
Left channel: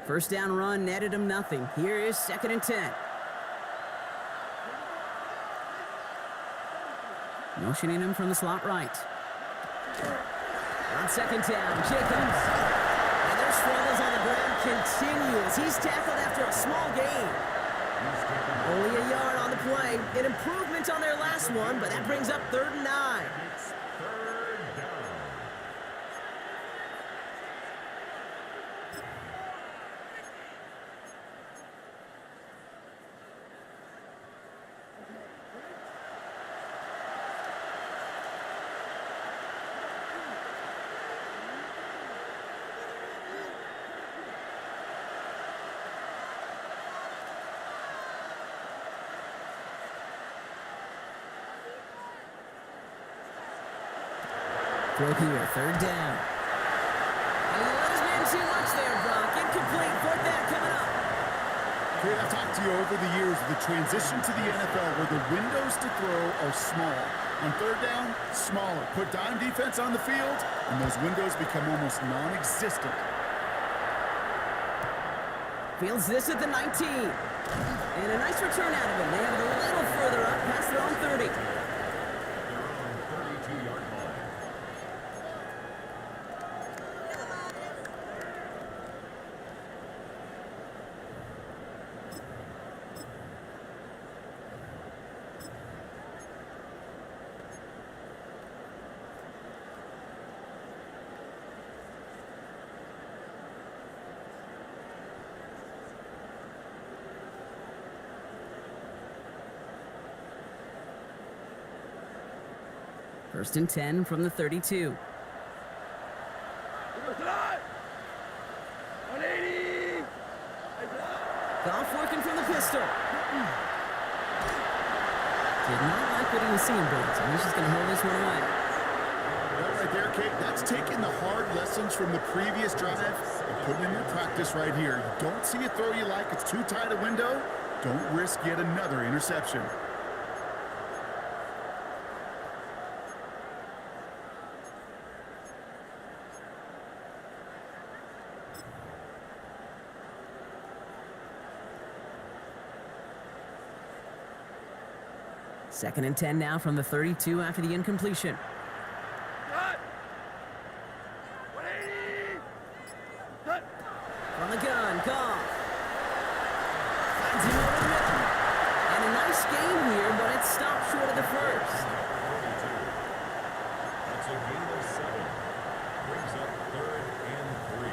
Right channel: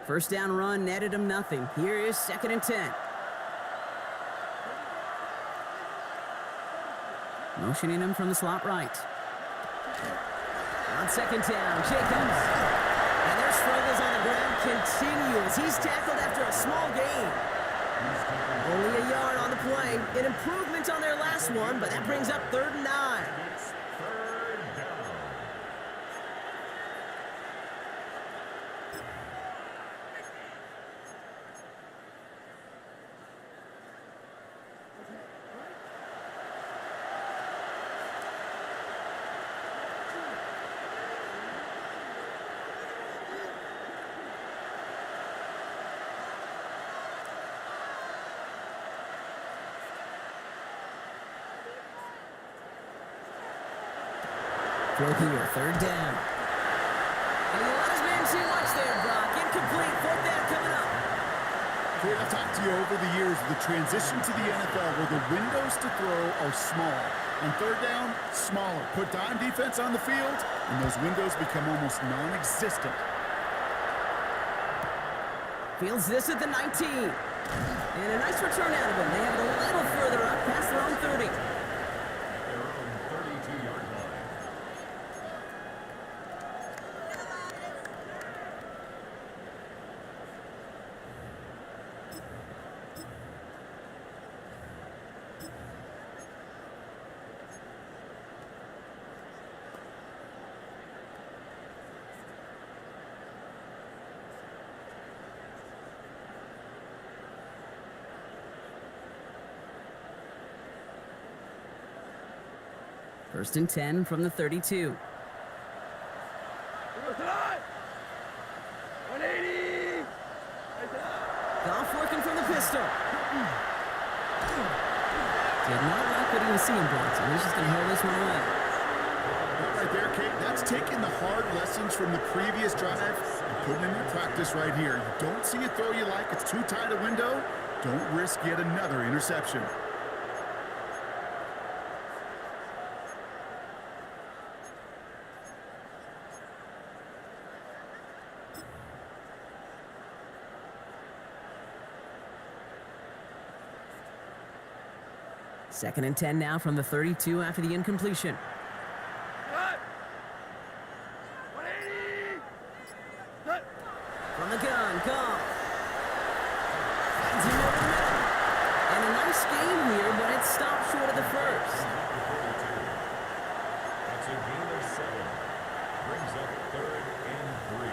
First down run netted him nothing. Here is second and 10. Motioning him from the slot right. On second down, Jacobs. And their struggles on the ground continue as he's tackled after a small gain. Only a yard on the play. An improvement on their last one, but that brings up third and 9. It's third down. Throw here, third down. And he let his man too much there, Brock. Incomplete, fourth down coming up. Okay, I've talked to you over the years of the transition to the NFL where the windows to throw are small. On third down, smaller. Put dime defense on the field, and those windows become almost non-existent. Fields this at the 19. And a nice return out of him. They have it a little further up past their own 30. At at their own 32-yard line. First and 10 from the 32. Here goes tonight. 180. Goff working from the pistol. Did not like what he was seeing, Bronson. He's just going to hurl this one away. That right there, Kate, that's taking the hard lessons from the previous drive and putting it into practice right here. You don't see a throw you like, it's too tight a window, don't risk yet another interception. Second and 10 now from the 32 after the incompletion. Cut. 180. Cut. From the gun, Goff. Finds him over the middle. And a nice game here, but it stopped short of the first. Number 42. That's a gain of 7. Brings up 3rd and 3.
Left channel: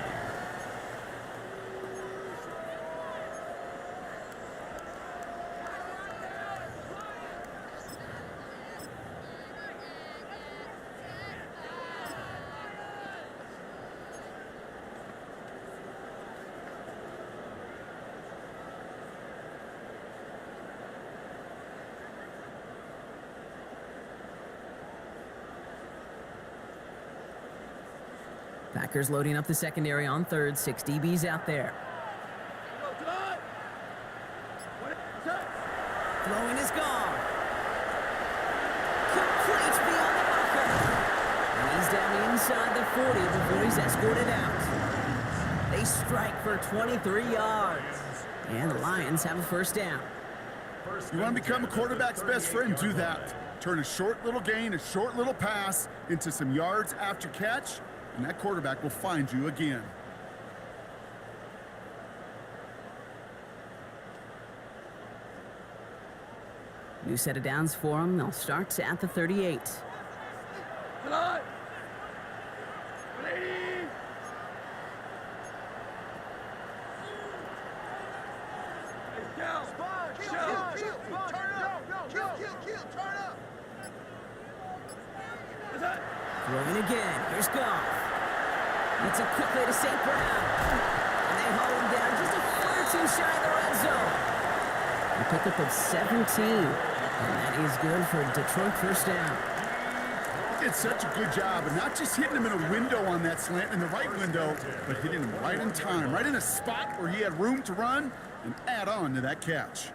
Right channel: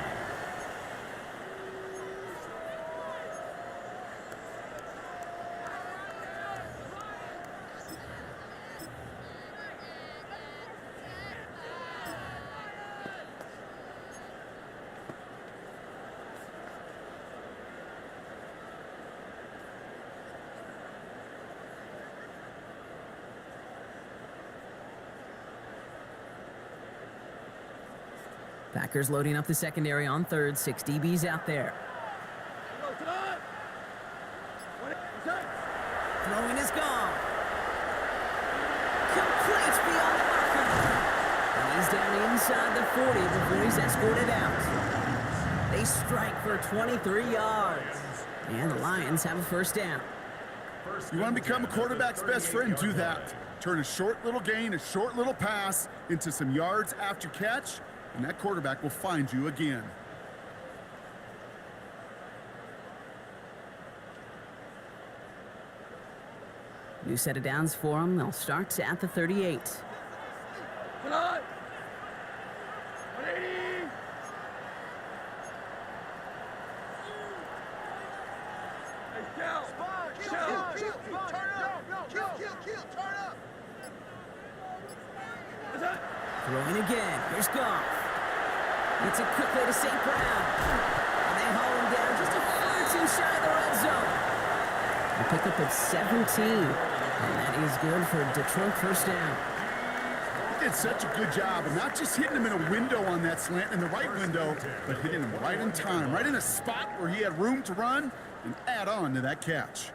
Packers loading up the secondary on third. 6 DBs out there. Here goes tonight. 180. Throwing is gone. Complete beyond the marker. And he's down inside the 40 before he's escorted out. They strike for 23 yards. And the Lions have a first down. You want to become a quarterback's best friend, do that. Turn a short little gain, a short little pass into some yards after catch, and that quarterback will find you again. New set of downs for them. They'll start at the 38. Tonight. 180. Hey, Cal. Kill, turn up. What's that? Throwing again. Here's Goff. Gets it quickly to St. Brown. And they haul him down just a foot or two shy of the red zone. A pickup of 17. And that is good for a Detroit first down. He did such a good job, and not just hitting him in a window on that slant, in the right window, but hitting him right in time, right in a spot where he had room to run and add on to that catch.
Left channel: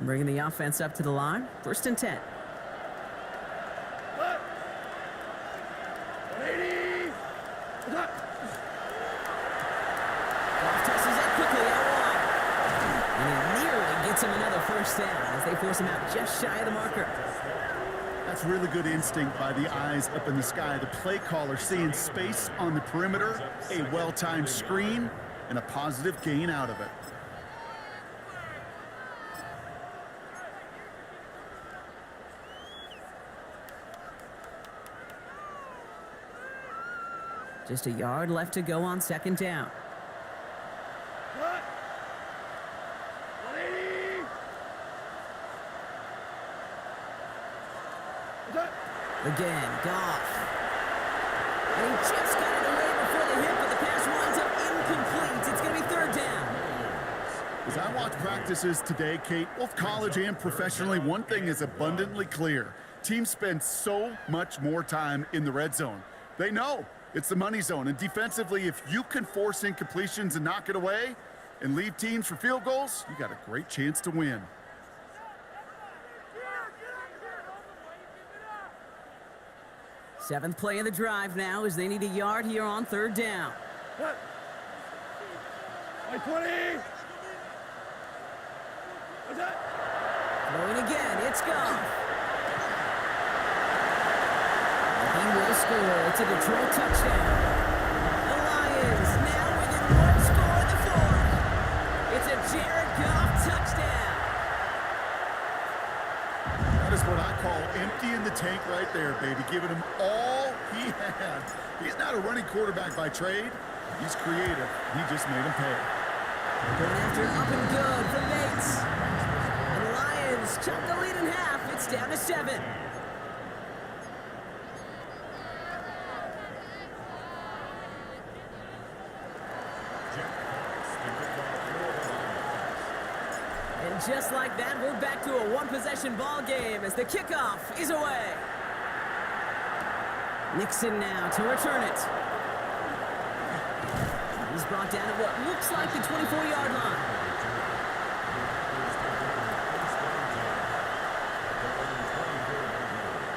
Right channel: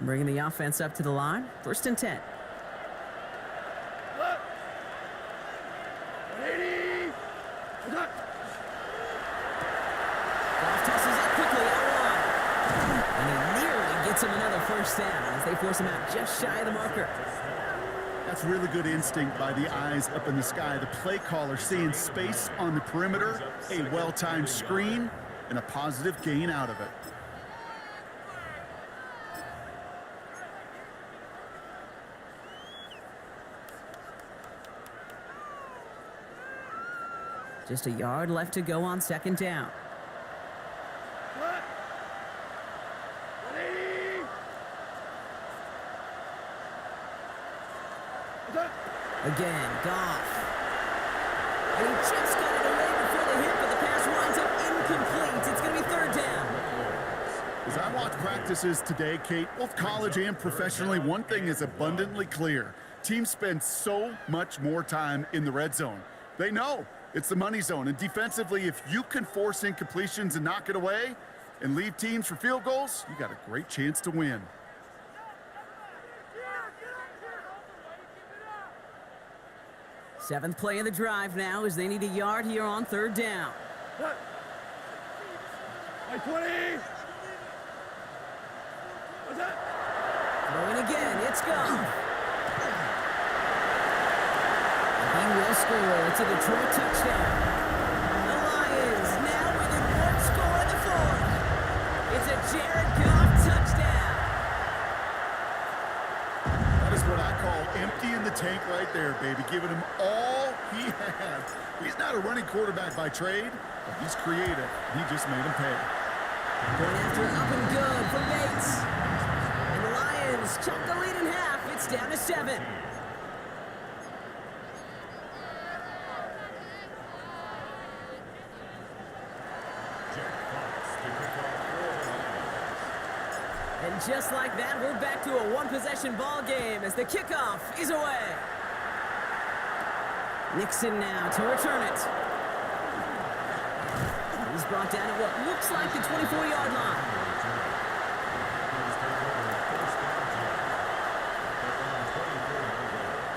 Bringing the offense up to the line. First and 10. What? 180. What's that? Goff tosses that quickly out wide. And he nearly gets him another first down as they force him out just shy of the marker. That's really good instinct by the eyes up in the sky. The play caller seeing space on the perimeter, a well-timed screen, and a positive gain out of it. Just a yard left to go on second down. What? 180. What's that? Again, Goff. And he just got it away before the hit, but the pass winds up incomplete. It's going to be third down. As I watch practices today, Kate, both college and professionally, one thing is abundantly clear. Teams spend so much more time in the red zone. They know it's the money zone, and defensively, if you can force incompletions and knock it away and leave teams for field goals, you got a great chance to win. Seventh play of the drive now as they need a yard here on third down. That. 20. What's that? Throwing again, it's gone. And he will score. It's a Detroit touchdown. The Lions now within one score of the fourth. It's a Jared Goff touchdown. That is what I call emptying the tank right there, baby. Giving him all he had. He's not a running quarterback by trade, but he's creative. He just made him pay. Going after up and good from Bates. And the Lions chop the lead in half. It's down to 7. Jack Fox to kick off for the Lions. And just like that, we're back to a one-possession ball game as the kickoff is away. Nixon now to return it. He's brought down at what looks like the 24-yard line. The Packers take over first and 10 at their own 24-yard line.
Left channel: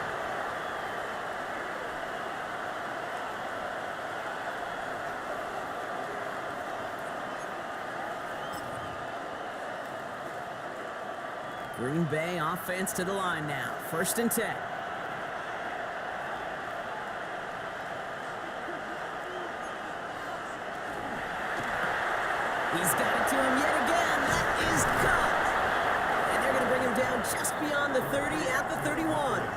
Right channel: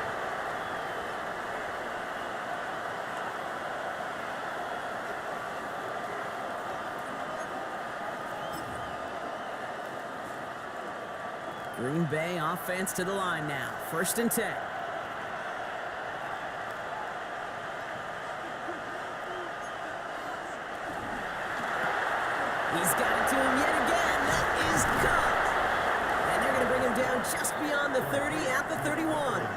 Green Bay offense to the line now. First and 10. He's got it to him yet again. That is caught. And they're going to bring him down just beyond the 30 at the 31. 11,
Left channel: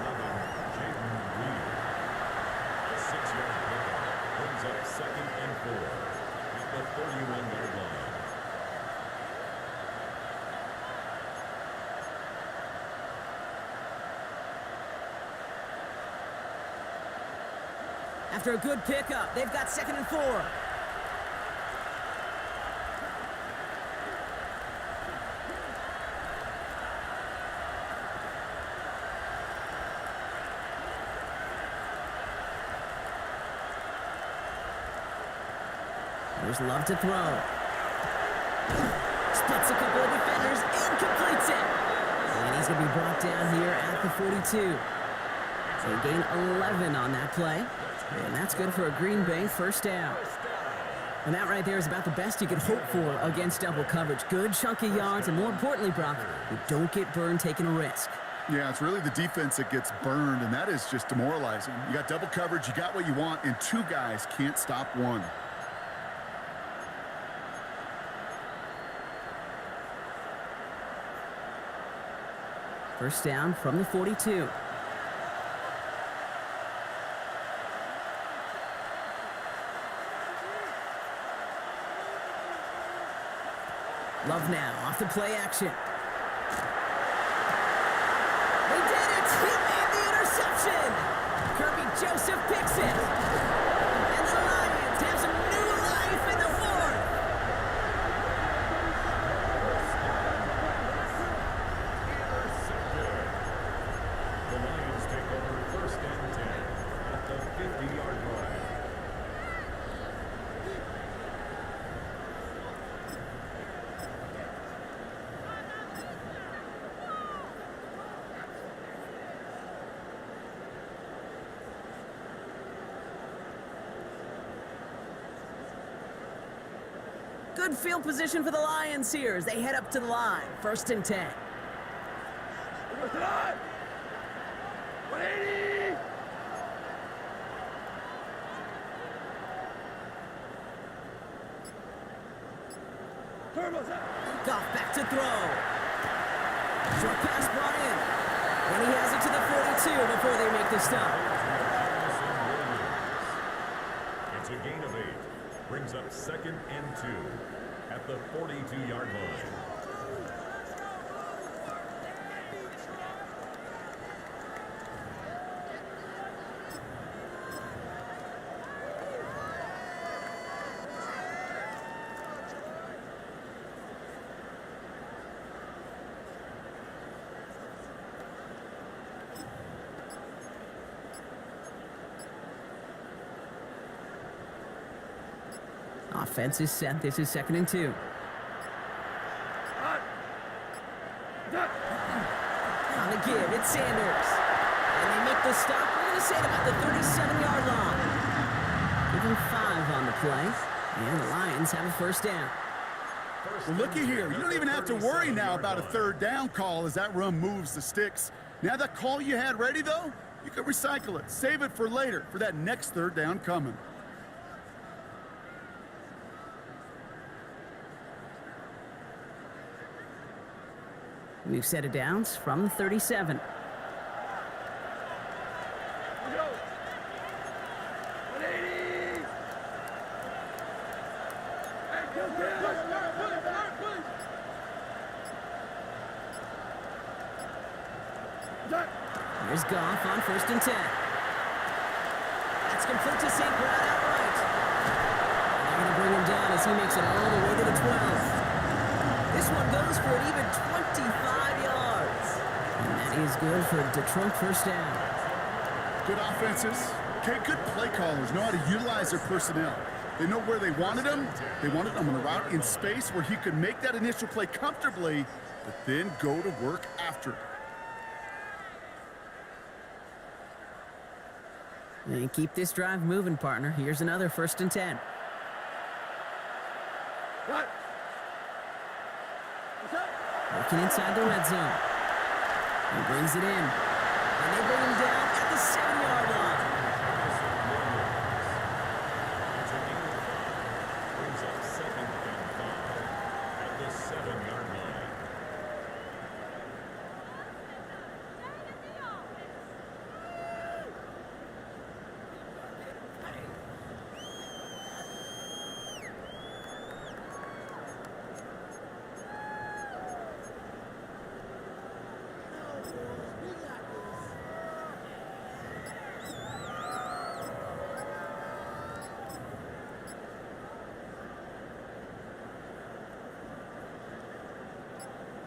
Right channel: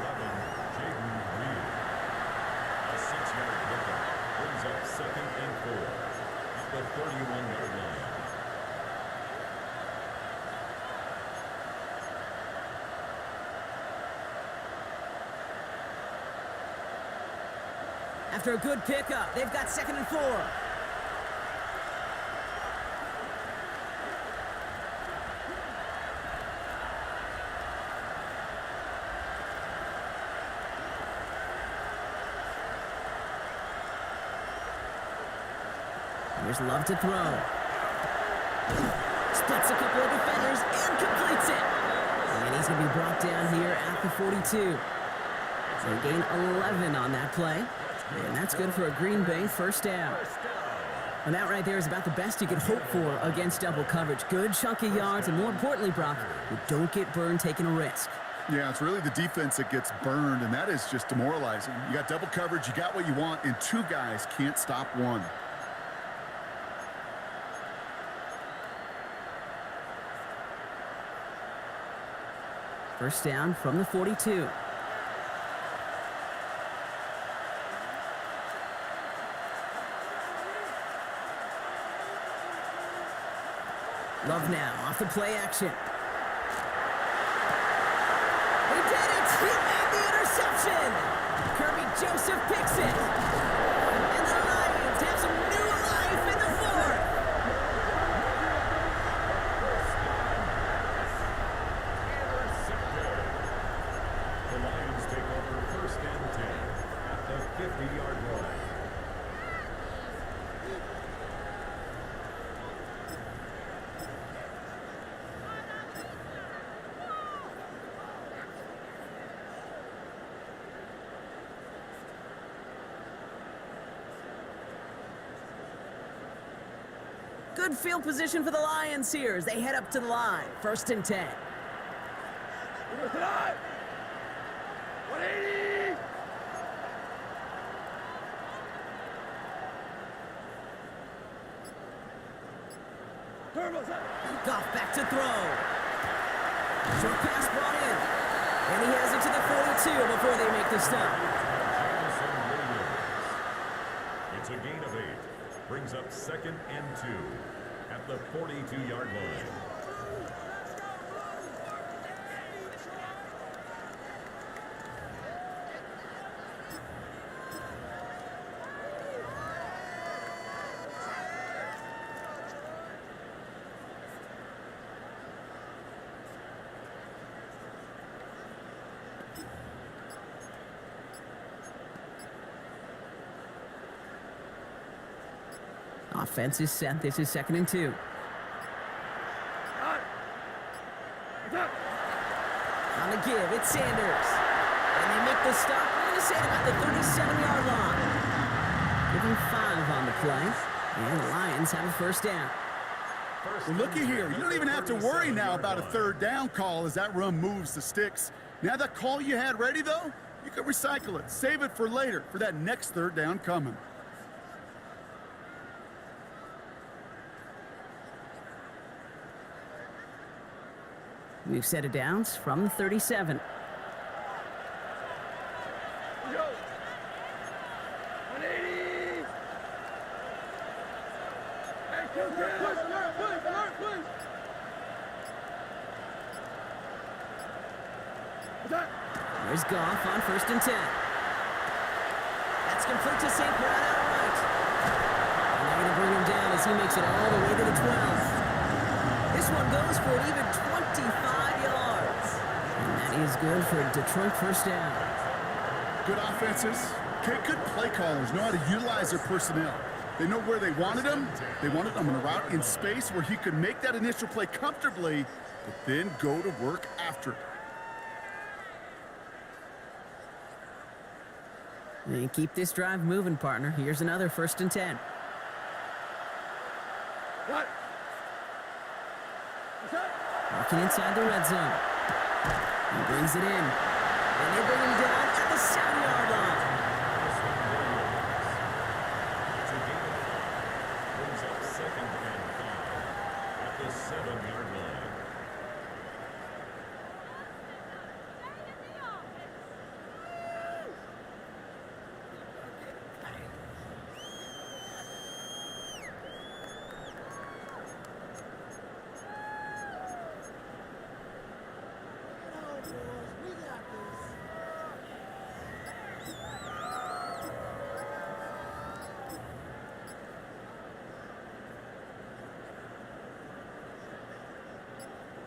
Jaden Reed. A 6-yard pickup brings up second and 4 at the 31-yard line. After a good pickup, they've got second and 4. Here's Love to throw. Splits a couple of defenders and completes it. And he's going to be brought down here at the 42. They gain 11 on that play. And that's good for a Green Bay first down. And that right there is about the best you could hope for against double coverage. Good chunky yards, and more importantly, Brock, you don't get burned taking a risk. Yeah, it's really the defense that gets burned, and that is just demoralizing. You got double coverage, you got what you want, and 2 guys can't stop one. First down from the 42. Love now off the play action. They did it! He made the interception! Kirby Joseph picks it! And the Lions have some new life in the 4th! Intercepted. The Lions take over first and 10 at the 50-yard line. Good field position for the Lions here as they head up to the line. First and 10. Here goes tonight. 180. Turbo set. Goff back to throw. Short pass brought in. And he has it to the 42 before they make the stop. Jamison Williams. It's a gain of 8. Brings up second and 2 at the 42-yard line. Offense is set. This is second and 2. On the give, it's Sanders. And they make the stop. We're going to say at about the 37-yard line. Give him 5 on the play. And the Lions have a first down. First Well, looky and here. 10 You at don't the even have to worry now 37-yard about a line. third down call as that run moves the sticks. Now that call you had ready, though, you can recycle it. Save it for later for that next third down coming. We've set it downs from the 37. We go. 180. Hey, kill. Push. What's that? Here's Goff on 1st and 10. That's complete to St. Brown outright. And they're going to bring him down as he makes it all the way to the 12. This one goes for an even 25 yards. And that is good for a Detroit first down. Good offenses. Okay, good play callers know how to utilize their personnel. They know where they wanted him. They wanted him in a route in space where he could make that initial play comfortably, but then go to work after it. They keep this drive moving, partner. Here's another 1st and 10. Got it. What's that? Working inside the red zone. He brings it in. And they bring him down at the 7-yard line. It's a gain of 5. Brings up 2nd and 5 at the 7-yard line. Stay in the office. Get on, boys. We got this.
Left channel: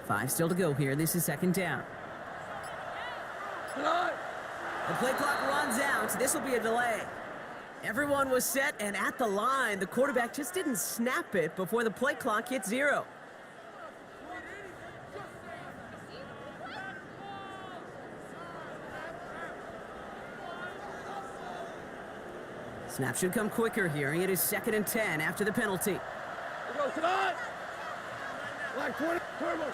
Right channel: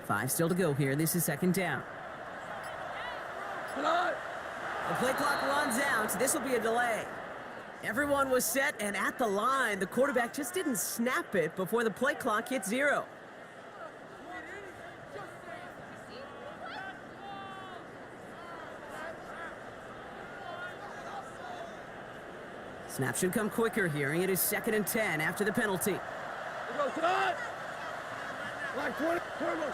Five still to go here. This is 2nd down. Come on. The play clock runs out. This will be a delay. Everyone was set and at the line. The quarterback just didn't snap it before the play clock hit 0. Snap should come quicker here. It is 2nd and 10 after the penalty. We go. Come on. Like 20. Turbo.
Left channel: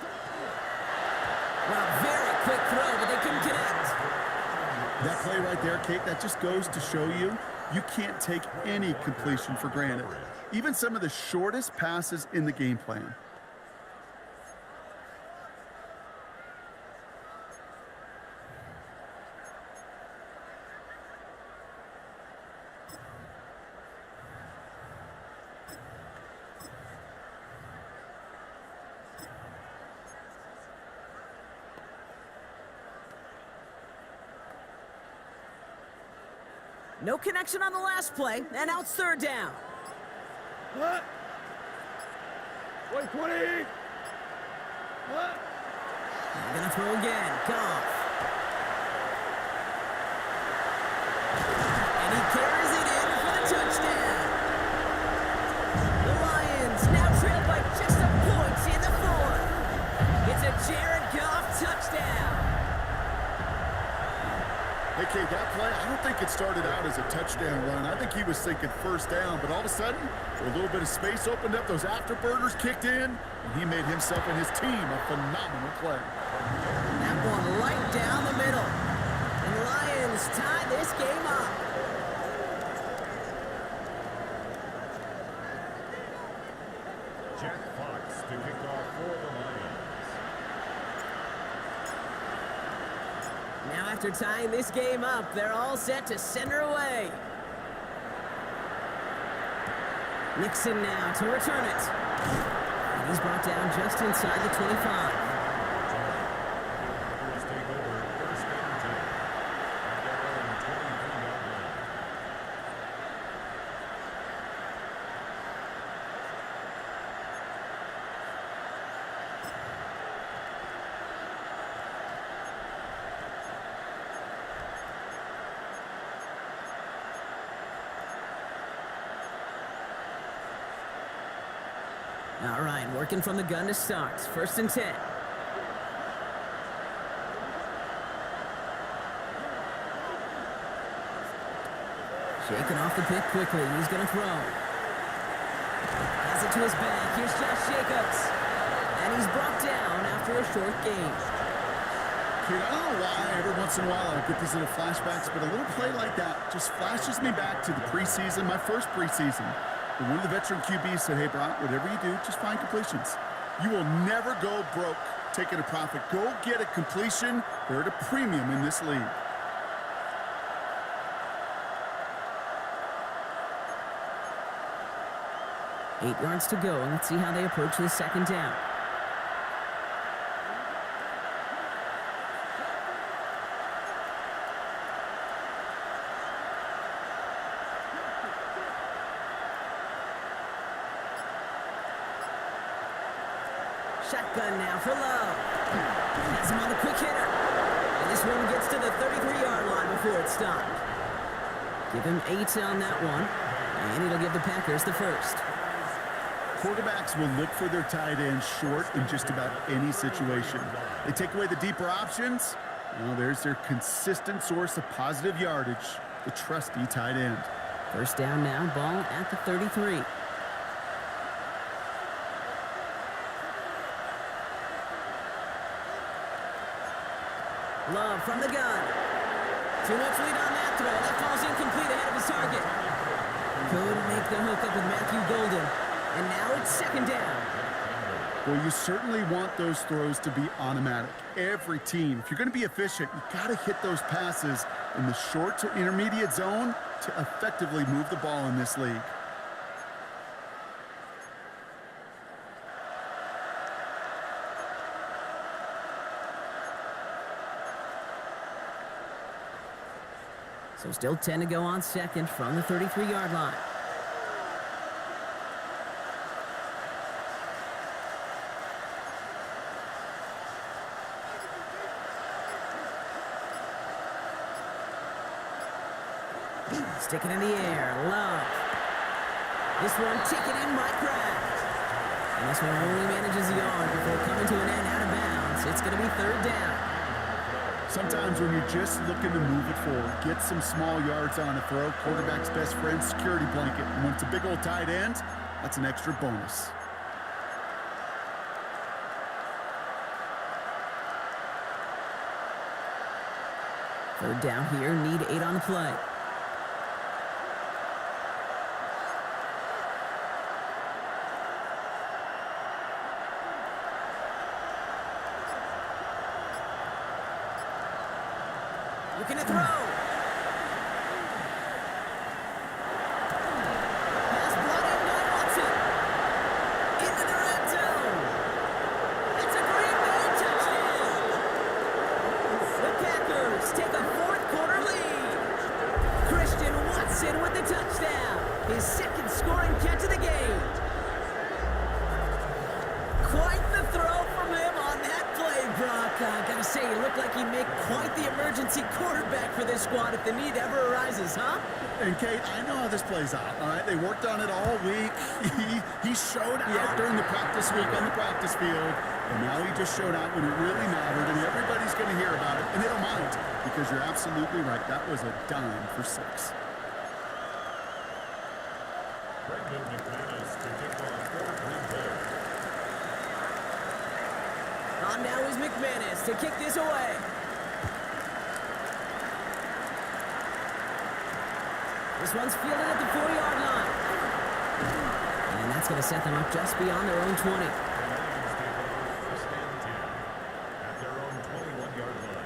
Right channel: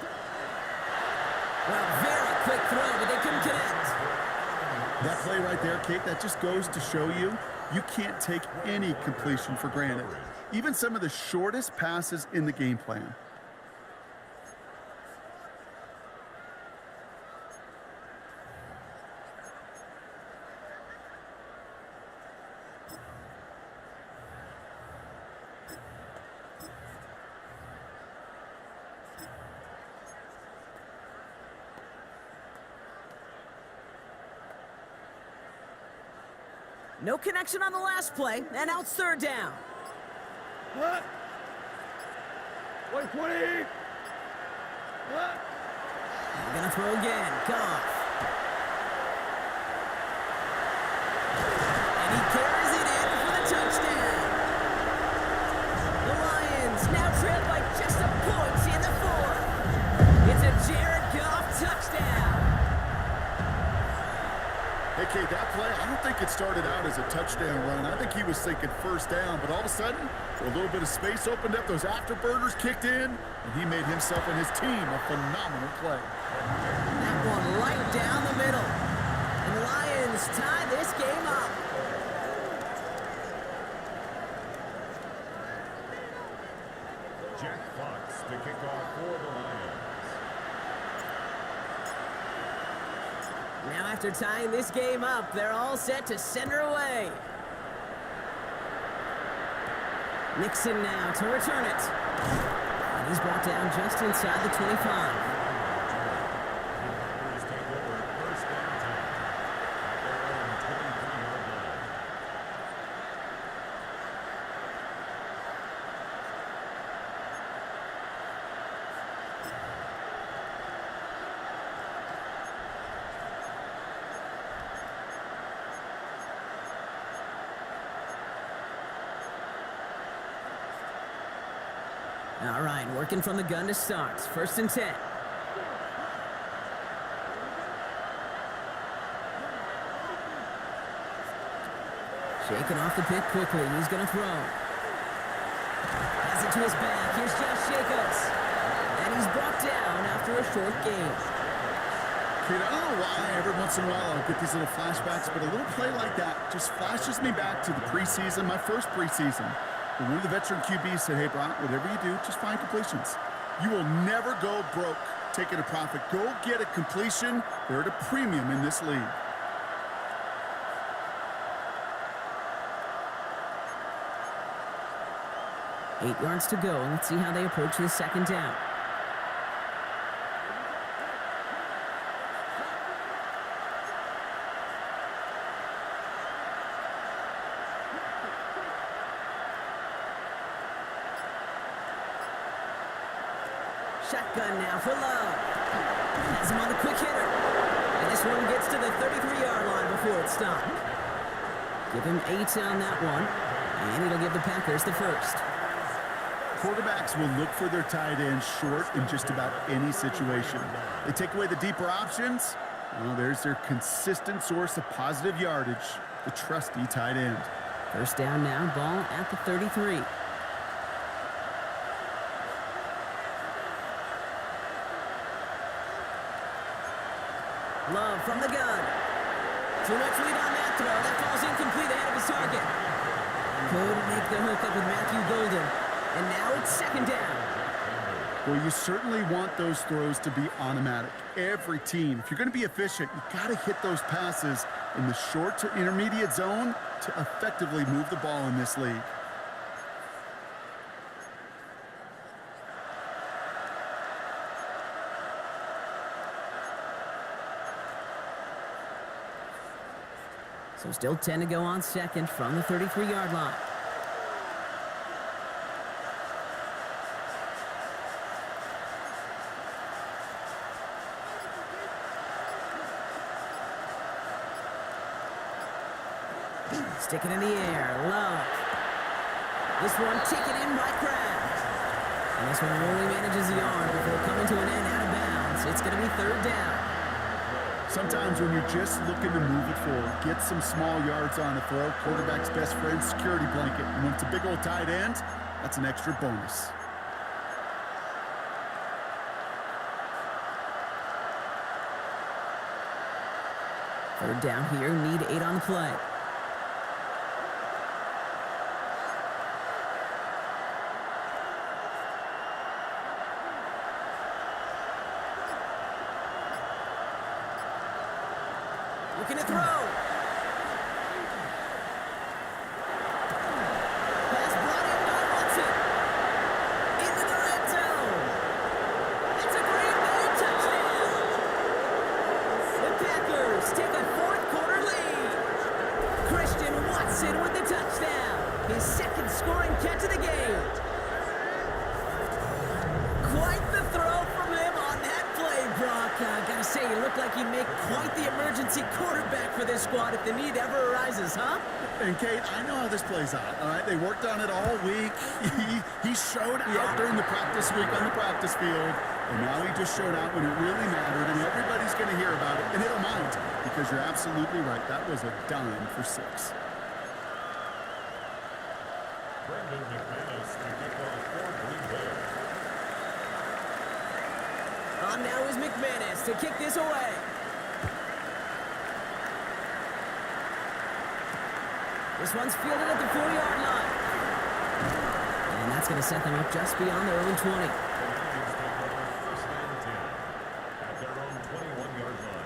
Wow, very quick throw, but they couldn't connect. That play right there, Kate, that just goes to show you can't take any completion for granted. Even some of the shortest passes in the game plan. No connection on the last play, and now it's 3rd down. What? 120. What? They're gonna throw again. Goff. And he carries it in for the touchdown. The Lions now trailed by just a point in the 4th. It's a Jared Goff touchdown. Hey, Kate, that play, I don't think it started out as a touchdown run. I think he was thinking first down, but all of a sudden, a little bit of space opened up, those afterburners kicked in, and he made himself and his team a phenomenal play. That one right down the middle. And the Lions tie this game up. Jack Fox to kick off for the Lions. Now after tying this game up, they're all set to send her away. Nixon now to return it. And he's brought down just inside the 25. The Packers take over 1st and 10 at their own 23-yard line. All right, working from the gun to start. 1st and 10. Shaking off the pick quickly. He's going to throw. Has it to his back. Here's Josh Jacobs. And he's brought down after a short gain. Kid, I don't know why every once in a while I'll get these little flashbacks, but a little play like that just flashes me back to the preseason, my first preseason. When one of the veteran QBs said, hey, Brock, whatever you do, just find completions. You will never go broke taking a profit. Go get a completion. They're at a premium in this league. Eight yards to go, and let's see how they approach this second down. Shotgun now for Love. Has him on the quick hitter. And this one gets to the 33-yard line before it's stopped. Give him 8 on that one, and it'll give the Packers the first. Quarterbacks will look for their tight end short in just about any situation. They take away the deeper options. Well, there's their consistent source of positive yardage, the trusty tight end. First down now, ball at the 33. Love from the gun. Too much lead on that throw. That falls incomplete ahead of his target. Couldn't make the hook up with Matthew Golden. And now it's second down. Well, you certainly want those throws to be automatic. Every team, if you're going to be efficient, you got to hit those passes in the short to intermediate zone to effectively move the ball in this league. So still 10 to go on second from the 33-yard line. Stick it in the air, Love. This one taken in by Kraft. And this one only manages a yard before coming to an end out of bounds. It's going to be third down. Sometimes when you're just looking to move it forward, get some small yards on a throw, quarterback's best friend, security blanket. And when it's a big old tight end, that's an extra bonus. Third down here, need 8 on the play. Looking to throw. Pass brought in by Watson. Into the red zone. It's a Green Bay touchdown. The Packers take a fourth quarter lead. Christian Watson with the touchdown. His second scoring catch of the game. Quite the throw from him on that play, Brock. Gotta say, he looked like he'd make quite the emergency quarterback for this squad if the need ever arises, huh? And Kate, I know how this plays out, all right? They worked on it all week. He showed out during the practice week on the practice field, and now he just showed out when it really mattered, and everybody's going to hear about it, and they don't mind, because you're absolutely right. That was a dime for 6. Brendan McManus to kick off for Green Bay. On now is McManus to kick this away. This one's fielded at the 4-yard line. And that's going to set them up just beyond their own 20. The Lions take over first and 10 at their own 21-yard line.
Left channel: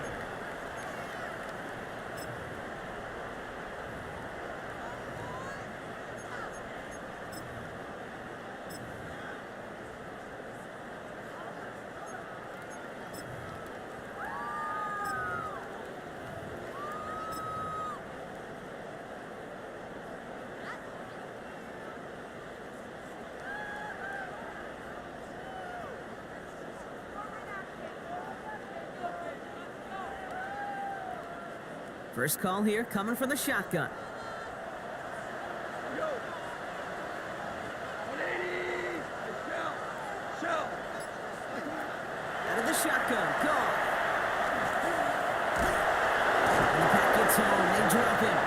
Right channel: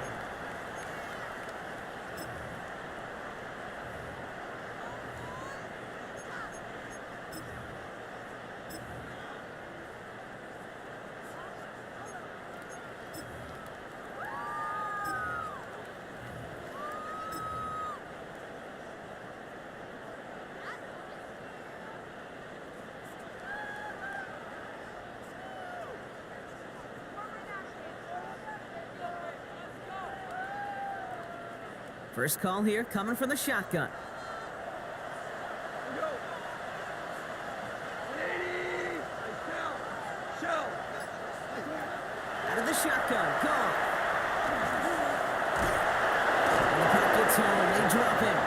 First call here coming from the shotgun. Go. 180. Shell. Like that. Out of the shotgun, Goff. And the pack gets home, they drop him.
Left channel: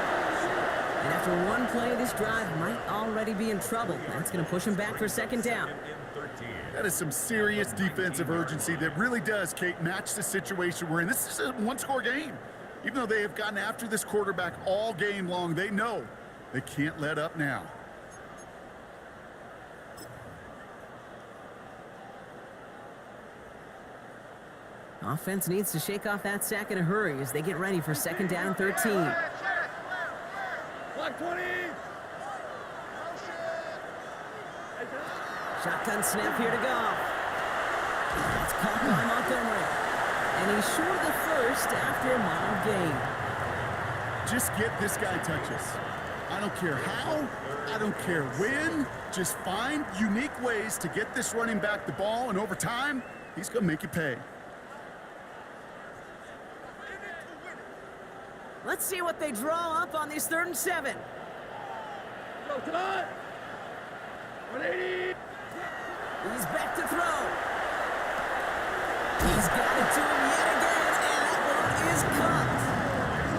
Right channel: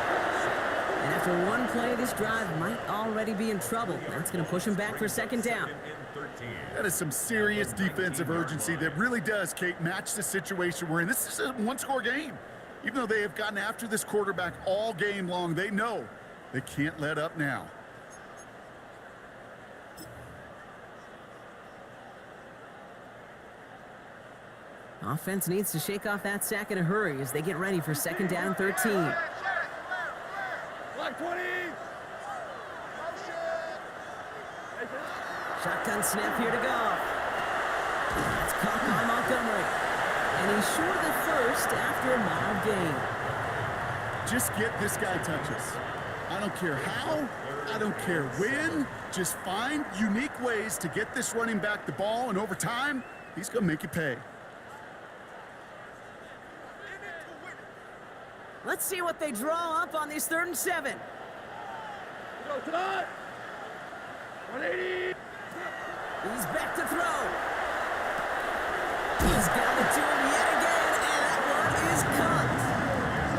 And after one play, this drive might already be in trouble. That's going to push him back for second down. Second and 13. That is some serious defensive urgency that really does, Kate, match the situation we're in. This is a one-score game. Even though they have gotten after this quarterback all game long, they know they can't let up now. Offense needs to shake off that sack in a hurry as they get ready for second down and 13. Black 20. Shotgun snap here to go. That's caught by Montgomery. And he's short of the first after a mild gain. Just get this guy touches. I don't care how, I don't care when. Just find unique ways to get this running back the ball, and over time, he's going to make you pay. Let's see what they draw up on this 3rd and 7. Go tonight. 180. He's back to throw. He's got it to him yet again, and that one is caught.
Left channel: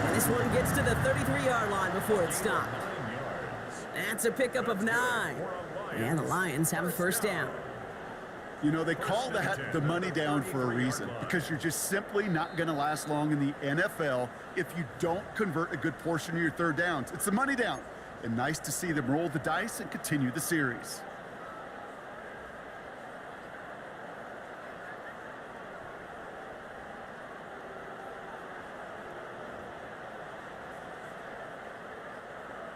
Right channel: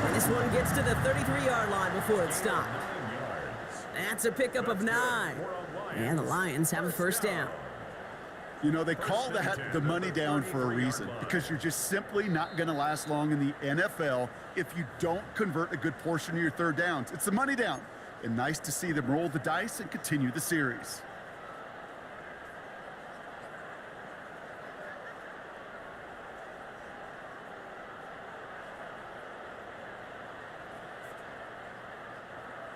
And this one gets to the 33-yard line before it stopped. 9 yards. That's a pickup of 9. And the Lions have a first down. You know, they call that the money down for a reason, because you're just simply not going to last long in the NFL if you don't convert a good portion of your third downs. It's the money down, and nice to see them roll the dice and continue the series.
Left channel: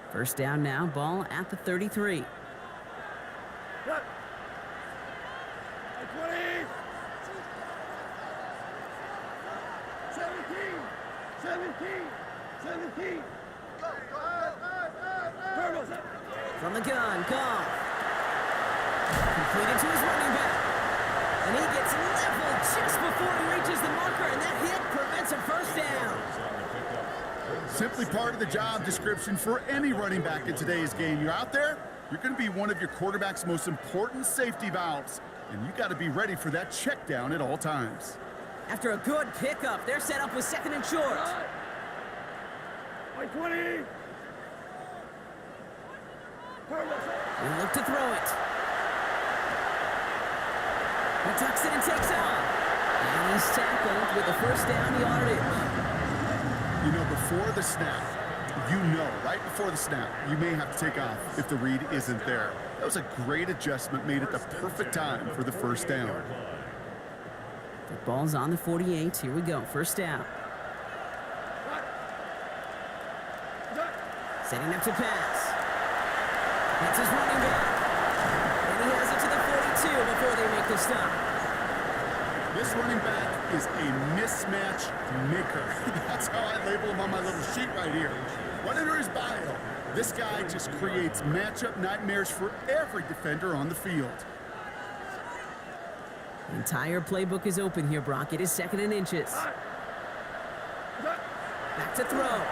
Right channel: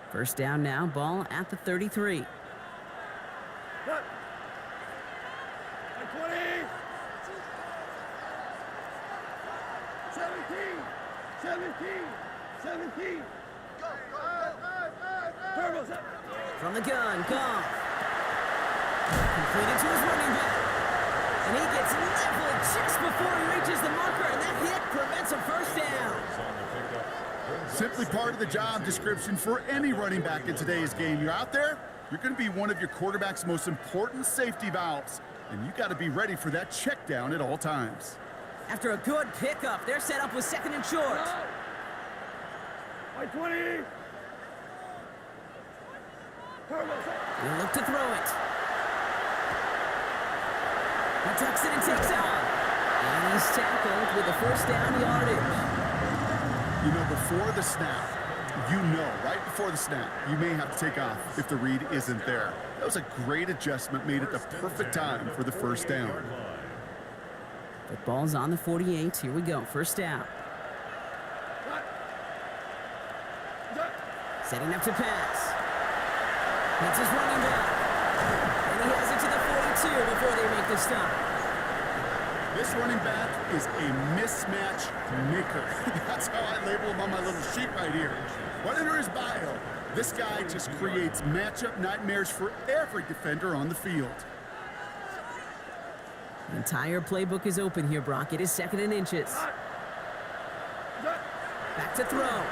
First down now, ball at the 33. Cut. Like 20. 17. 17. 17. Go. Turbo. From the gun, Goff. Completed to his running back. And he gets leveled just before he reaches the marker, and that hit prevents a first down. On the pickup. Simply part of the job description for any running back in today's game. You're out there, you're going to be one of your quarterback's most important safety valves, and you got to be ready for that check down at all times. After a good pickup, they're set up with 2nd and short. Like 20. Turbo. He'll look to throw it. He tucks it and takes off. And he's tackled with a first down yardage. You know, before the snap, you know, right before the snap, you may have to take off if the read isn't there. That was a great adjustment made at the perfect time for the first down. Football's on the 48. Here we go. First down. Setting up to pass. Hits his running back. And he has it to the 42 before they make the stop. This running back is a mismatch maker. That's how I label him on my little sheet right here. Right under his bio, this guy just creates matchup nightmares for every defender on the field. The entire playbook is open here, Brock. It is 2nd and inches. Back to throw.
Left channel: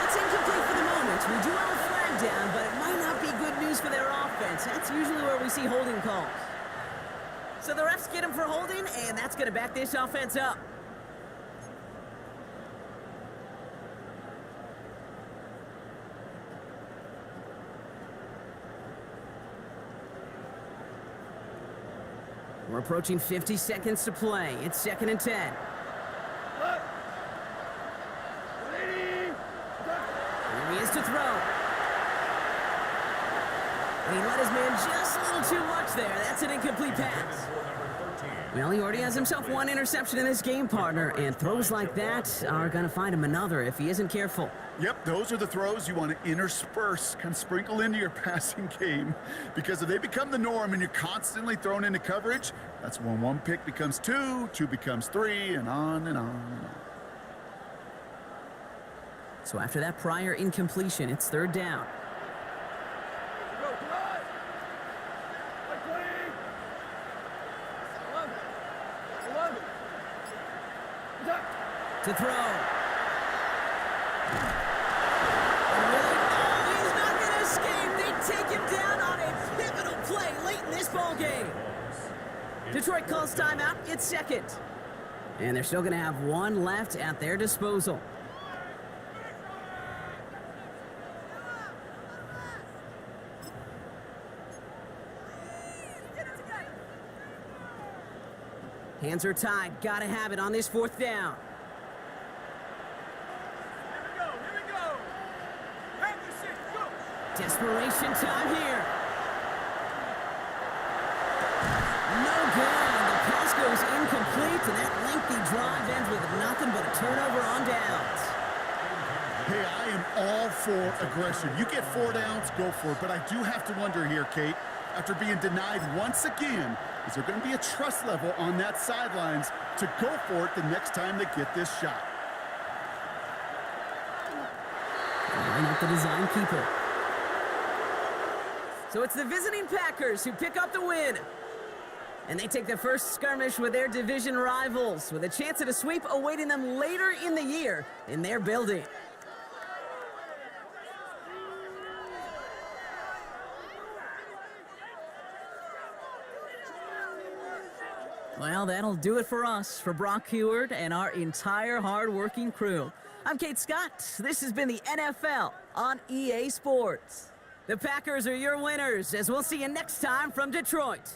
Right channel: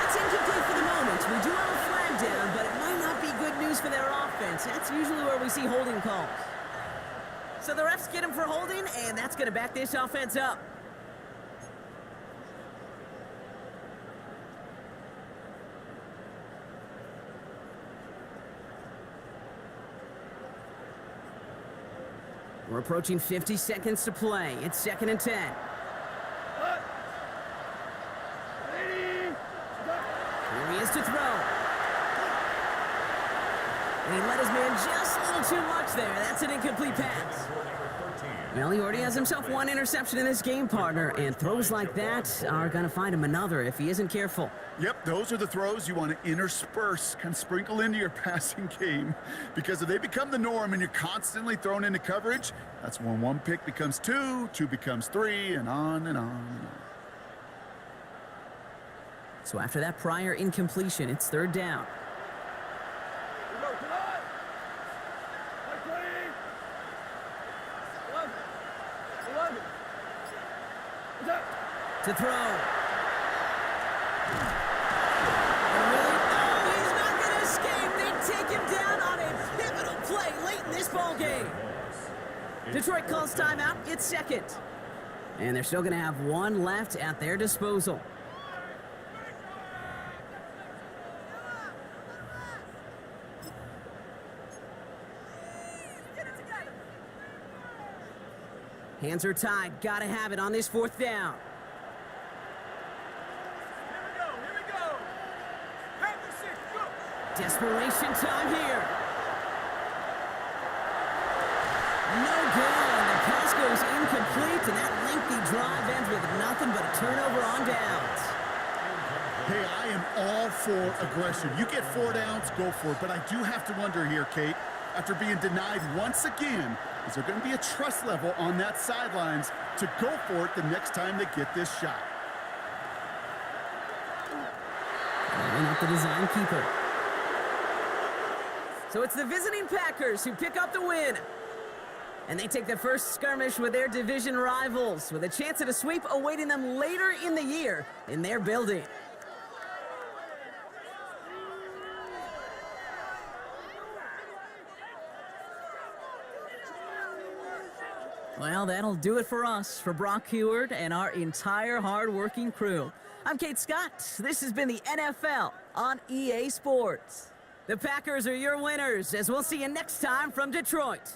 That's incomplete for the moment. We do have a flag down, but it might not be good news for their offense. That's usually where we see holding calls. So the refs get him for holding, and that's going to back this offense up. We're approaching 50 seconds to play. It's 2nd and 10. 180. Here he is to throw. And he let his man just a little too much there. That's an incomplete pass. Well, he already has himself one interception in this game, partner, and throws like that are going to find him another if he isn't careful. Yep, those are the throws you want to intersperse, kind of sprinkle into your passing game, because if they become the norm and you're constantly thrown into coverage, that's when one pick becomes 2, 2 becomes 3, and on and on and on. So after that prior incompletion, it's 3rd down. We go tonight. Like 20. 11. 11. Attack. To throw. And really, no, he's not going to escape. They take him down on a pivotal play late in this ball game. Detroit calls timeout. It's 2nd. And they're still going to have one left at their disposal. Hands are tied. Gotta have it on this 4th down. Here we go, here we go. Panther 6, go. Desperation time here. No good. The pass goes incomplete, and that lengthy drive ends with nothing but a turnover on downs. Hey, I am all for aggression. You get 4 downs, go for it. But I do have to wonder here, Kate, after being denied once again, is there going to be a trust level on that sidelines to go for it the next time they get this shot? Line up the design keeper. So it's the visiting Packers who pick up the win. And they take the first skirmish with their division rivals, with a chance at a sweep awaiting them later in the year in their building. Well, that'll do it for us, for Brock Heward and our entire hard-working crew. I'm Kate Scott. This has been the NFL on EA Sports. The Packers are your winners, as we'll see you next time from Detroit.